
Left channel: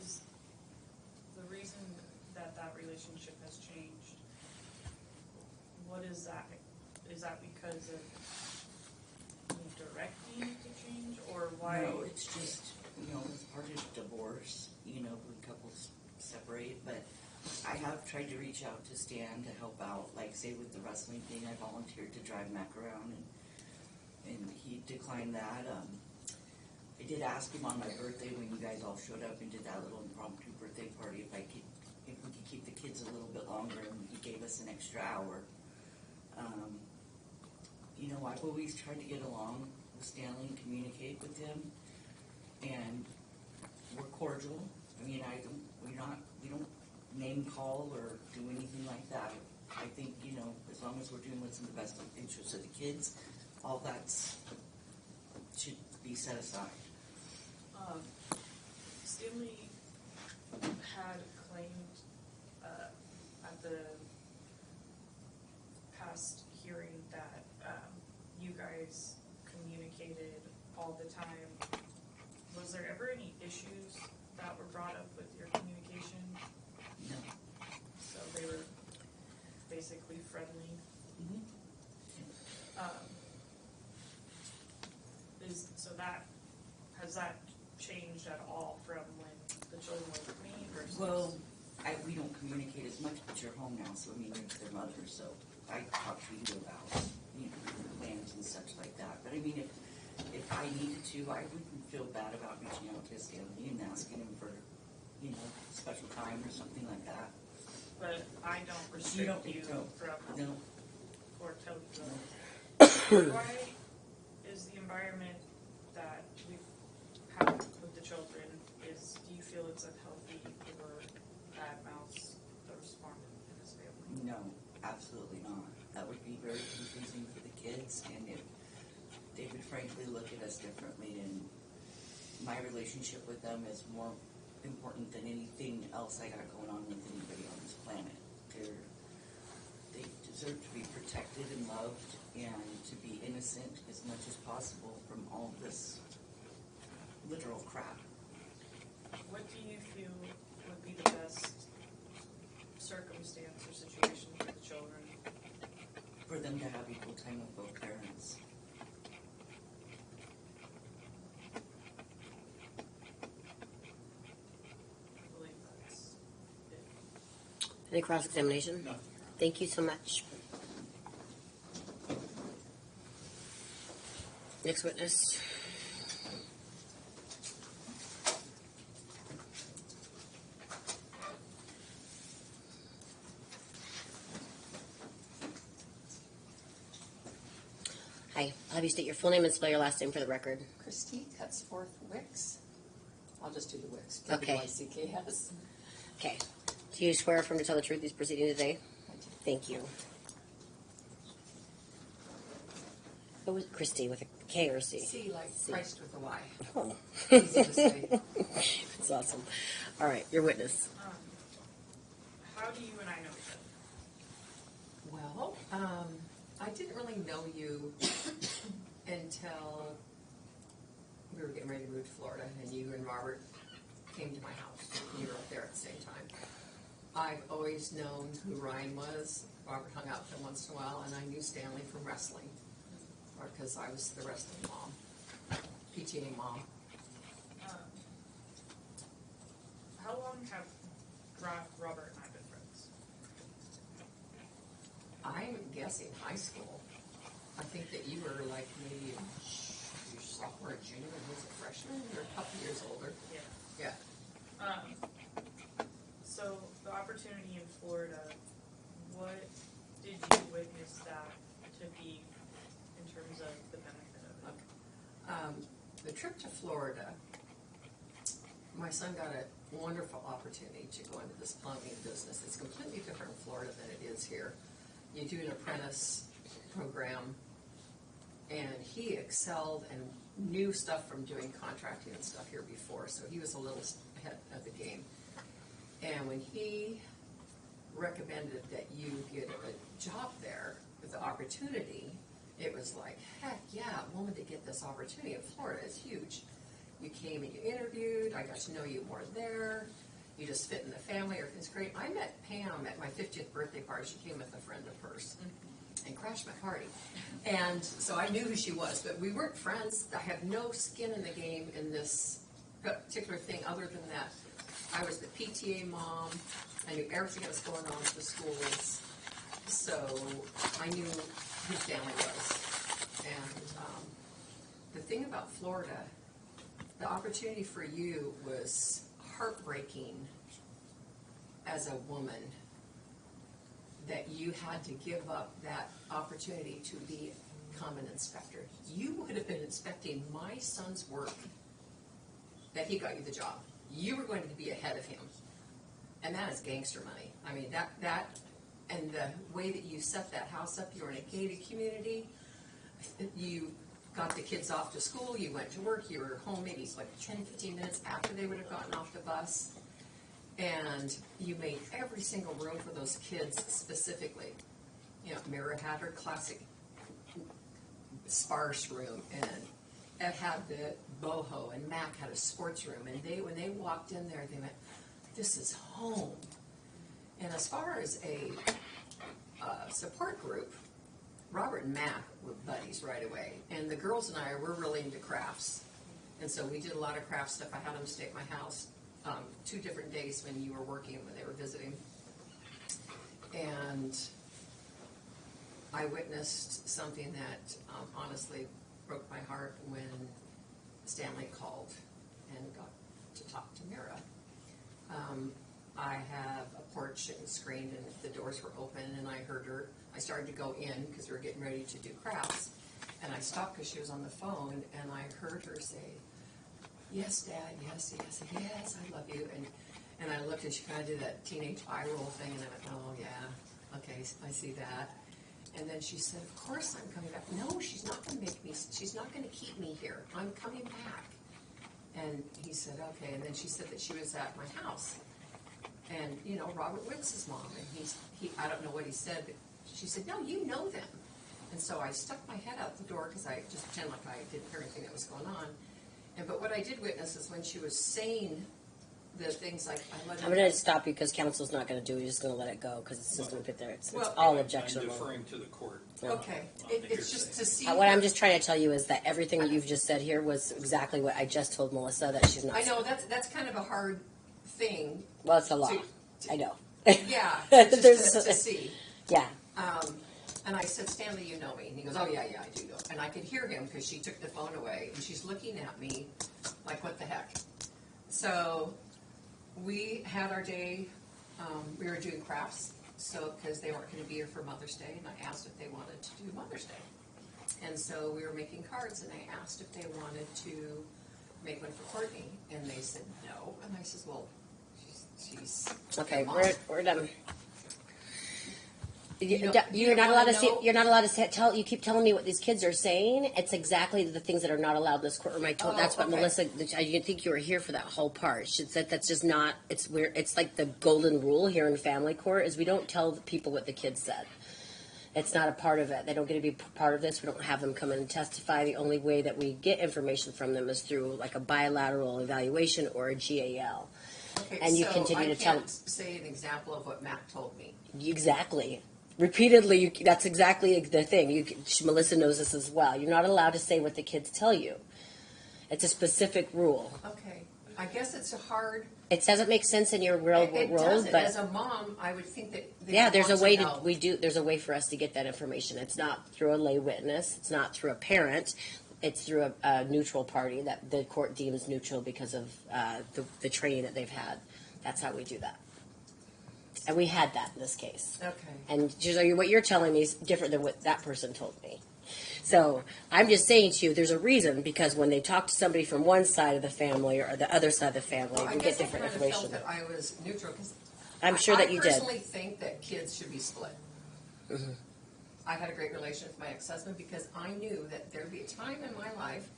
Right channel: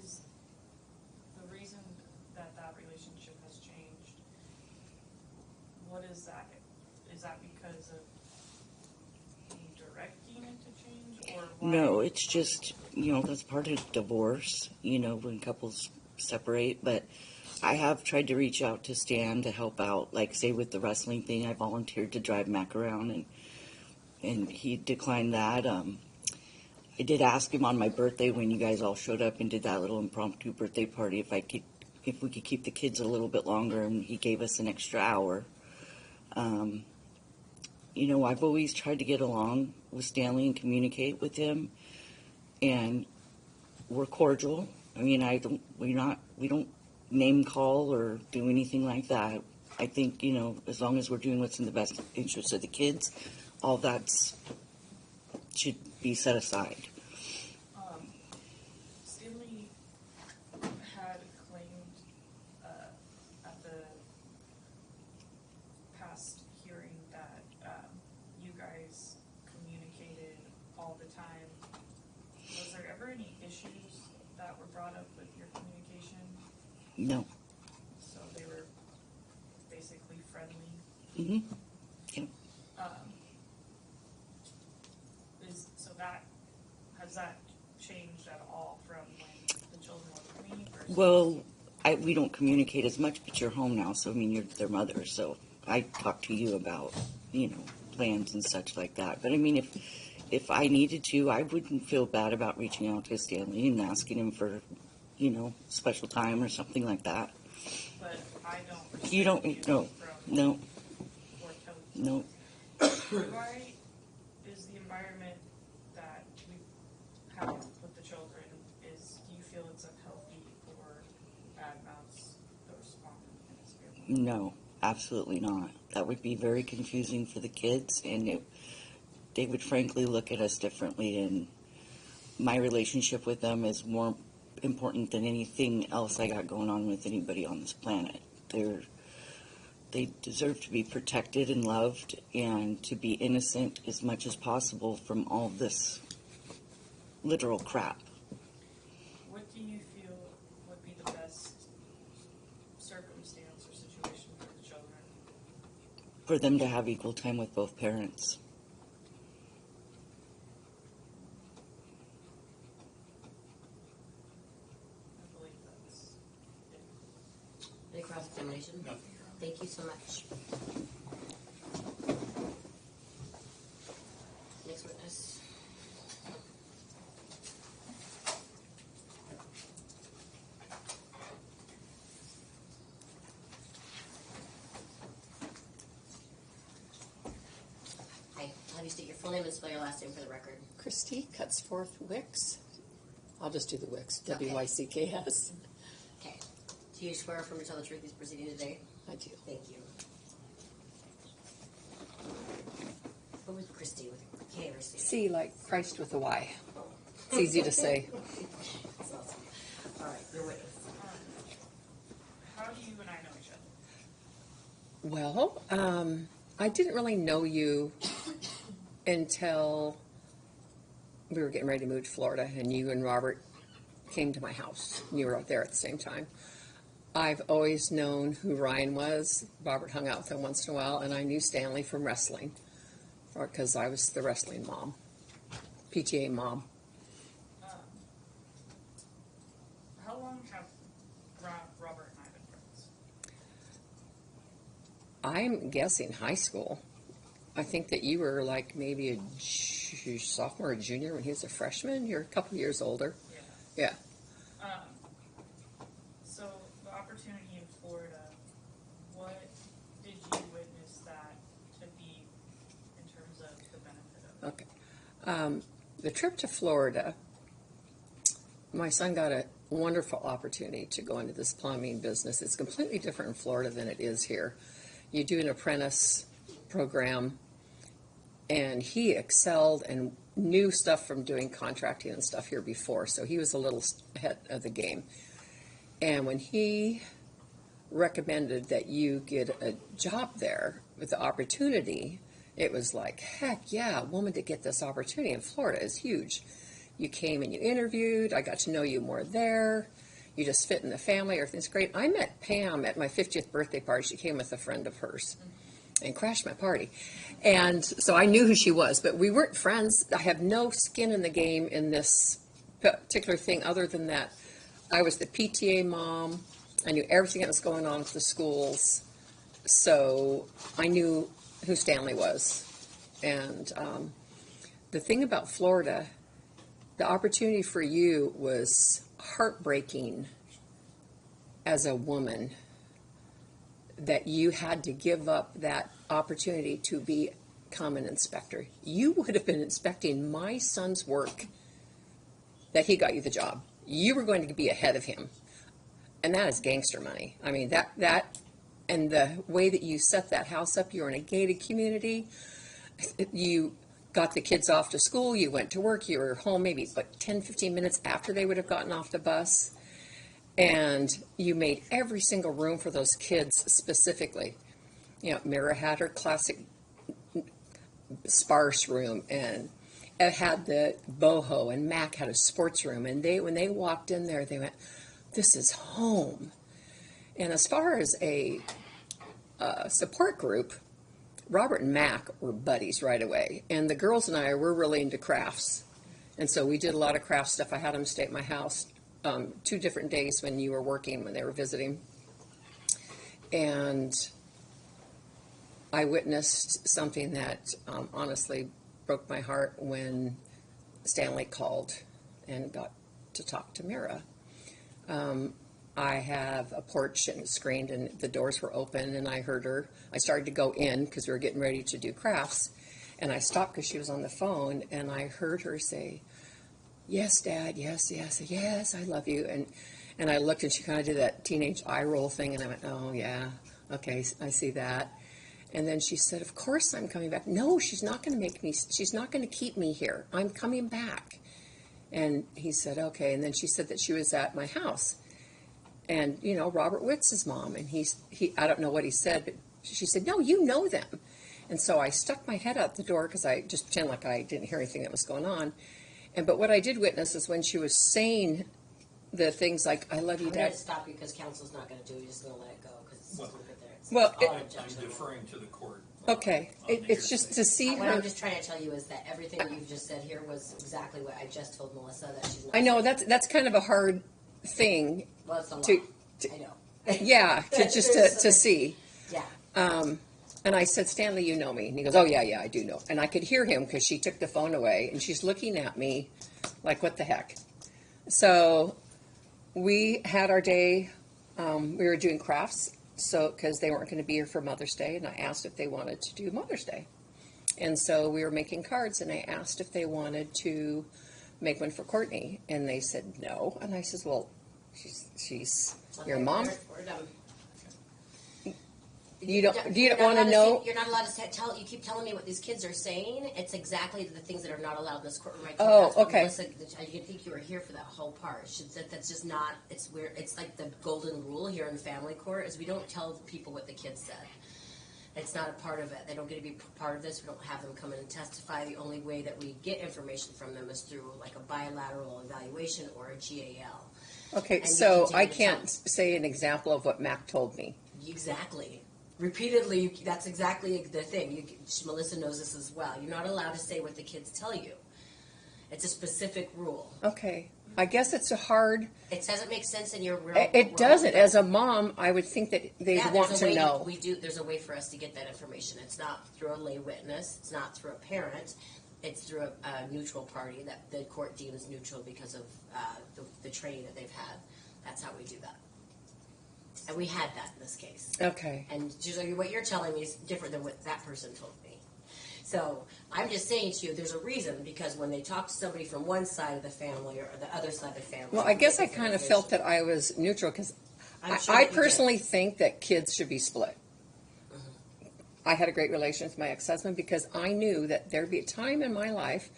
Is the reason that relationship has changed, what is that? Is that because of me directing it to change, or why? No, it's just, you know, that's part of divorce, you know, when couples separate. But I have tried to reach out to Stan to help out, like, say, with the wrestling thing. I volunteered to drive Mac around, and he declined that. I did ask him on my birthday, when you guys all showed up and did that little impromptu birthday party, if we could keep the kids a little bit longer, and he gave us an extra hour. You know, I've always tried to get along with Stanley and communicate with him, and we're cordial. I mean, we don't name call or do anything like that. I think, you know, as long as we're doing what's in the best interest of the kids, all that's should be set aside. Stanley had claimed at the past hearing that you guys communicated all the time. Was there ever any issues that were brought up with your communication? No. So they were basically friendly. Mm-hmm. So that has that changed at all from when the children were with me? Versus Well, we don't communicate as much, but you're home now, so I mean, you're their mother, so I talk to you about, you know, plans and such like that. But I mean, if I needed to, I wouldn't feel bad about reaching out to Stanley and asking him for, you know, special time or something like that. But I don't. You don't, no, no, Or tell no. Why is the environment that we have with the children, do you feel it's unhealthy or badmouths the respondent in this family? No, absolutely not. That would be very confusing for the kids, and they would frankly look at us differently, and my relationship with them is more important than anything else I got going on with anybody on this planet. They deserve to be protected and loved, and to be innocent as much as possible from all this literal crap. What do you feel would be the best circumstance or situation for the children? For them to have equal time with both parents. Any cross-examination? Nothing. Thank you so much. Next witness. Hi, I'll have you state your full name and spell your last name for the record. Christy Cutsforth Wicks. I'll just do the Wicks. Okay. W-I-C-K-S. Okay. Do you swear or affirm to tell the truth these proceedings today? I do. Thank you. What was Christy with a K or a C? C like Christ with a Y. Oh. Easy to say. That's awesome. All right, your witness. How do you and I know each other? Well, I didn't really know you until we were getting ready to move to Florida, and you and Robert came to my house. You were up there at the same time. I've always known who Ryan was. Robert hung out with him once in a while, and I knew Stanley from wrestling, because I was the wrestling mom, PTA mom. How long have Robert and I been friends? I'm guessing high school. I think that you were like maybe a sophomore or junior when he was a freshman. You're a couple years older. Yeah. Yeah. So the opportunity in Florida, what did you witness that to be in terms of the benefit of it? Okay. The trip to Florida, my son got a wonderful opportunity to go into this plumbing business. It's completely different in Florida than it is here. You do an apprentice program, and he excelled and knew stuff from doing contracting and stuff here before, so he was a little ahead of the game. And when he recommended that you get a job there with the opportunity, it was like, heck yeah, a woman to get this opportunity in Florida is huge. You came and you interviewed, I got to know you more there, you just fit in the family, everything's great. I met Pam at my 50th birthday party. She came with a friend of hers and crashed my party. And so I knew who she was, but we weren't friends. I have no skin in the game in this particular thing other than that I was the PTA mom. I knew everything that was going on with the schools. So I knew who Stanley was. And the thing about Florida, the opportunity for you was heartbreaking as a woman, that you had to give up that opportunity to become an inspector. You would have been inspecting my son's work that he got you the job. You were going to be ahead of him. And that is gangster money. I mean, that and the way that you set that house up, you were in a gated community. You got the kids off to school, you went to work, you were home maybe 10, 15 minutes after they would have gotten off the bus. And you made every single room for those kids specifically. You know, Mira had her classic sparse room, and it had the boho, and Mac had a sports room. And when they walked in there, they went, "This is home." And as far as a support group, Robert and Mac were buddies right away. And the girls and I were really into crafts. And so we did a lot of craft stuff. I had them stay at my house 2 different days when you were working, when they were visiting. And I witnessed something that honestly broke my heart when Stanley called and got to talk to Mira. I have a porch and it's screened, and the doors were open, and I heard her. I started to go in because we were getting ready to do crafts, and I stopped because she was on the phone, and I heard her say, "Yes, Dad, yes, yes, yes, I love you." And I looked, and she kind of did that teenage eye roll thing, and I went, "Oh, yeah, okay, I see that." And then she said, "Of course I'm coming back." "No, she's not going to she's not going to keep me here. I'm coming back." And he said, "Okay." And then she said that she was at my house. And, you know, Robert Witz's mom, and he I don't know what he said, but she said, "No, you know them." And so I stuck my head out the door because I just pretended like I didn't hear anything that was going on. But what I did witness is when she was saying the things like, "I love you, I'm Dad." going to stop you because counsel's not going to do it. He's just going to let it go because it's just going to get there. It's Well, all I'm objectionable. deferring to the court. Okay, it's just to see What her. I'm just trying to tell you is that everything that you've just said here was exactly what I just told Melissa that she's not. I know that's kind of a hard thing. Well, it's the law. to- I know. Yeah, just to see. Yeah. And I said, Stanley, you know me. And he goes, oh, yeah, I do know. And I could hear him because she took the phone away, and she's looking at me like, what the heck? So we had our day. We were doing crafts, so because they weren't going to be here for Mother's Day, and I asked if they wanted to do Mother's Day. And so we were making cards, and I asked if they wanted to make one for Courtney, and they said no. And I said, well, she's Okay, your mom. we're done. You don't You're not want allowed to to know? say, you're not allowed to tell. You keep telling me what these kids are saying. It's exactly the things that are not allowed in this courtroom. I told. Oh, That's what okay. Melissa. I didn't think you were here for that whole part. She said that's just not. It's weird. It's like the golden rule here in family court is we don't tell the people what the kids said. It's not a part of it. They don't get to be part of this. We don't have them come in and testify. The only way that we get information from them is through like a bilateral evaluation or a GAL. Okay, And you so continue I to can't tell- say an example of what Mac told me. Exactly. Repeatedly, that's exactly the thing. Melissa knows this as well. You're not allowed to say what the kids tell you. It's a specific rule. Okay, I guess it's a hard. It doesn't make sense in your real It world. doesn't. but- As a mom, I would think that they yeah, there's want a way to know. There's a way for us to get that information. It's not through a lay witness. It's not through a parent. It's through a neutral party that the court deems neutral because of the training that they've had. That's how we do that. And we had that in this case. Okay. And what you're telling me is different than what that person told me. So I'm just saying to you, there's a reason because when they talk to somebody from one side of the family or the other side of the family, Well, I we guess get I different kind of information. felt that I was neutral because I'm sure I that you personally think that kids should be split. I had a great relation with my ex-husband because I knew that there'd be a time in my life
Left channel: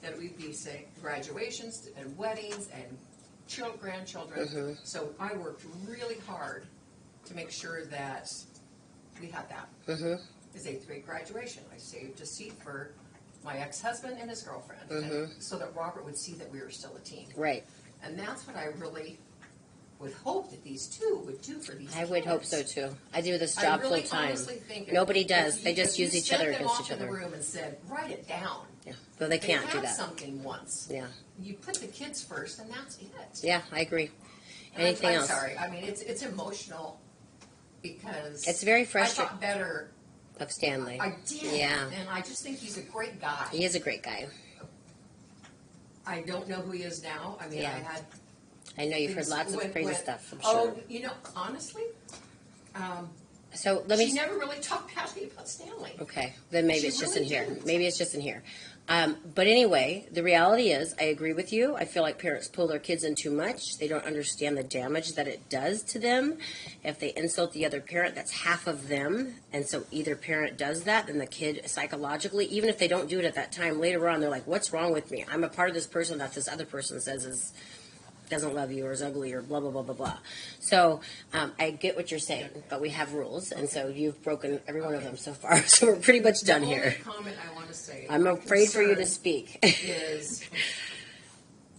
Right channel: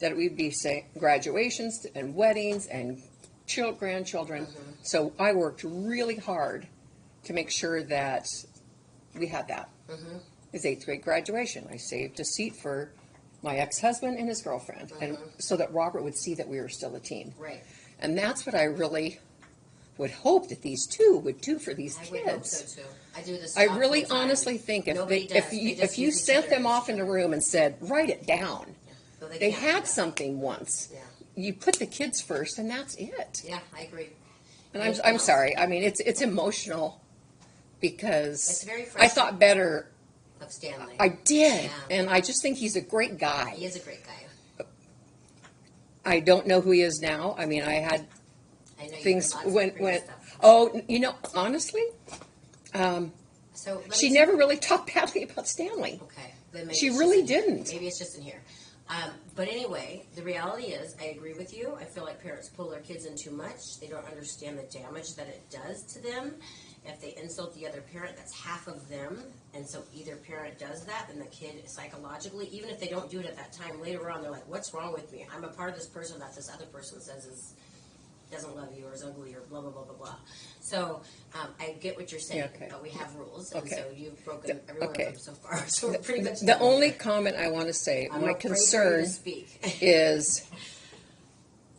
that we'd be say graduations and weddings and grandchildren. So I worked really hard to make sure that we had that. His 8th grade graduation, I saved a seat for my ex-husband and his girlfriend, and so that Robert would see that we were still a team. did. Right. And that's what I really would hope that these two would do for these I kids. would hope so too. I do this job I really full-time. honestly think if Nobody they, does. If, They just if you use each sent other them against off each in a other. room and said, write it down. Yeah. But they They can't do had that. something once. Yeah. You put the kids first, and that's it. Yeah, I agree. And Anything I'm else? sorry. I mean, it's emotional because It's very I frustrating. thought better. Of Stanley. I did, Yeah. and I just think he's a great guy. He is a great guy. I don't know who he is now. I mean, Yeah. I had I know you've things heard lots when of crazy stuff. I'm oh, sure. you know, honestly, So let she me. never really talked badly about Stanley. Okay, then maybe She it's really just in here. didn't. Maybe it's just in here. But anyway, the reality is, I agree with you. I feel like parents pull their kids in too much. They don't understand the damage that it does to them. If they insult the other parent, that's half of them. And so either parent does that, then the kid psychologically, even if they don't do it at that time, later on, they're like, what's wrong with me? I'm a part of this person that this other person says doesn't love you or is ugly or blah, blah, blah, blah, blah. So I get what you're saying, Okay. but we have rules. And Okay. so you've broken every one of Okay. them so far. So we're pretty much The done only here. comment I want to say, I'm my afraid for you to concern speak. is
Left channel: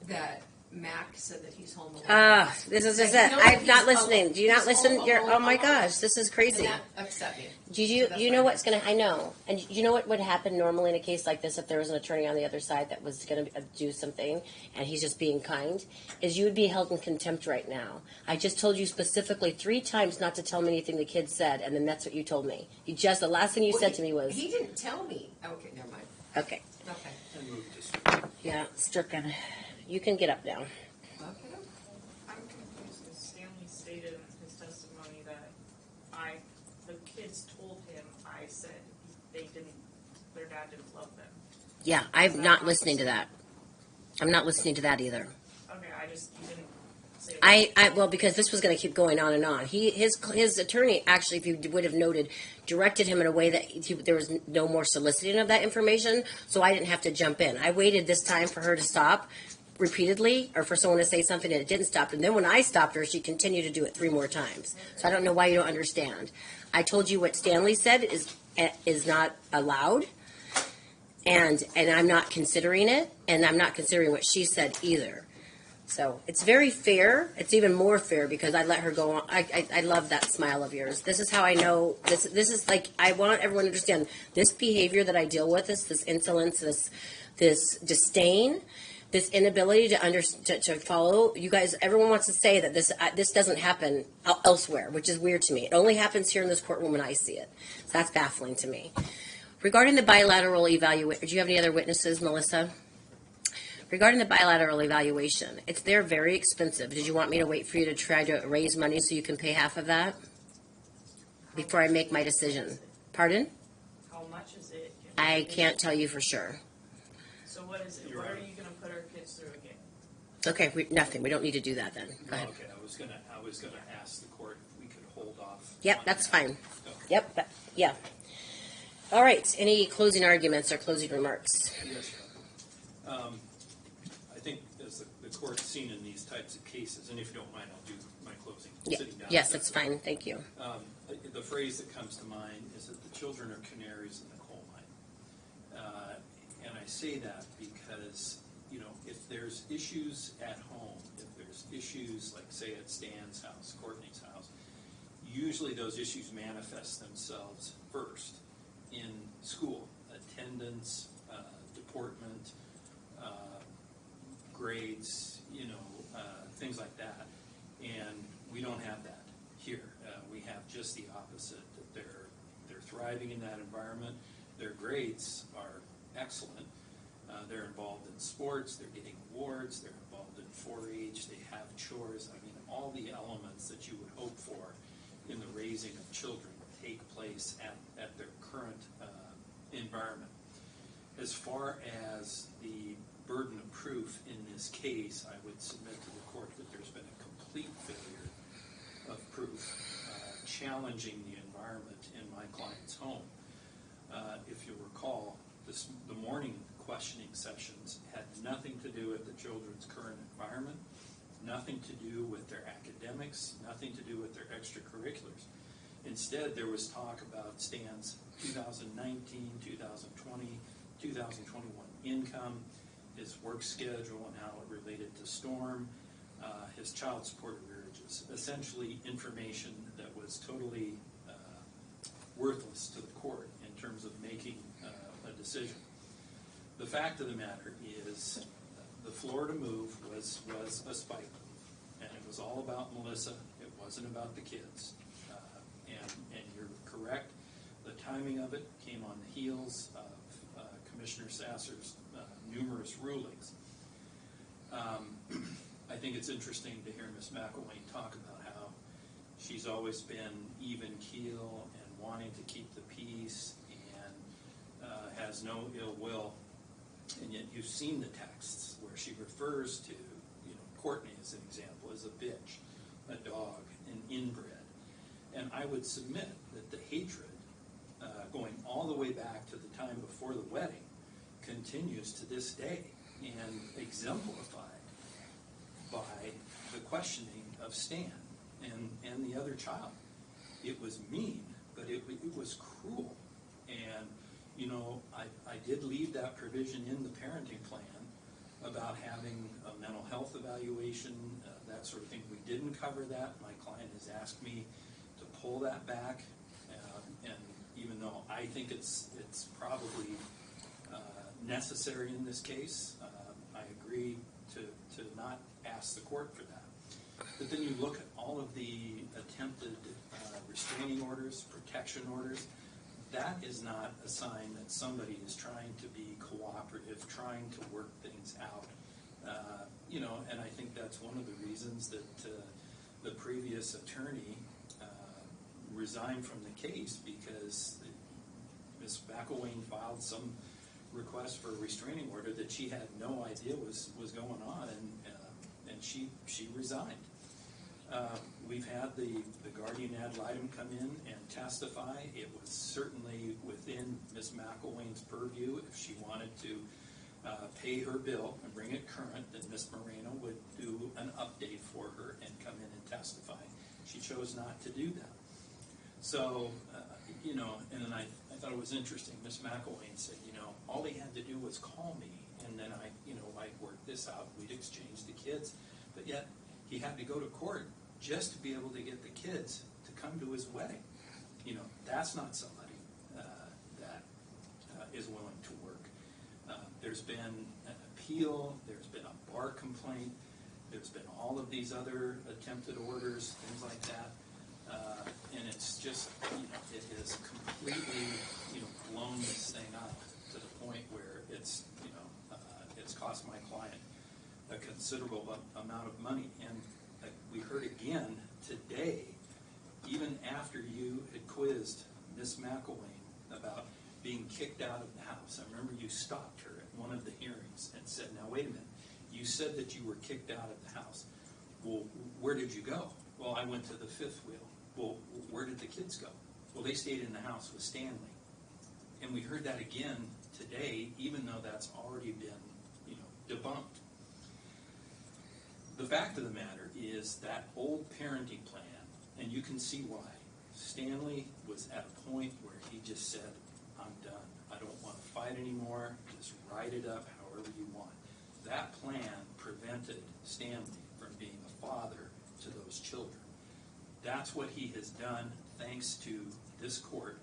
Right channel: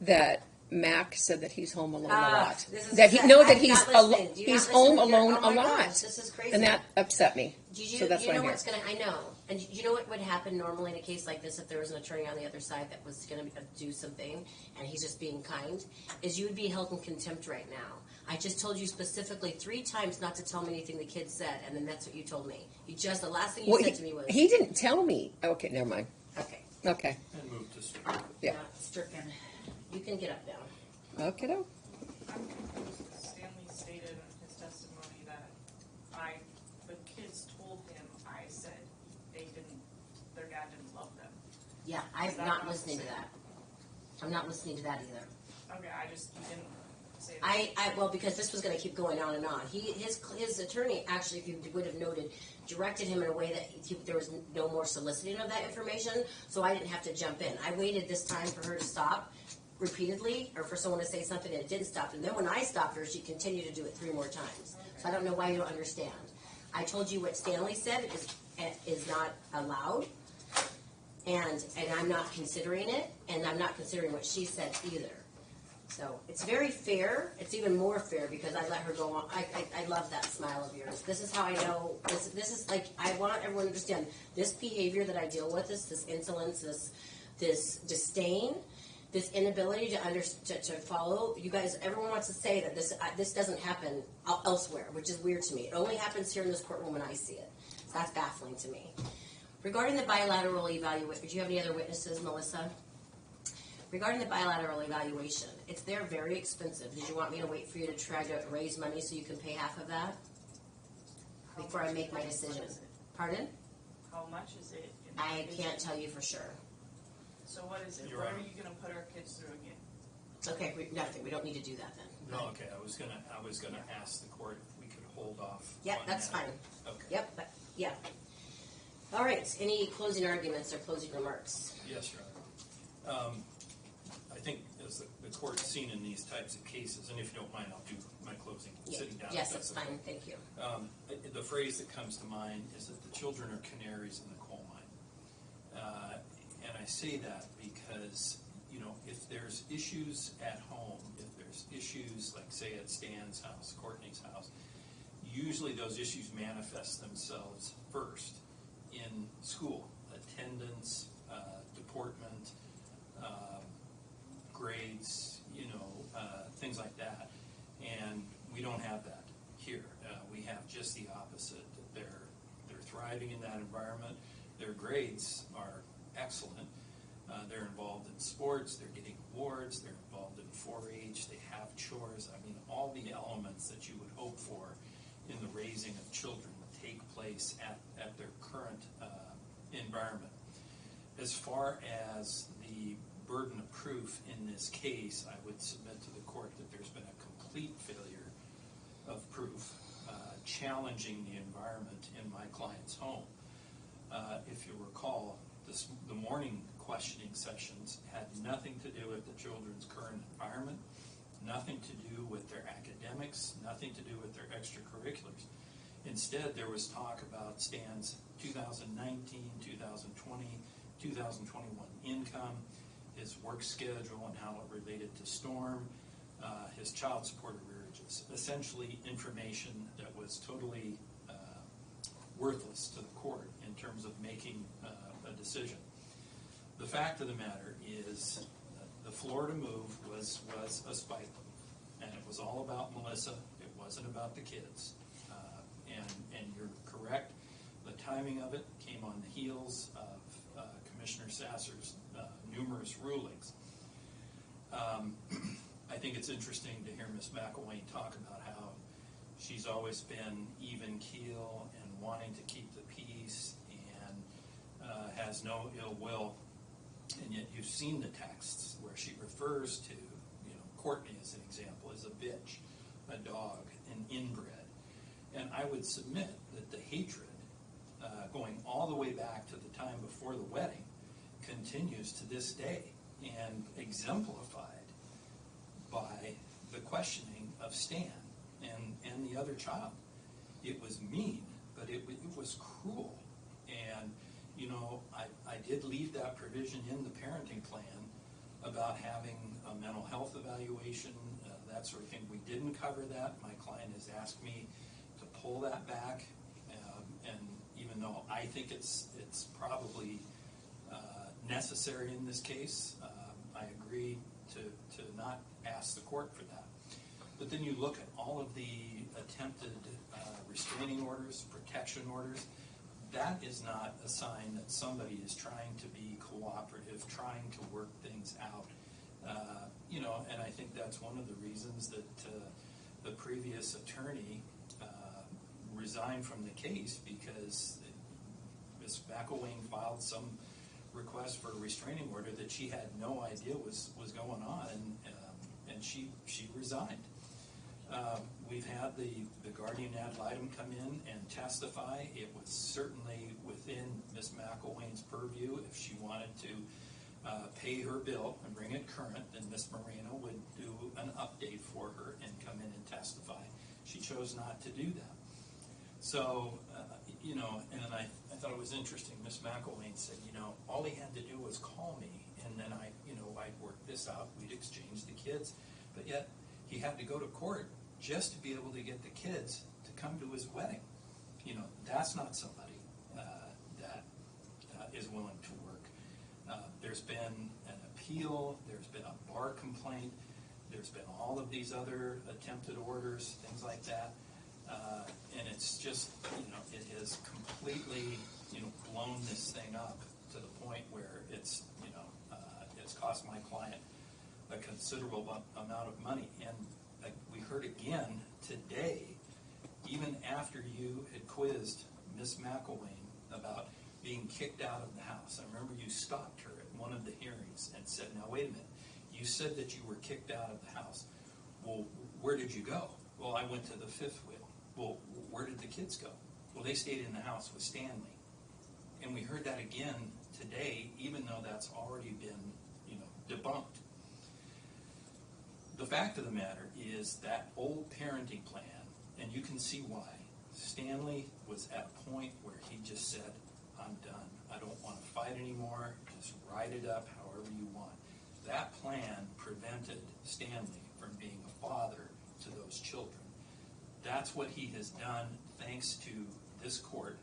that Mac said that he's home alone a Ah, lot. this is That he- it. no, that I'm he's not listening. alo- Do you not he's listen? home You're, alone oh my a lot. gosh, this is crazy. And that upset me. Did So you that's you what know I what's meant. gonna? I know, and you know what would happen normally in a case like this if there was an attorney on the other side that was gonna do something and he's just being kind, is you would be held in contempt right now. I just told you specifically 3 times not to tell me anything the kid said, and then that's what you told me. The last thing you Well, said to me was he didn't tell me. Okay, never mind. okay. Okay. And move to Strickland. Yeah, Stricken. You can get up now. Okay. Stanley stated in his testimony that the kids told him I said their dad didn't love them. Yeah, I'm not listening to that. I'm not listening to that either. Okay, you didn't say that. Well, because this was going to keep going on and on. His attorney actually, if you would have noted, directed him in a way that there was no more soliciting of that information, so I didn't have to jump in. I waited this time for her to stop repeatedly, or for someone to say something and it didn't stop. And then when I stopped her, she continued to do it 3 more times. So I don't know why you don't understand. I told you what Stanley said is not allowed, and I'm not considering it, and I'm not considering what she said either. So it's very fair. It's even more fair because I let her go on. I love that smile of yours. This is how I know. This is like, I want everyone to understand this behavior that I deal with, this insolence, this disdain. this inability to follow. You guys, everyone wants to say that this doesn't happen elsewhere, which is weird to me. It only happens here in this courtroom when I see it. So that's baffling to me. Regarding the bilateral evaluation, do you have any other witnesses, Melissa? Regarding the bilateral evaluation, they're very expensive. Did you want me to wait for you to try to raise money so you can pay half of that before I make my decision? Pardon? How much is it? I can't tell you for sure. So what is it? Where are you gonna put our kids through again? Okay, nothing. We don't need to do that then. Go ahead. Okay, I was gonna ask the court if we could hold off. Yep, on that's that. fine. Okay. Yep, yeah. All right, any closing arguments or closing remarks? Yes, Your Honor. I think as the court's seen in these types of cases, and if you don't mind, I'll do my closing. Yeah. Sitting down. Yes, that's fine. Thank you. The phrase that comes to mind is that the children are canaries in the coal mine. And I say that because, if there's issues at home, if there's issues like, say, at Stan's house, Courtney's house, usually those issues manifest themselves first in school. Attendance, deportment, grades, things like that. And we don't have that here. We have just the opposite. They're thriving in that environment. Their grades are excellent. They're involved in sports. They're getting awards. They're involved in 4-H. They have chores. I mean, all the elements that you would hope for in the raising of children take place at their current environment. As far as the burden of proof in this case, I would submit to the court that there's been a complete failure of proof challenging the environment in my client's home. If you recall, the morning questioning sessions had nothing to do with the children's current environment, nothing to do with their academics, nothing to do with their extracurriculars. Instead, there was talk about Stan's 2019, 2020, 2021 income, his work schedule and how it related to Storm, his child support arrearages, essentially information that was totally worthless to the court in terms of making a decision. The fact of the matter is the Florida move was a spite, and it was all about Melissa. It wasn't about the kids. And you're correct. The timing of it came on the heels of Commissioner Sasser's numerous rulings. I think it's interesting to hear Ms. McElwain talk about how she's always been even keel and wanting to keep the peace and has no ill will. And yet you've seen the texts where she refers to, Courtney as an example, as a bitch, a dog, an inbred. And I would submit that the hatred going all the way back to the time before the wedding continues to this day and exemplified by the questioning of Stan and the other child. It was mean, but it was cruel. And, I did leave that provision in the parenting plan about having a mental health evaluation, that sort of thing. We didn't cover that. My client has asked me to pull that back. And even though I think it's probably necessary in this case, I agree to not ask the court for that. But then you look at all of the attempted restraining orders, protection orders. That is not a sign that somebody is trying to be cooperative, trying to work things out. And I think that's one of the reasons that the previous attorney resigned from the case, because Ms. McElwain filed some request for a restraining order that she had no idea was going on, and she resigned. We've had the guardian ad litem come in and testify. It was certainly within Ms. McElwain's purview. If she wanted to pay her bill and bring it current, then Ms. Moreno would do an update for her and come in and testify. She chose not to do that. So, and then I thought it was interesting. Ms. McElwain said, all he had to do was call me, and then I'd work this out. We'd exchange the kids. But yet, he had to go to court just to be able to get the kids to come to his wedding. That's not somebody that is willing to work. There's been appeal, there's been a bar complaint, there's been all of these other attempted orders, things like that. And it's just, it has completely, blown this thing up to the point where it's, it's cost my client a considerable amount of money. And we heard again today, even after you had quizzed Miss McElwain about being kicked out of the house. I remember you stopped her at one of the hearings and said, now wait a minute, you said that you were kicked out of the house. Well, where did you go? Well, I went to the fifth wheel. Well, where did the kids go? Well, they stayed in the house with Stanley. And we heard that again today, even though that's already been, debunked. The fact of the matter is that old parenting plan, and you can see why. Stanley was at a point where he just said, I'm done. I don't want to fight anymore. Just write it up however you want. That plan prevented Stanley from being a father to those children. That's what he has done thanks to this court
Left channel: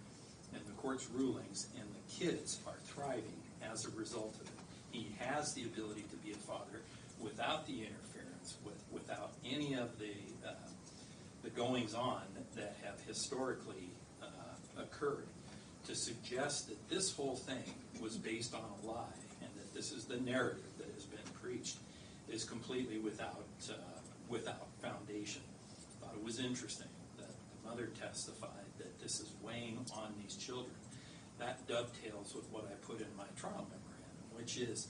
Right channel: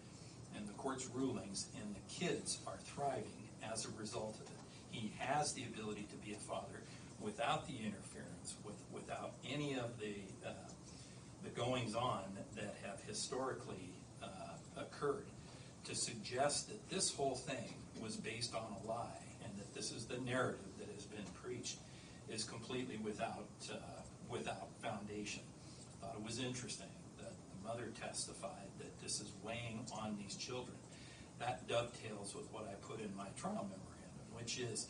and the court's rulings, and the kids are thriving as a result of it. He has the ability to be a father without the interference, without any of the goings-on that have historically occurred. To suggest that this whole thing was based on a lie and that this is the narrative that has been preached is completely without foundation. I thought it was interesting that the mother testified that this is weighing on these children. That dovetails with what I put in my trial memorandum, which is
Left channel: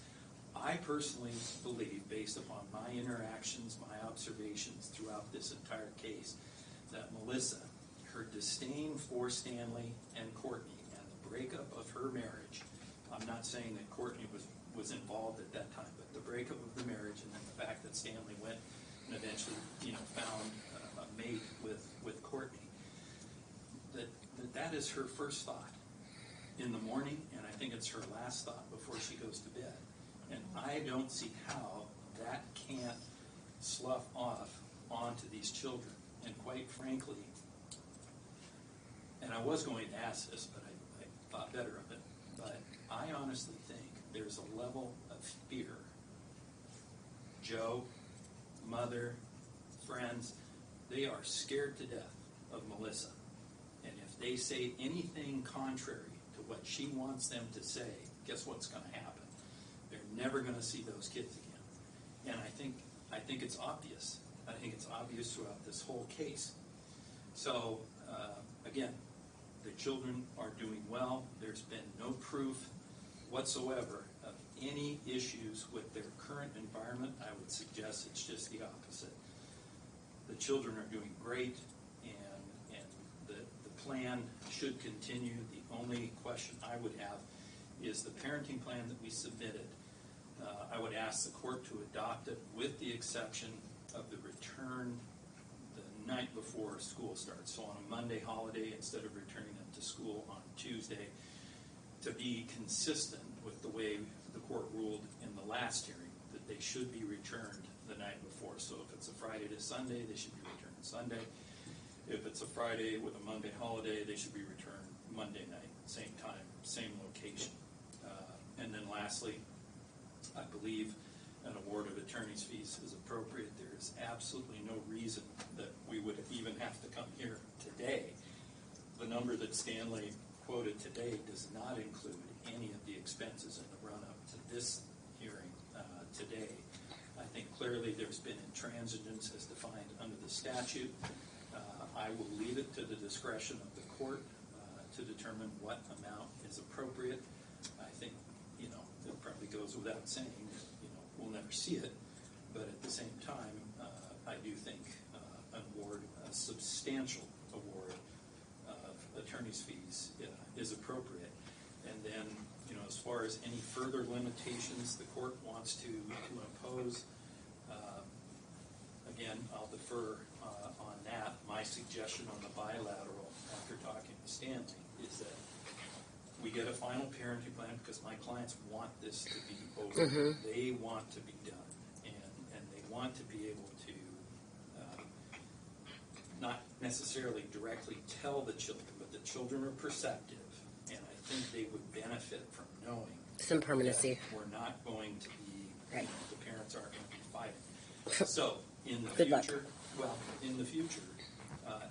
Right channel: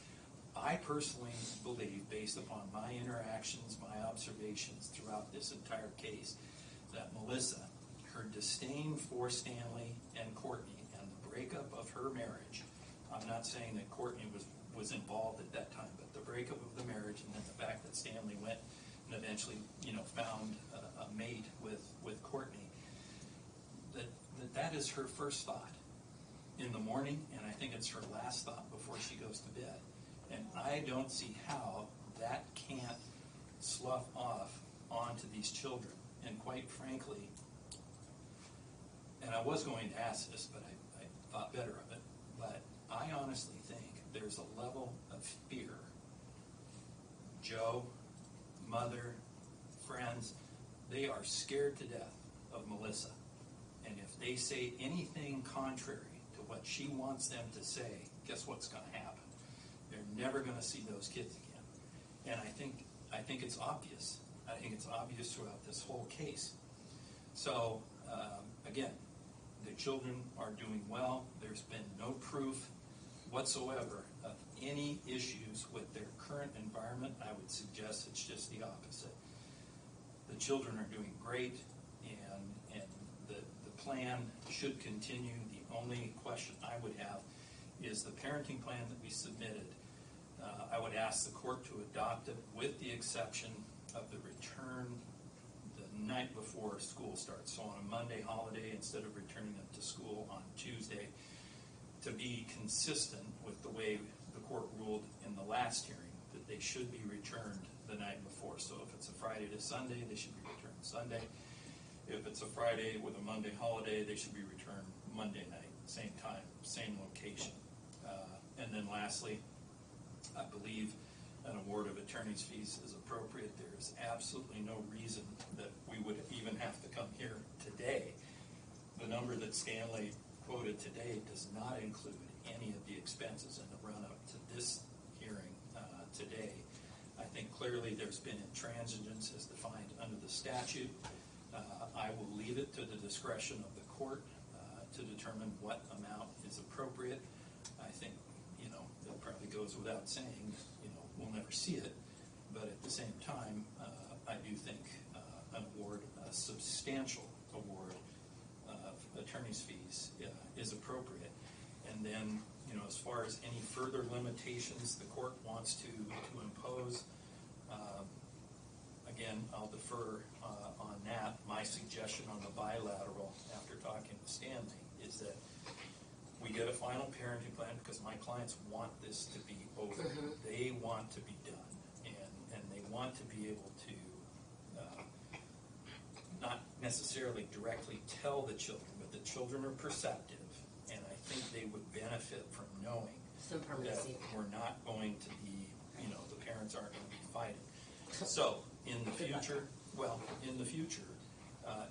I personally believe, based upon my interactions, my observations throughout this entire case, that Melissa, her disdain for Stanley and Courtney, and the breakup of her marriage, I'm not saying that Courtney was involved at that time, but the breakup of the marriage and then the fact that Stanley went and eventually, found a mate with Courtney, that is her first thought in the morning, and I think it's her last thought before she goes to bed. And I don't see how that can't slough off onto these children. And quite frankly, and I was going to ask this, but I thought better of it, but I honestly think there's a level of fear. Joe, mother, friends, they are scared to death of Melissa. And if they say anything contrary to what she wants them to say, guess what's going to happen? They're never going to see those kids again. And I think it's obvious. I think it's obvious throughout this whole case. So, again, the children are doing well. There's been no proof whatsoever of any issues with their current environment. I would suggest it's just the opposite. The children are doing great, and the plan should continue. The only question I would have is the parenting plan that we submitted. I would ask the court to adopt it with the exception of the return the night before school starts. So on a Monday holiday, instead of returning them to school on Tuesday, to be consistent with the way the court ruled in the last hearing, that they should be returned the night before. So if it's a Friday to Sunday, they should be returned Sunday. If it's a Friday with a Monday holiday, they should be returned Monday night, same time, same location. And then lastly, I believe an award of attorney's fees is appropriate. There's absolutely no reason that we would even have to come here today. The number that Stanley quoted today does not include any of the expenses in the run-up to this hearing today. I think clearly there's been intransigence as defined under the statute. I will leave it to the discretion of the court to determine what amount is appropriate. I think, it probably goes without saying, we'll never see it. But at the same time, I do think an award, a substantial award of attorney's fees is appropriate. And then, as far as any further limitations the court wants to impose, again, I'll defer on that. My suggestion on the bilateral, after talking to Stanley, is that we get a final parenting plan because my clients want this to be over. Mm-hmm. They want to be done, and they want to be able to not necessarily directly tell the children, but the children are perceptive, and I think they would benefit from knowing some permanency. that we're not going to be Right. The parents aren't going to be fighting. So, in the Good luck. future, in the future,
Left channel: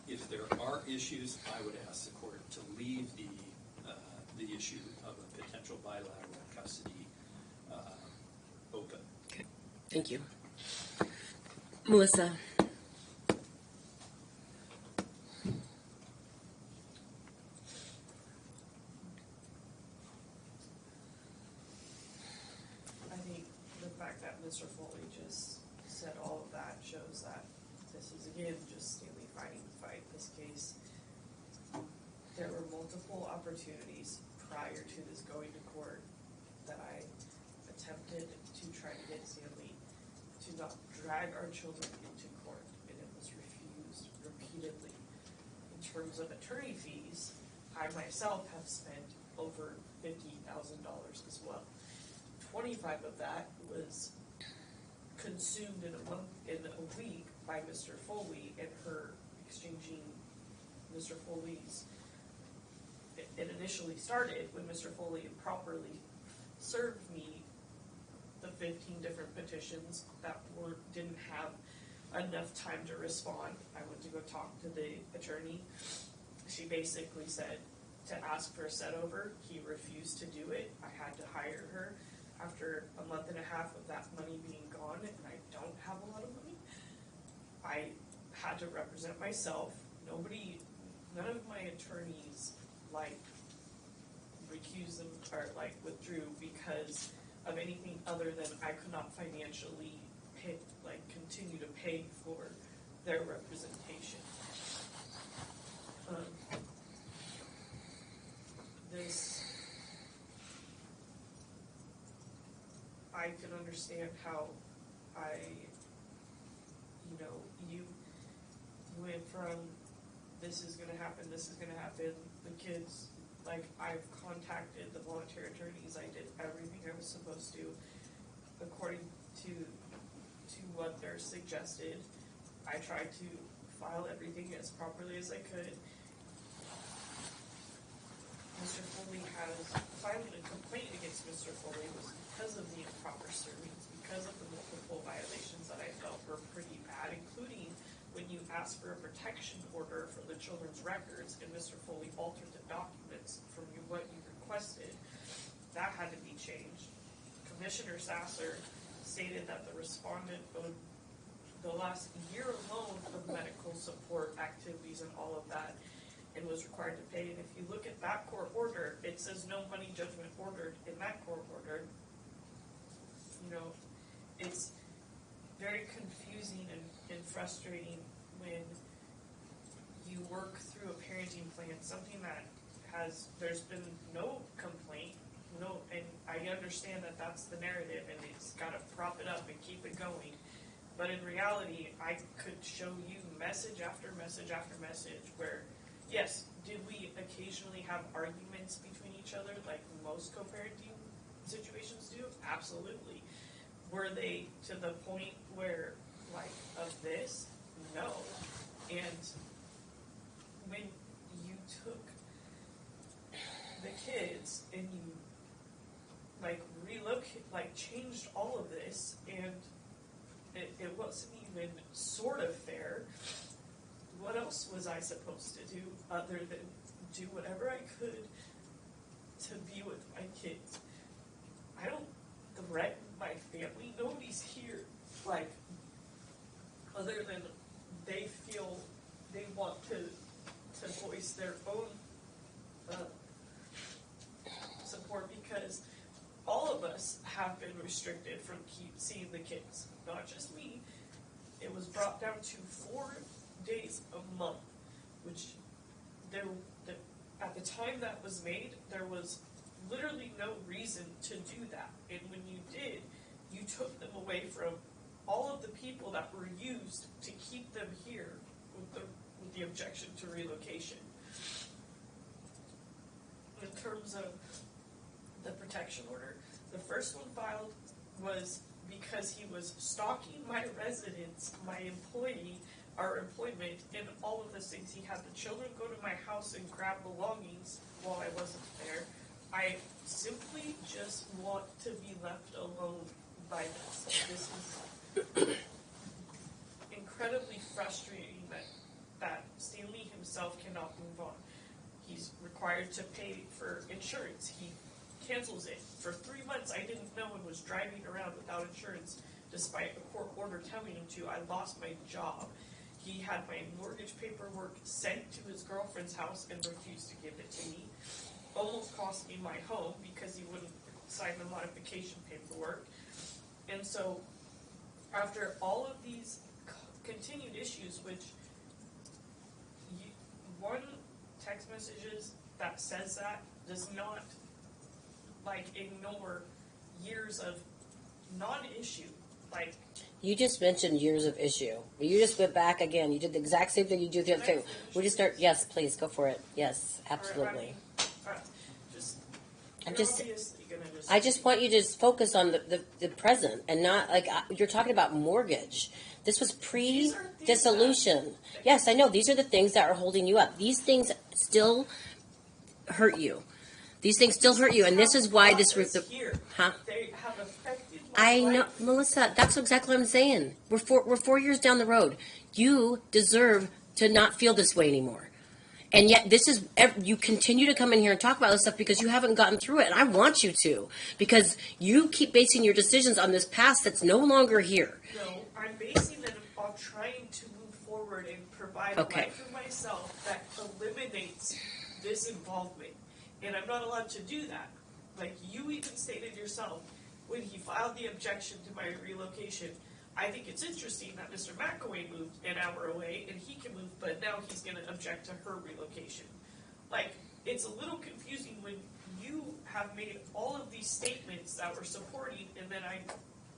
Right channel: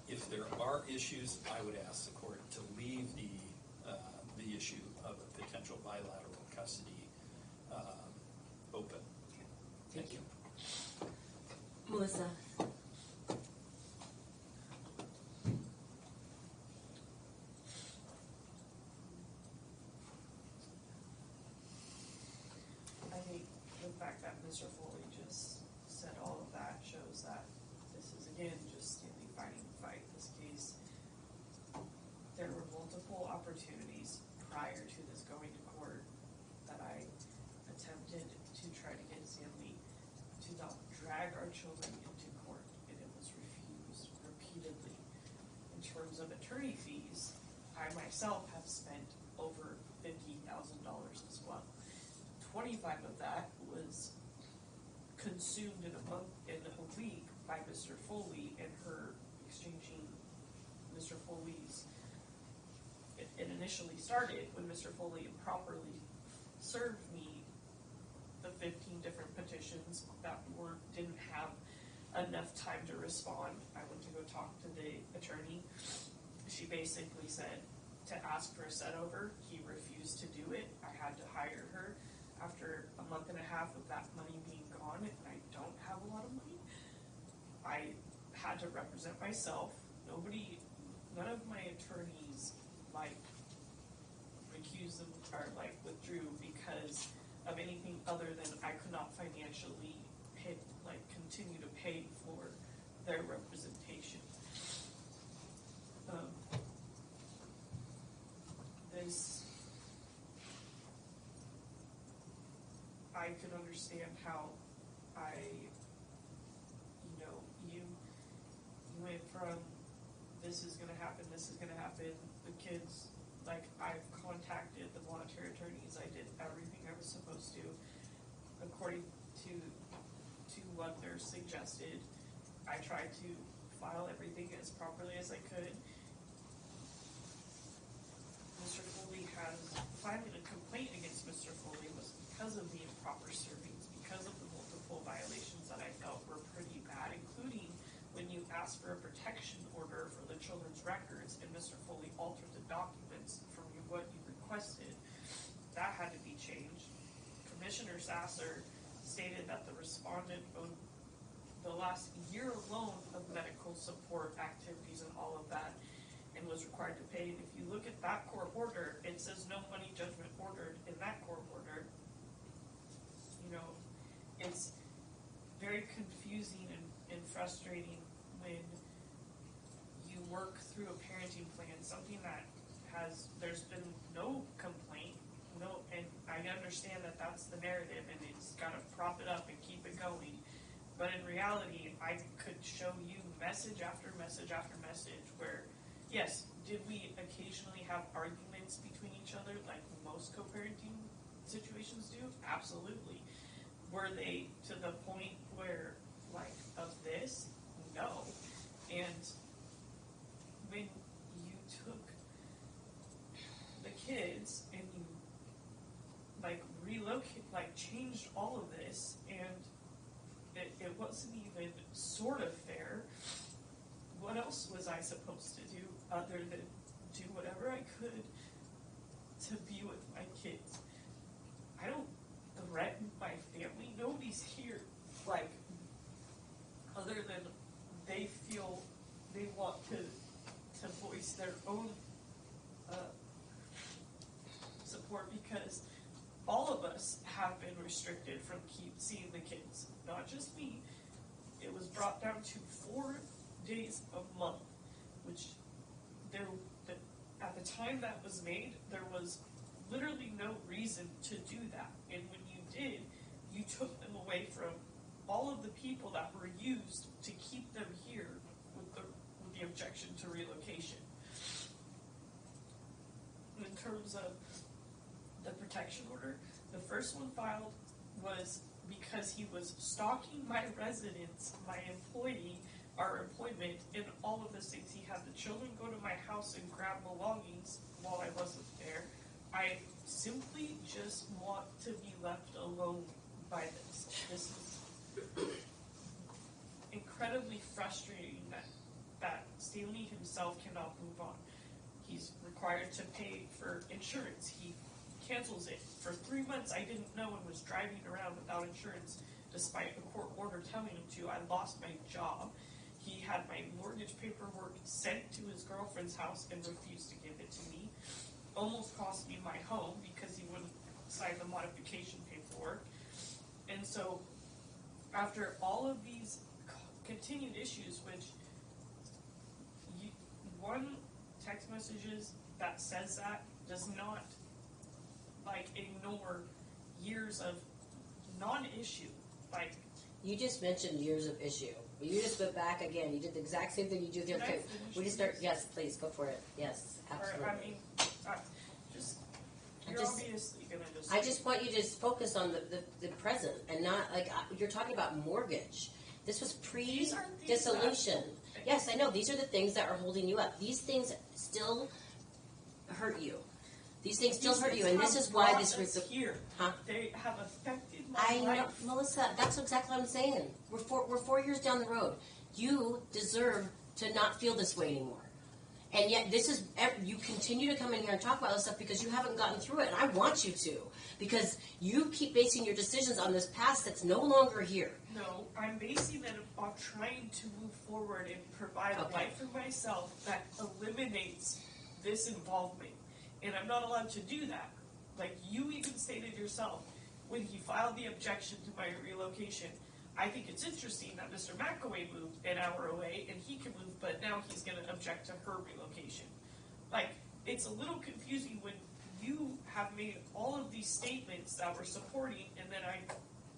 if there are issues, I would ask the court to leave the issue of a potential bilateral custody open. Okay. Thank you. Melissa. I think the fact that Mr. Foley just said all of that shows that this is again just Stanley fighting the fight. This case, there were multiple opportunities prior to this going to court that I attempted to try to get Stanley to not drag our children into court, and it was refused repeatedly. In terms of attorney fees, I myself have spent over $50,000 as well. 25 of that was consumed in a week by Mr. Foley and her exchanging Mr. Foley's. It initially started when Mr. Foley improperly served me the 15 different petitions that didn't have enough time to respond. I went to go talk to the attorney. She basically said to ask for a set over. He refused to do it. I had to hire her. After a month and a half of that money being gone, and I don't have a lot of money, I had to represent myself. None of my attorneys recused them or withdrew because of anything other than I could not financially continue to pay for their representation. I can understand how you went from this is going to happen, the kids, I've contacted the voluntary attorneys, I did everything I was supposed to, according to what they're suggested. I tried to file everything as properly as I could. Mr. Foley filing a complaint against Mr. Foley was because of the improper servings, because of the multiple violations that I felt were pretty bad, including when you asked for a protection order for the children's records and Mr. Foley altered the documents from what you requested. That had to be changed. Commissioner Sasser stated that the respondent owed the last year alone of medical support activities and all of that and was required to pay. And if you look at that court order, it says no money judgment ordered in that court order. It's very confusing and frustrating when you work through a parenting plan, something that there's been no complaint, and I understand that that's the narrative and it's got to prop it up and keep it going. But in reality, I could show you message after message after message where, yes, did we occasionally have arguments between each other like most co-parenting situations do? Absolutely. Were they to the point where, of this? No. And when you took the kids and you, changed all of this, and it wasn't even sort of fair, what else was I supposed to do other than do whatever I could to be with my kids? I don't threaten my family. Nobody's here, other than they feel they want to voice their own support, because all of us have been restricted from seeing the kids, not just me. It was brought down to 4 days a month, which at the time that was made, there was literally no reason to do that. And when you did, you took them away from all of the people that were used to keep them here with the objection to relocation. In terms of the protection order, the first one filed was because he was stalking my residence, my employee, our employment, and all of those things. He had the children go to my house and grab belongings while I wasn't there. I simply just want to be left alone by this. required to pay for insurance. He cancels it. For 3 months, I didn't know and was driving around without insurance, despite a court order telling him to. I lost my job. He had my mortgage paperwork sent to his girlfriend's house and refused to give it to me. Almost cost me my home because he wouldn't sign the modification paperwork. And so, after all of these continued issues, which one text messages that says that does not like ignore years of non-issue. Like, You just mentioned years of issue. You just went back again. You did the exact same thing you do the other Can I time. finish We just this? start. Yes, please go for it. Yes, or, I absolutely. mean, just I'm you're just- obviously gonna just. I just want you to just focus on the present and not like you're talking about mortgage. This was These are things pre-dissolution. Yes, I know. These are the things that are holding you up. These things still hurt you. These things still hurt you, and this is why this was the. here. Huh? They have affected my I know, life. Melissa. That's exactly what I'm saying. We're 4 years down the road. You deserve to not feel this way anymore. And yet, this is you continue to come in here and talk about this stuff because you haven't gotten through it, and I want you to because you keep basing your decisions on this past that's no longer here. No, I'm basing it on trying to move forward and provide Okay. a life for myself that eliminates this involvement. And I'm not allowed to do that. Like you even stated yourself, when he filed the objection to my relocation, I think it's interesting that Mr. McAway moved an hour away and he can move, but now he's going to object to her relocation. Like, it's a little confusing when you have made all of these statements that were supporting, and then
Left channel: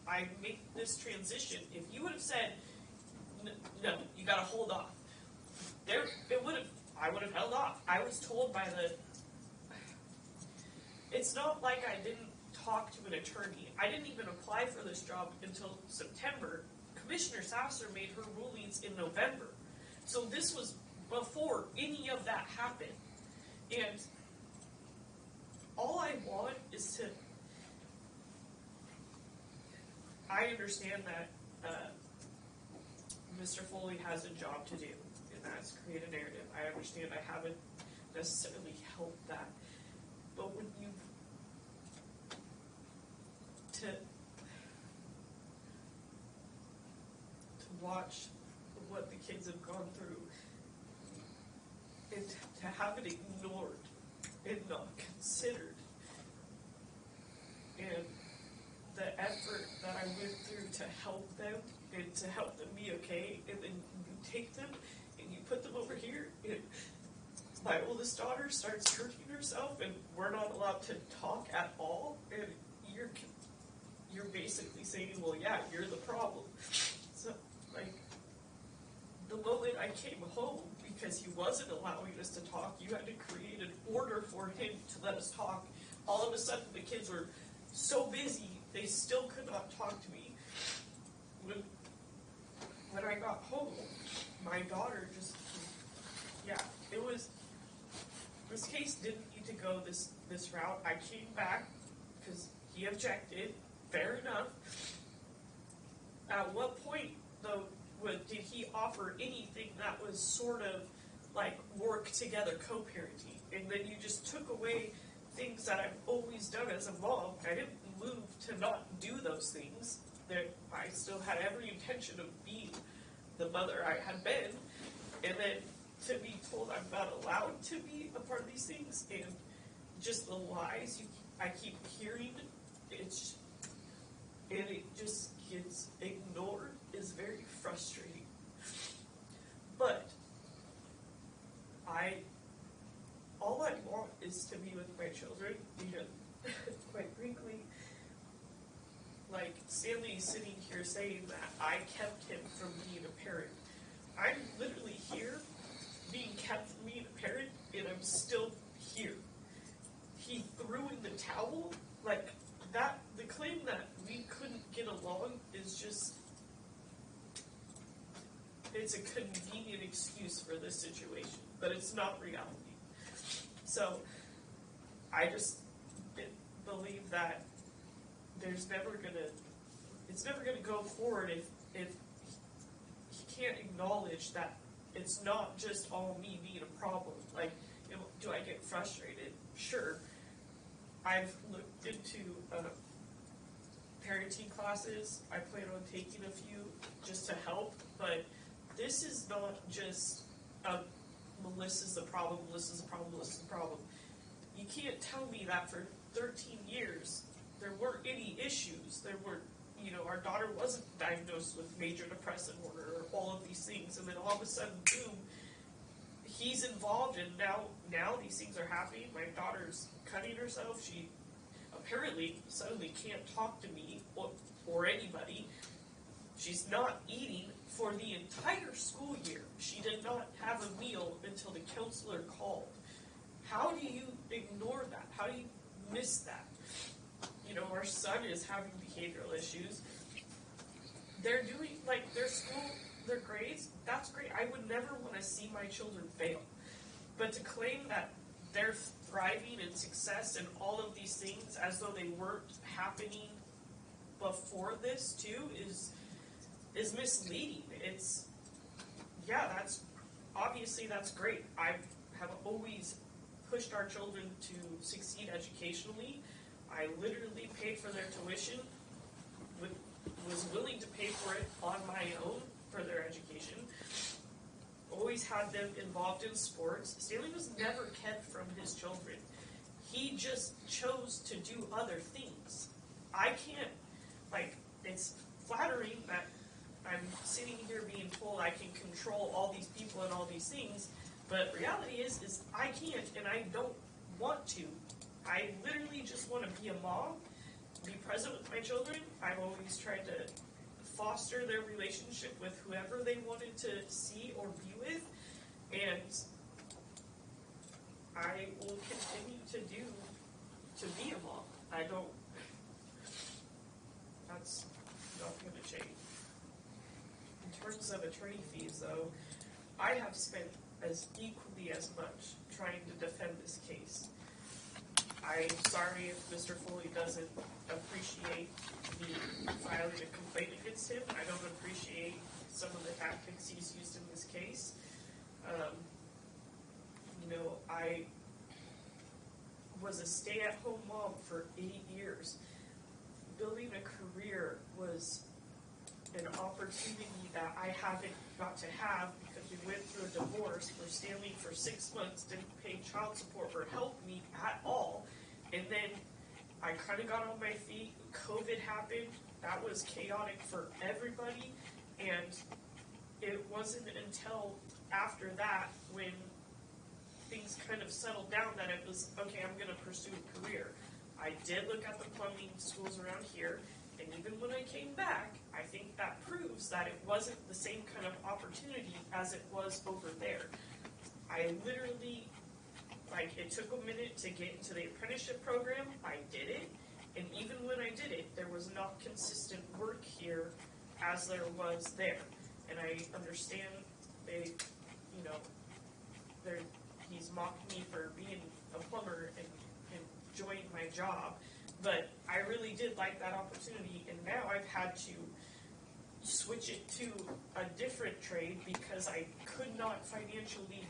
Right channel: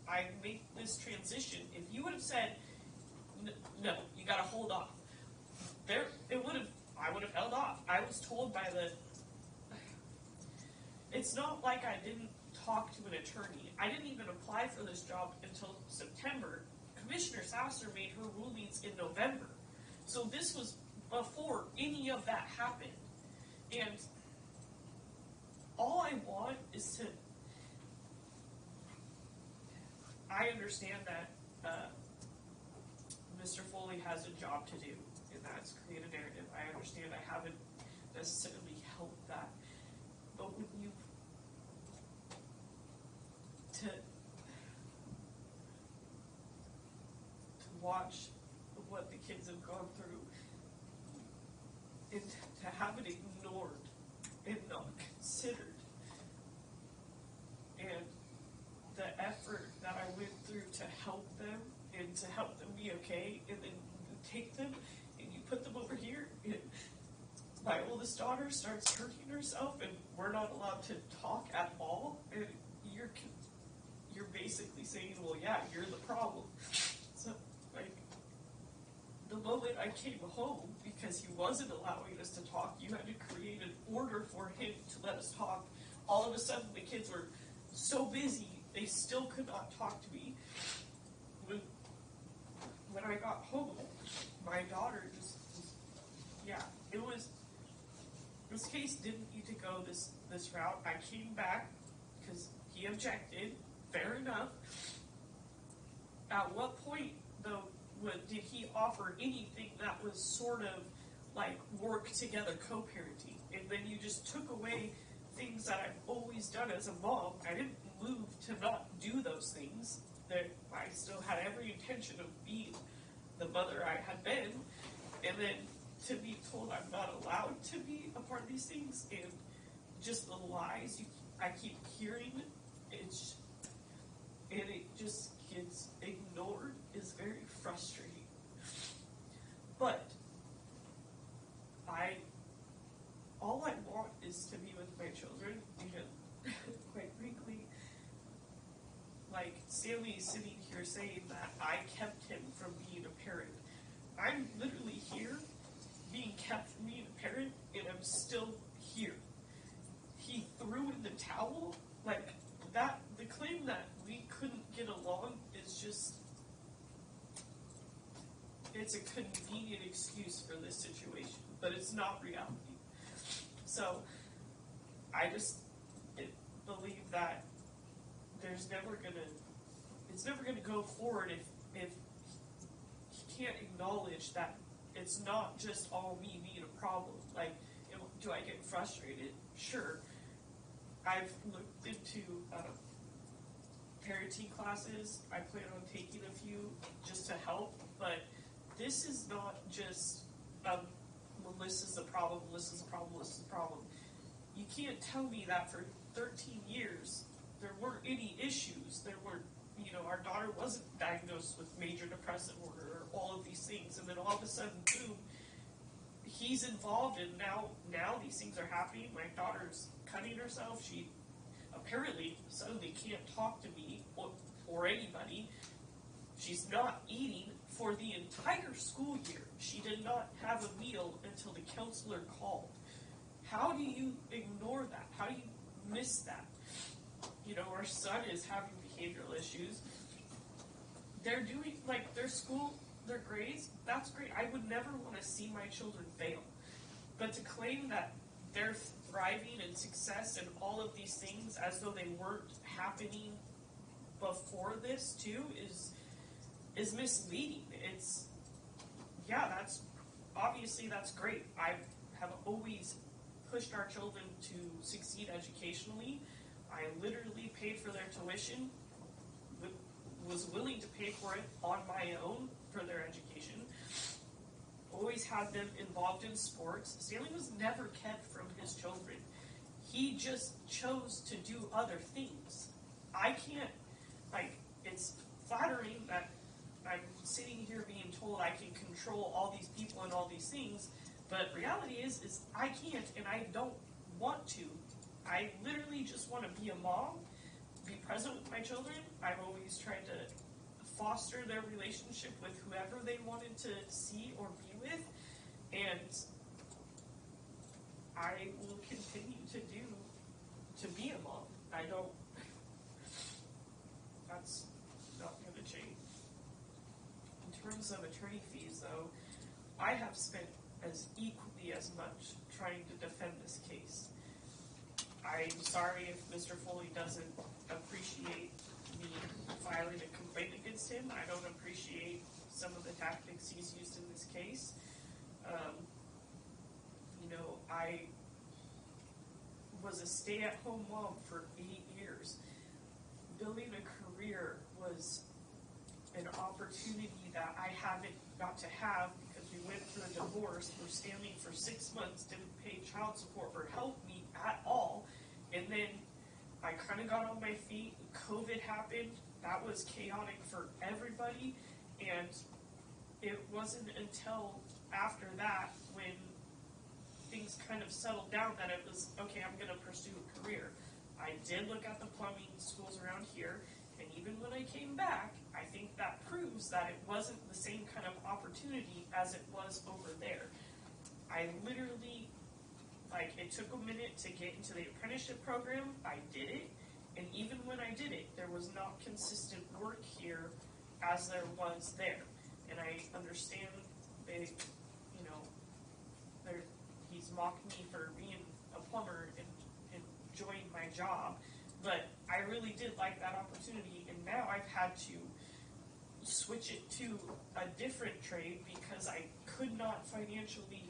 I make this transition. If you would have said, no, you got to hold off, I would have held off. I was told by it's not like I didn't talk to an attorney. I didn't even apply for this job until September. Commissioner Sasser made her rulings in November. So this was before any of that happened. And all I want is to, I understand that Mr. Foley has a job to do, and that's create a narrative. I understand I haven't necessarily helped that. But when you to watch what the kids have gone through and to have it ignored and not considered, and the effort that I went through to help them and to help them be okay, and then you take them and you put them over here, and my oldest daughter starts hurting herself, and we're not allowed to talk at all, and you're basically saying, well, yeah, you're the problem. So, like, the moment I came home, because he wasn't allowing us to talk, you had to create an order for him to let us talk. All of a sudden, the kids were so busy, they still could not talk to me. When I got home, my daughter just, this case didn't need to go this route. I came back because he objected. Fair enough. At what point, though, did he offer anything that was sort of like work together co-parenting? And then you just took away things that I've always done as a mom. I didn't move to not do those things. That I still had every intention of being the mother I had been. And then to be told I'm not allowed to be a part of these things, and just the lies I keep hearing, it just gets ignored, is very frustrating. But all I want is to be with my children, because quite frankly, like Stanley is sitting here saying that I kept him from being a parent. I'm literally here being kept from being a parent, and I'm still here. He threw in the towel, like that. The claim that we couldn't get along is just, it's a convenient excuse for this situation, but it's not reality. So, I just believe that it's never gonna go forward if he can't acknowledge that it's not just all me being a problem. Like, Do I get frustrated? Sure. I've looked into parenting classes. I plan on taking a few just to help, but this is not just Melissa's the problem, Melissa's the problem, Melissa's the problem. You can't tell me that for 13 years there weren't any issues. There were, our daughter wasn't diagnosed with major depressive disorder or all of these things, and then all of a sudden, boom, he's involved, and now these things are happening. My daughter's cutting herself. She apparently suddenly can't talk to me or anybody. She's not eating for the entire school year. She did not have a meal until the counselor called. How do you ignore that? How do you miss that? Our son is having behavioral issues. They're doing, their school, their grades, that's great. I would never want to see my children fail. But to claim that they're thriving in success and all of these things as though they weren't happening before this too is misleading. That's obviously that's great. I have always pushed our children to succeed educationally. I literally paid for their tuition, was willing to pay for it on my own for their education. Always had them involved in sports. Stanley was never kept from his children. He just chose to do other things. I can't, it's flattering that I'm sitting here being told I can control all these people and all these things, but reality is I can't, and I don't want to. I literally just want to be a mom, be present with my children. I've always tried to foster their relationship with whoever they wanted to see or be with, and I will continue to be a mom. That's not going to change. In terms of attorney fees, though, I have spent equally as much trying to defend this case. I'm sorry if Mr. Foley doesn't appreciate me filing a complaint against him. I don't appreciate some of the tactics he's used in this case. I was a stay-at-home mom for 8 years. Building a career was an opportunity that I haven't got to have because we went through a divorce where Stanley for 6 months didn't pay child support or help me at all. And then I kind of got on my feet. COVID happened. That was chaotic for everybody. And it wasn't until after that when things kind of settled down that it was, okay, I'm going to pursue a career. I did look at the plumbing schools around here. And even when I came back, I think that proves that it wasn't the same kind of opportunity as it was over there. I literally, it took a minute to get into the apprenticeship program. I did it. And even when I did it, there was not consistent work here as there was there. And I understand he's mocked me for being a plumber and enjoying my job. But I really did like that opportunity, and now I've had to switch it to a different trade because I could not financially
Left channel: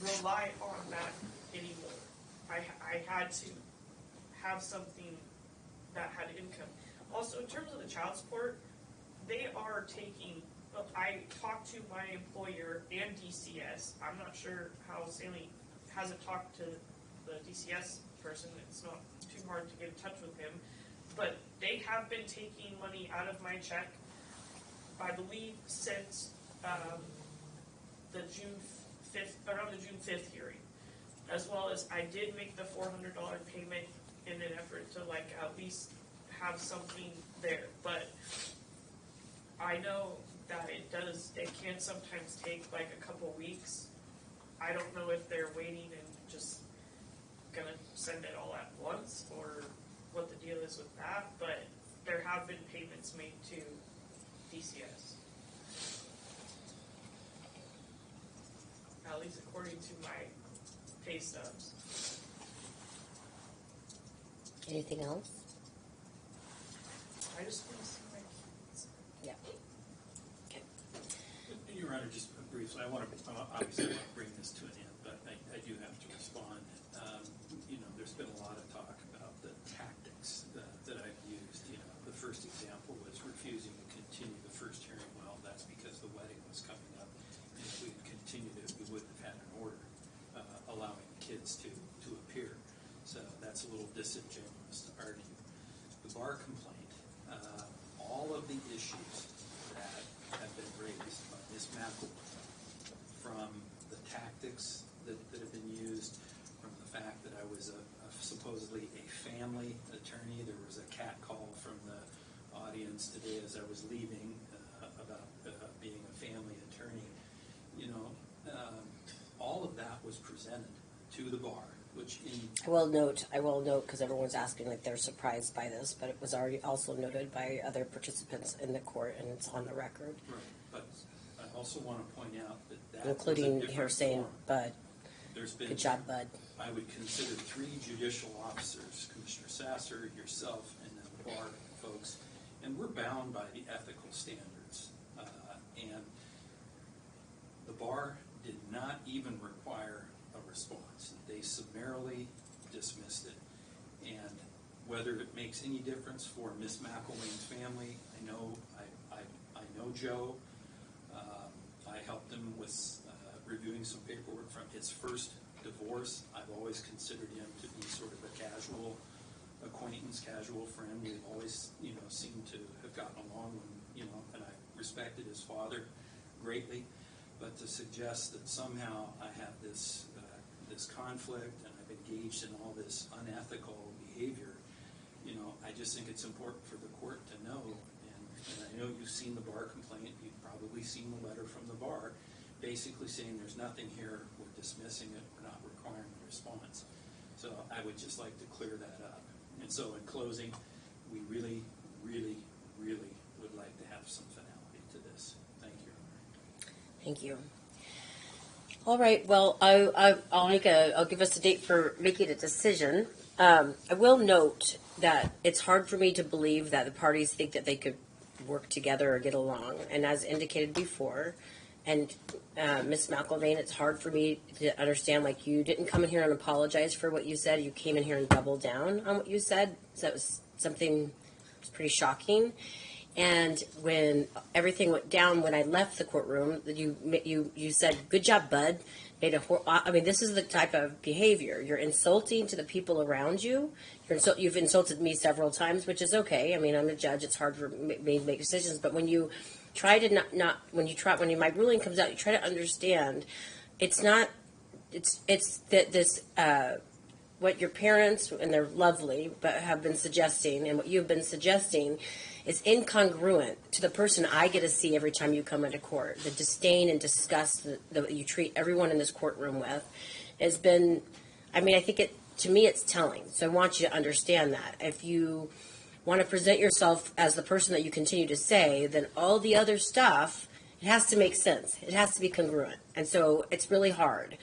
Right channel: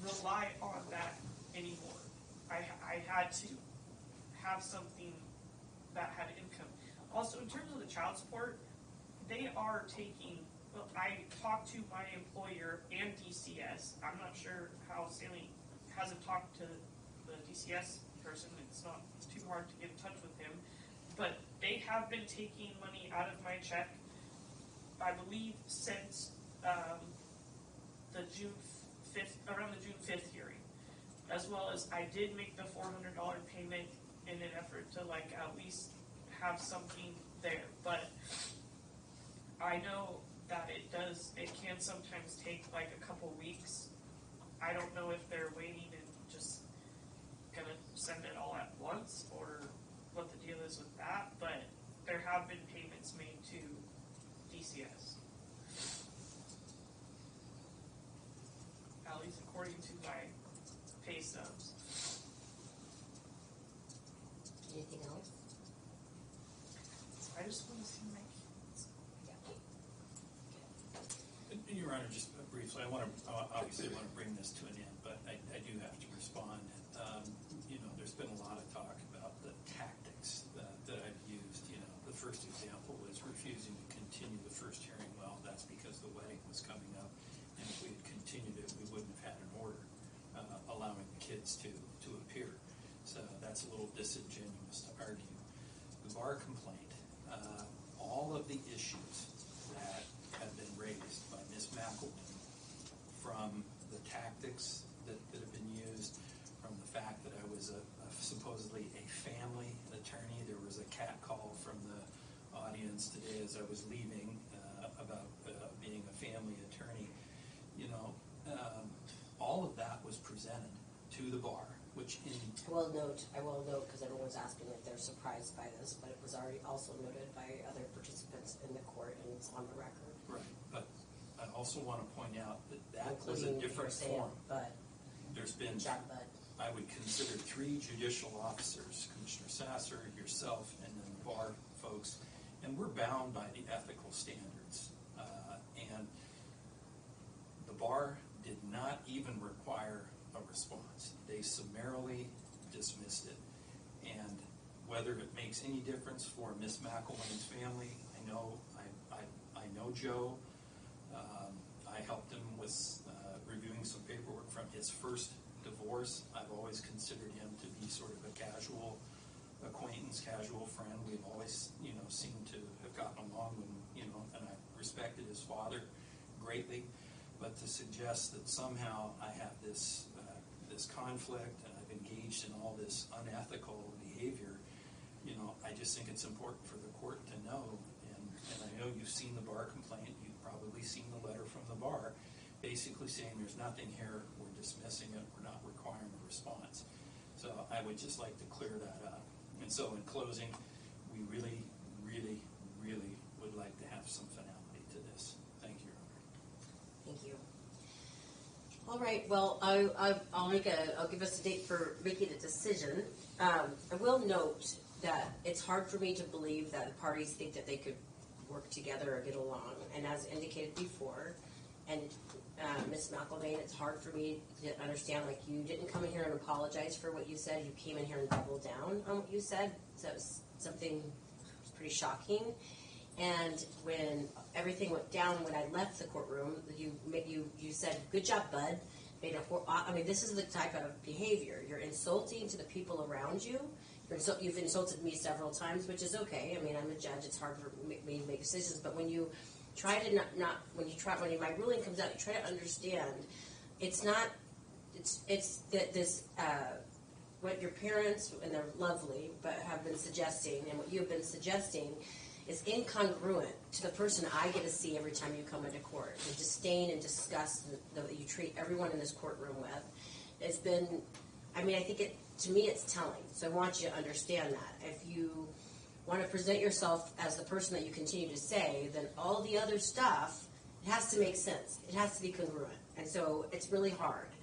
rely on that anymore. I had to have something that had income. Also, in terms of the child support, they are taking, I talked to my employer and DCS. I'm not sure how Stanley hasn't talked to the DCS person. It's not too hard to get in touch with him. But they have been taking money out of my check, I believe, since the June 5th, around the June 5th hearing. As well as I did make the $400 payment in an effort to at least have something there. But I know that it can sometimes take a couple weeks. I don't know if they're waiting and just gonna send it all at once or what the deal is with that, but there have been payments made to DCS. At least according to my pay stubs. Anything else? I just want to see my kids. Yeah. Your Honor, just briefly, I obviously want to bring this to an end, but I do have to respond. bar complaint, all of the issues that have been raised by Ms. McElroy, from the tactics that have been used, from the fact that I was supposedly a family attorney. There was a cat call from the audience today as I was leaving about being a family attorney. You know, all of that was presented to the bar, which in I will note, because everyone's asking like they're surprised by this, but it was already also noted by other participants in the court, and it's on the record, But I also want to point out that was a including different here saying, form. Bud, There's been, good job, Bud. I would consider 3 judicial officers, Commissioner Sasser, yourself, and then the bar folks, and we're bound by the ethical standards. And the bar did not even require a response. They summarily dismissed it. And whether it makes any difference for Miss McElwain's family, I know Joe. I helped him with reviewing some paperwork from his first divorce. I've always considered him to be sort of a casual acquaintance, casual friend. We've always, seemed to have gotten along when, and I respected his father greatly. But to suggest that somehow I have this conflict and I've engaged in all this unethical behavior, I just think it's important for the court to know. And I know you've seen the bar complaint. You've probably seen the letter from the bar, basically saying there's nothing here. We're dismissing it. We're not requiring a response. So I would just like to clear that up. And so in closing, we really, really, really would like to have some finality to this. Thank you, Your Honor. Thank you. All right. Well, I'll give us a date for making a decision. I will note that it's hard for me to believe that the parties think that they could work together or get along. And as indicated before, and Ms. McElvain, it's hard for me to understand. Like, you didn't come in here and apologize for what you said. You came in here and doubled down on what you said. So that was something that's pretty shocking. And when everything went down, when I left the courtroom, you said, "Good job, Bud." This is the type of behavior. You're insulting to the people around you. You've insulted me several times, which is okay. I mean, I'm a judge. It's hard for me to make decisions. But when you try to when my ruling comes out, you try to understand. It's what your parents, and they're lovely, but have been suggesting, and what you've been suggesting is incongruent to the person I get to see every time you come into court. The disdain and disgust that you treat everyone in this courtroom with has been, I think to me it's telling. So I want you to understand that. If you want to present yourself as the person that you continue to say, then all the other stuff, it has to make sense. It has to be congruent. And so it's really hard.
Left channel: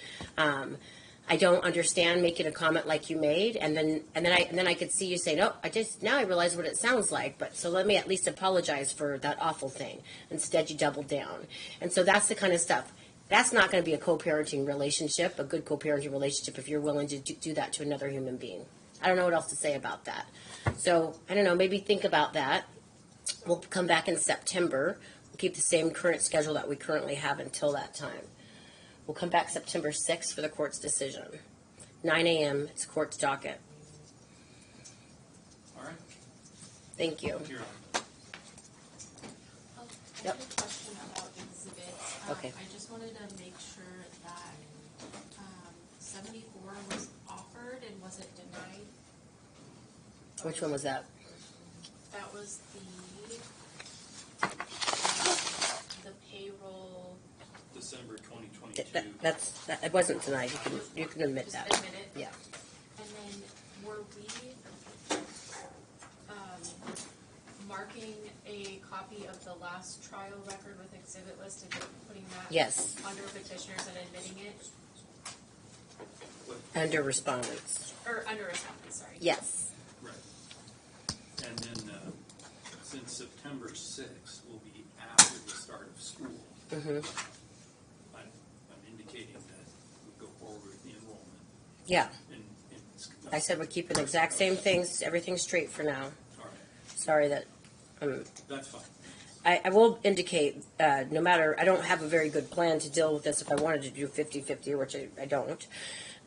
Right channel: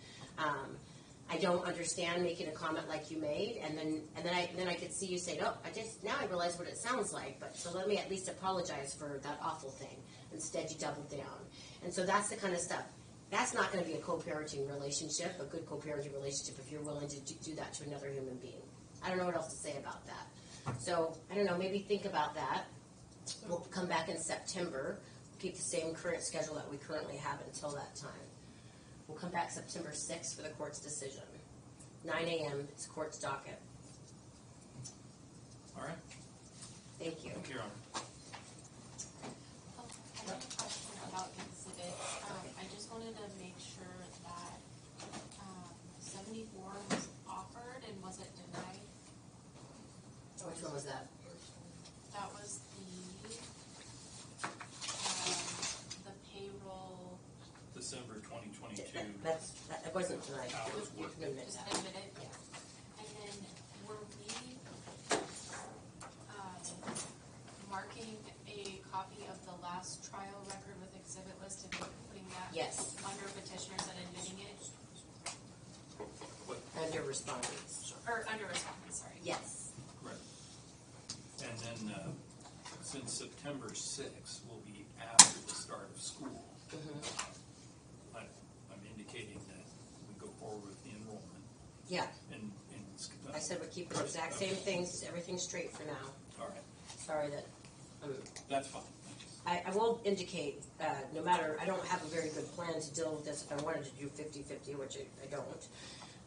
I don't understand making a comment like you made, and then I could see you say, "No, now I realize what it sounds like." But so let me at least apologize for that awful thing. Instead, you doubled down, and so that's the kind of stuff. That's not going to be a co-parenting relationship, a good co-parenting relationship, if you're willing to do that to another human being. I don't know what else to say about that. So I don't know. Maybe think about that. We'll come back in September. We'll keep the same current schedule that we currently have until that time. We'll come back September 6th for the court's decision. 9 a.m. It's court's docket. All right. Thank you. Your Honor. I Yep. have a question about exhibit. Okay. I just wanted to make sure that 74 was offered and was it denied? Which one was that? That was the payroll. December 2022. It wasn't tonight. You can admit Just that. admit it? Yeah. And then were we marking a copy of the last trial record with exhibit list and putting that Yes. under petitioners and admitting it? Under respondents. Or under response, sorry. Yes. Right. And then, since September 6th will be after the start of school, Mm-hmm. I'm indicating that we go forward with the enrollment. Yeah. And I said we're keeping the exact same things, everything straight for now. All right. Sorry that. That's fine. I will indicate, no matter, I don't have a very good plan to deal with this if I wanted to do 50-50, which I don't.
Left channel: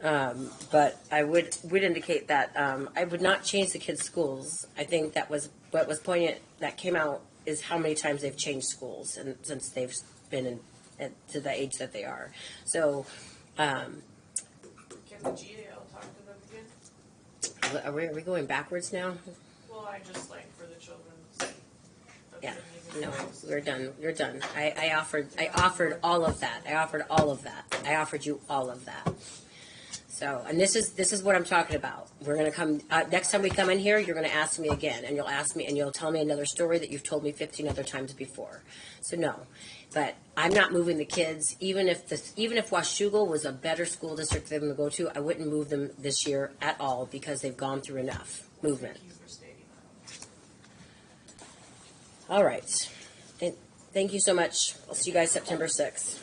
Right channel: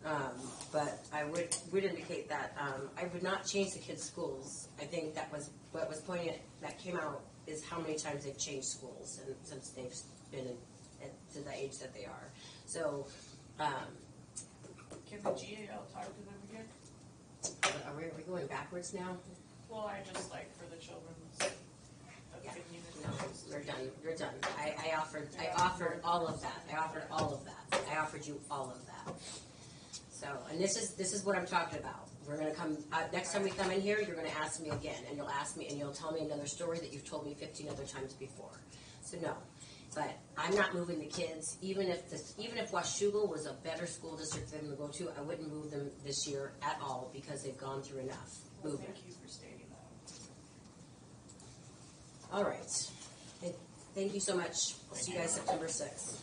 But I would indicate that I would not change the kids' schools. I think that was what was poignant that came out is how many times they've changed schools and since they've been to the age that they are. So, Can the GAL talk to them again? are we going backwards now? Well, I just like for the children's Yeah. opinion and No, voice. we're done. You're done. I offered all of that. I offered you all of that. So, and this is what I'm talking about. We're gonna come next time we come in here. You're gonna ask me again, and you'll ask me, and you'll tell me another story that you've told me 15 other times before. So no, but I'm not moving the kids. Even if Washougal was a better school district for them to go to, I wouldn't move them this year at all because they've gone through enough movement. Thank you for stating that. All right. Thank you so much. I'll see you guys September 6th.